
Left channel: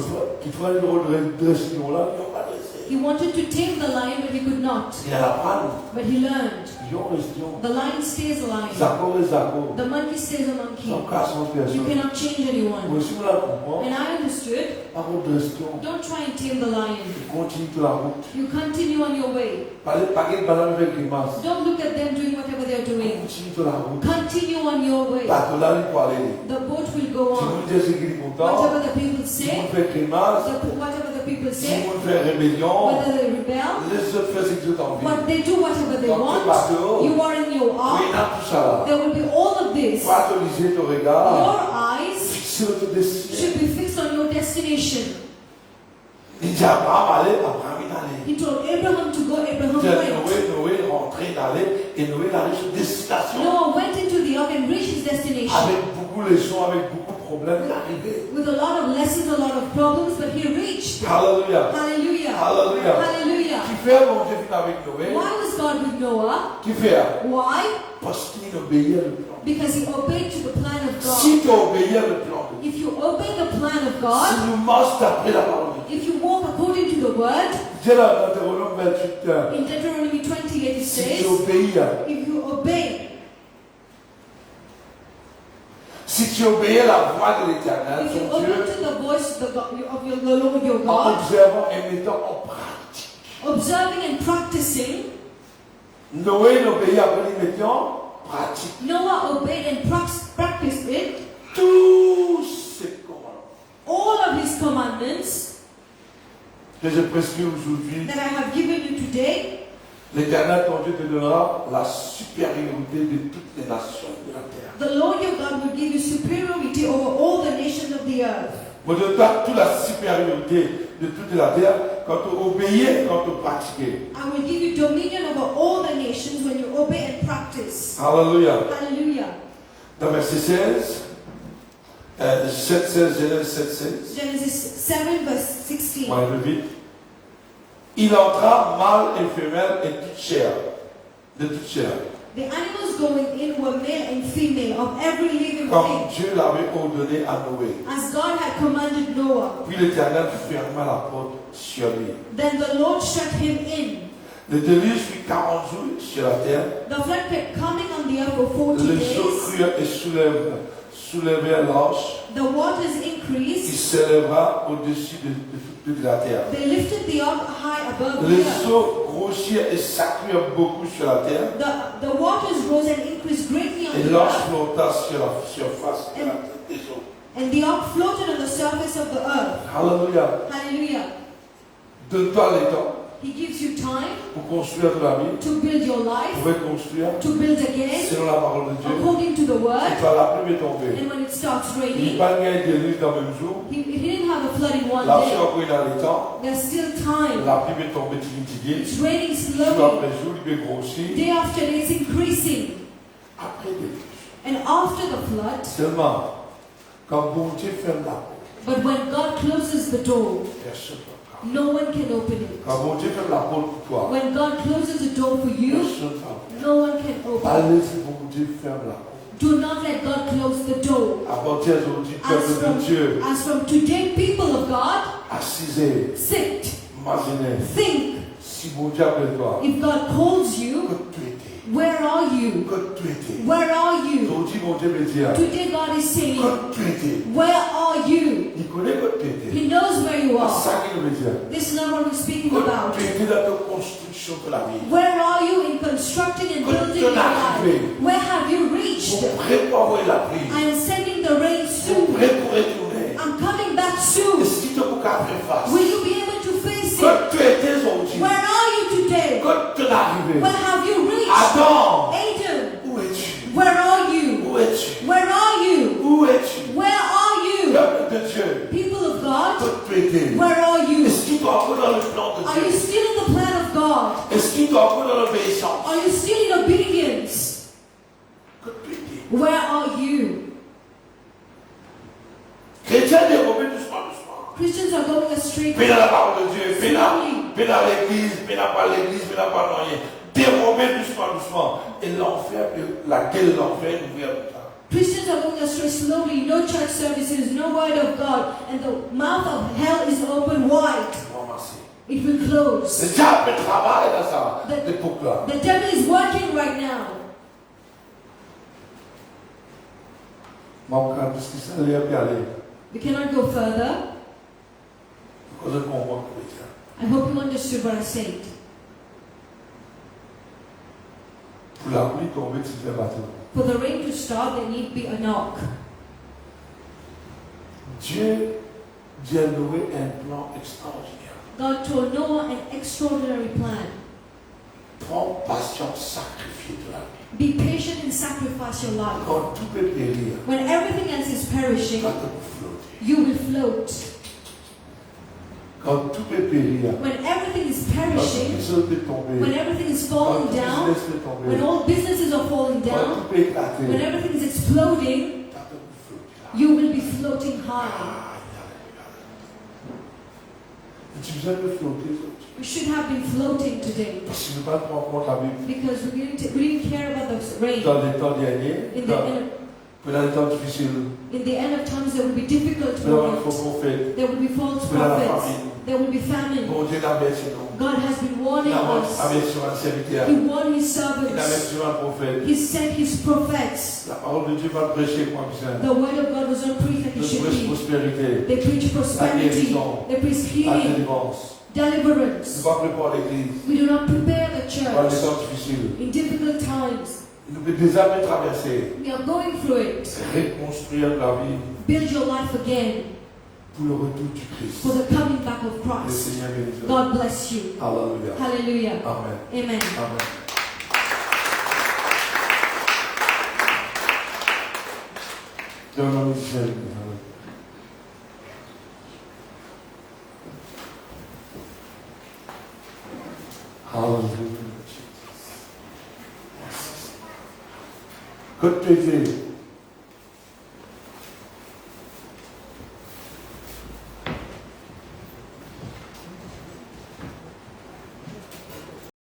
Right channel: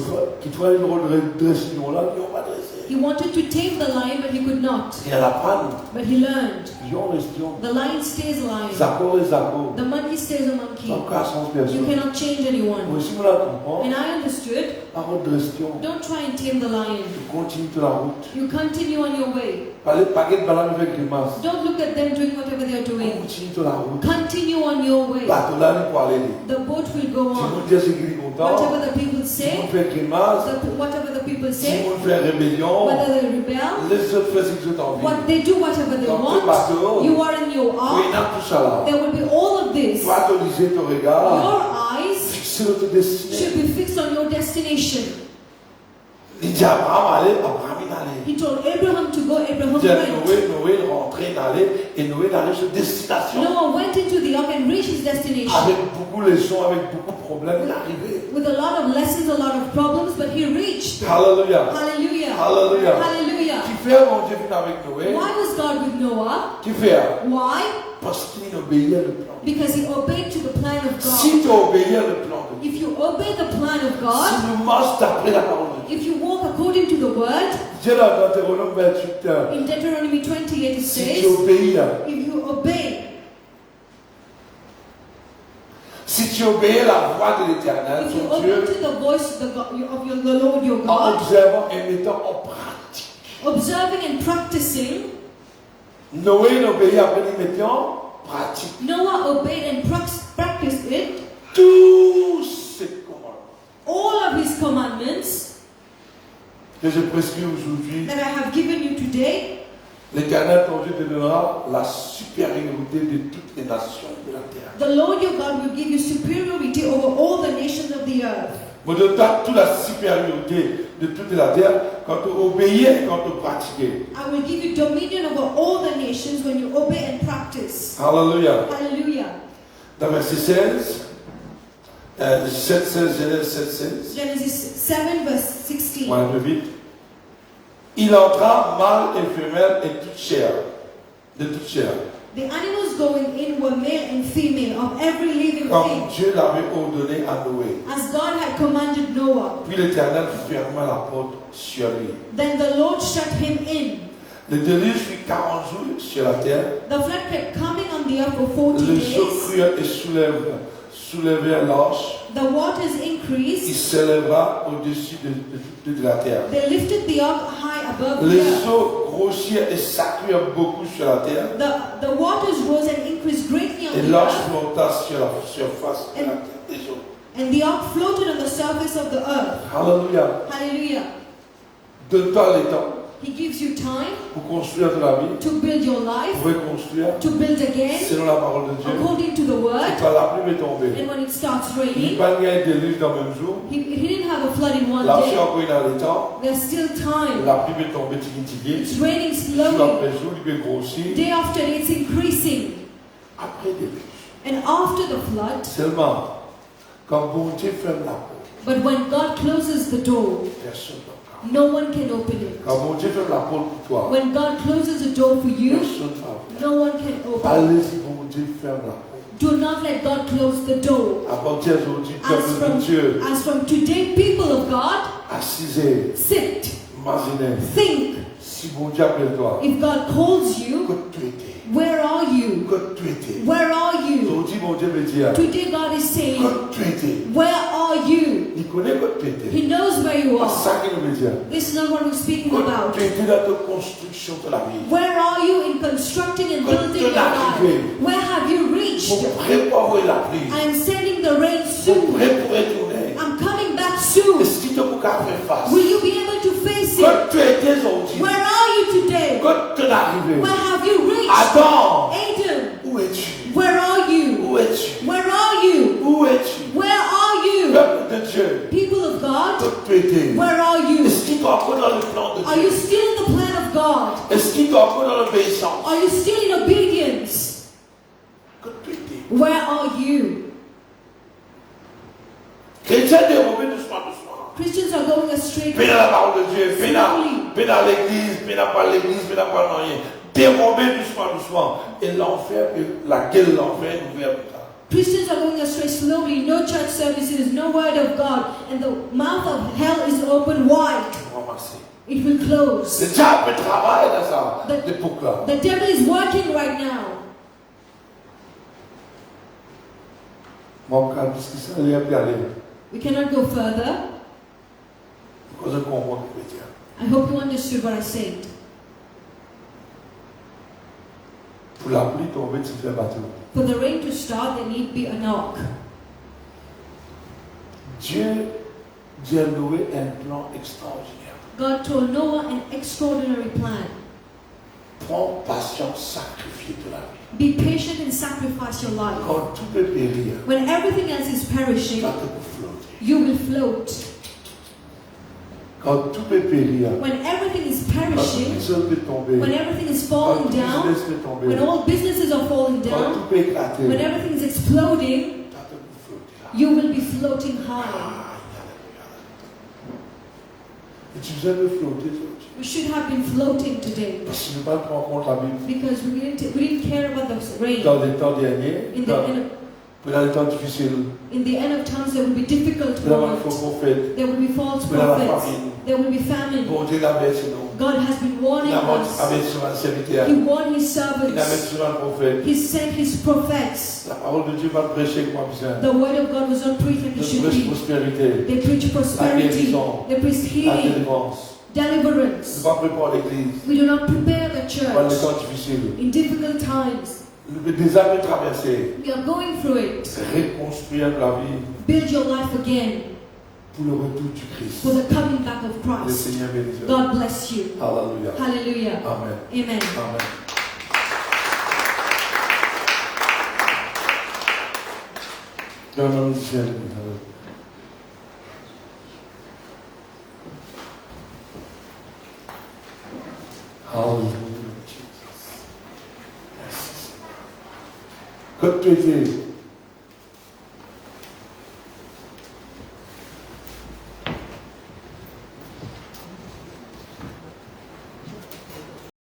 Qu'il soit le rôle de dresser, là, ils n'ont pas dressé. He wanted to tame the lion, but he could not. Et à la prendre, But he learned. ils ont resté. The lion stays a lion. Zako et Zako. The monkey stays a monkey. Sans cas, sans You personne. cannot change Moi, anyone. si vous la comprenez, And I understood. avant de rester, Don't try and tame the lion. continue de la route. You continue on your way. Parlez pas de balade avec grimace. Don't look at them doing whatever they are doing. Continue de la route. Continue on your way. Bateau là, il faut aller. The boat will go Si vous on. dites c'est qu'il est content, Whatever the people si say, vous faites grimace, whatever the people si say, vous faites rébellion, whether they rebel, les autres font ce qu'ils ont envie. what they do, whatever they Dans le bateau, want, you are in your oui, ark. dans tout ça là. There will be all of this. Toi, ton lisée, ton regard, Your eyes fixé sur ton destinée. should be fixed on your destination. Il dit à Abraham, allez, Abraham il allait. He told Abraham to go, Abraham Il dit à went. Noé rentré, d'aller, et Noé arrive sur destination. Noah went into the ark and reached his destination. Avec beaucoup de leçons, avec beaucoup de problèmes, il est arrivé. With a lot of lessons, a lot of problems, but he reached. Alléluia. Hallelujah. Alléluia. Hallelujah. Qui fait mon Dieu venu avec Noé? Why was God with Noah? Qui fait? Why? Parce qu'il obéit à le plan. Because he obeyed to the plan of Si God. tu obéis à le plan de Dieu, If you obey the plan of si God, nous marchons d'après la parole de Dieu, if you walk according to the word, Dieu l'a dans Deutéronome 28, in Deuteronomy 28 it si says, tu obéis à, if you obey, si tu obéis à la voix de l'Éternel, if you ton obey Dieu, to the voice of the Lord your en God, observant et mettant en pratique. observing and practicing, Noé n'obéit après il mettait en pratique Noah obeyed and practiced it, tous ses commandements all of his commandments que je prescris aujourd'hui. that I have given you today. L'Éternel, ton Dieu, te donnera la supériorité de toutes les nations de la terre. The Lord your God will give you superiority over all the nations of the earth. Vous donnez toute la supériorité de toute la terre quand tu obéis, quand tu pratiques. I will give you dominion over all the nations when you obey and practice. Alléluia. Hallelujah. Dans verset 16, 7, 16, Genèse 7, 16. Genesis 7 verse 16. On va un peu vite. Il entra mâle et femelle et toute chair. De toute chair. The animals going in were male and female of every living Comme thing, Dieu l'avait ordonné à Noé. as God had commanded Noah. Puis l'Éternel ferma la porte sur lui. Then the Lord shut him in. Le déluge fut 40 jours sur la terre. The flood kept coming on the earth for 40 Les eaux days. crurent et soulevait l'arche, the waters il increased. s'éleva au-dessus de la terre. They lifted the ark high above the Les earth. eaux grossirent et s'accrurent beaucoup sur la terre, The waters rose and increased greatly on et the l'arche earth, flotta sur la surface de la terre des eaux. and the ark floated on the surface of the earth. Alléluia. Hallelujah. De temps en temps, He gives you time pour construire de la vie, to build your life, pour reconstruire, to build again, selon la parole de Dieu. according to the Et word. quand la pluie est tombée, And when it starts il raining, n'y a pas de déluge dans le même jour. he didn't have a flood in one L'arche day. a pris dans le temps, There's still time. la pluie est tombée tigui-tigui, It's raining jour slowly. après jour, il peut grossir. Day after day, it's increasing. Après déluge. And after the flood, Seulement, quand bon Dieu ferme la porte, but when God closes the door, personne ne peut. no one can open it. Quand bon Dieu ferme la porte pour toi, When God closes the door for you, personne ne peut. no one can open it. Allez, si bon Dieu ferme la porte. Do not let God close the door. À partir d'aujourd'hui, As peuple de Dieu, from today, people of God, assisez, sit, imaginez, think. si bon Dieu appelle toi, If God calls you, que tu étais, where are you? que tu étais. Where are you? Aujourd'hui, mon Dieu me dit, Today God is saying, que tu étais. where are you? Il connaît que tu étais. He knows where you C'est are. ça qu'il me dit. This is not what we're speaking Que about. tu étais dans ta construction de la vie. Where are you in constructing and building your life? Where have you reached? Pour préparer la pluie. I am sending the rain Pour soon. préparer retourner. I'm coming back soon. Est-ce qu'il te faut qu'à faire face? Will you be able to face it? Que tu étais aujourd'hui. Where are you today? Que tu es arrivé. Where have you reached? Adam, Adam, où es-tu? where are you? Où es-tu? Where are you? Où es-tu? Where are you? Peuple de Dieu, People of God, que tu étais. where are you? Est-ce qu'il doit encore dans le plan de Are you Dieu? still in the plan of God? Est-ce qu'il doit encore dans l'obéissance? Are you still in obedience? Que tu étais. Where are you? Chrétien, dérober doucement, doucement. Christians are going astray. Fais dans la parole de Dieu, fais dans l'église, fais dans pas l'église, fais dans pas rien. Dérober doucement, doucement. Et l'enfer, laquelle l'enfer est ouvert tout ça. Christians are going astray slowly. No church services, no word of God, and the mouth of hell is open wide. Ramasser. It will Le close. diable travaille dans ça, l'époque-là. The devil is working right now. Donc, quand ce qui s'allait à aller, We cannot go further. parce qu'on comprend le chrétien. I hope you understood what I said. Pour la pluie tomber, tu fais bateau. For the rain to start, there need be a knock. Dieu a loué un plan extraordinaire. God told Noah an extraordinary plan. Prends patience, sacrifier de la vie. Be patient and sacrifice your life. Quand tout peut périr, When everything else is perishing, quand tout peut flotter. you will float. Quand tout peut périr, When everything is quand tout perishing, seul peut tomber, when everything is quand falling tout down, business peut tomber, when all businesses are falling quand down, tout peut éclater, when everything is exploding, quand tout peut flotter. you will be floating high. Et tu besoin de flotter aujourd'hui. We should have been floating today Parce que nous ne pas prendre en compte la Bible. because we didn't care about the rain. Dans les temps derniers, dans les temps difficiles, In the end of times, there will be difficult dans les faux moments. prophètes, There will be false dans la prophets. famine. There will be famine. Bon Dieu l'avertit nous. God has been Il warning a us. averti sur un serviteur. He warned His Il a averti servants. sur un prophète. He sent His prophets. La parole de Dieu va prêcher comme besoin. The word of God was not preached like De it should nouvelles be. prospérités, They preach prosperity. They preach la healing, délivrance. Ne deliverance. pas préparer l'église We do not prepare the dans les church temps difficiles. in difficult times. Le désert de traverser, We are going through it. reconstruire la vie Build your life again pour le retour du Christ. for the coming back of Le Christ. Seigneur bénisse. God bless you. Alléluia. Hallelujah. Amen. Amen. Amen. Donne-moi une chaise. Hallelujah. Que tu fais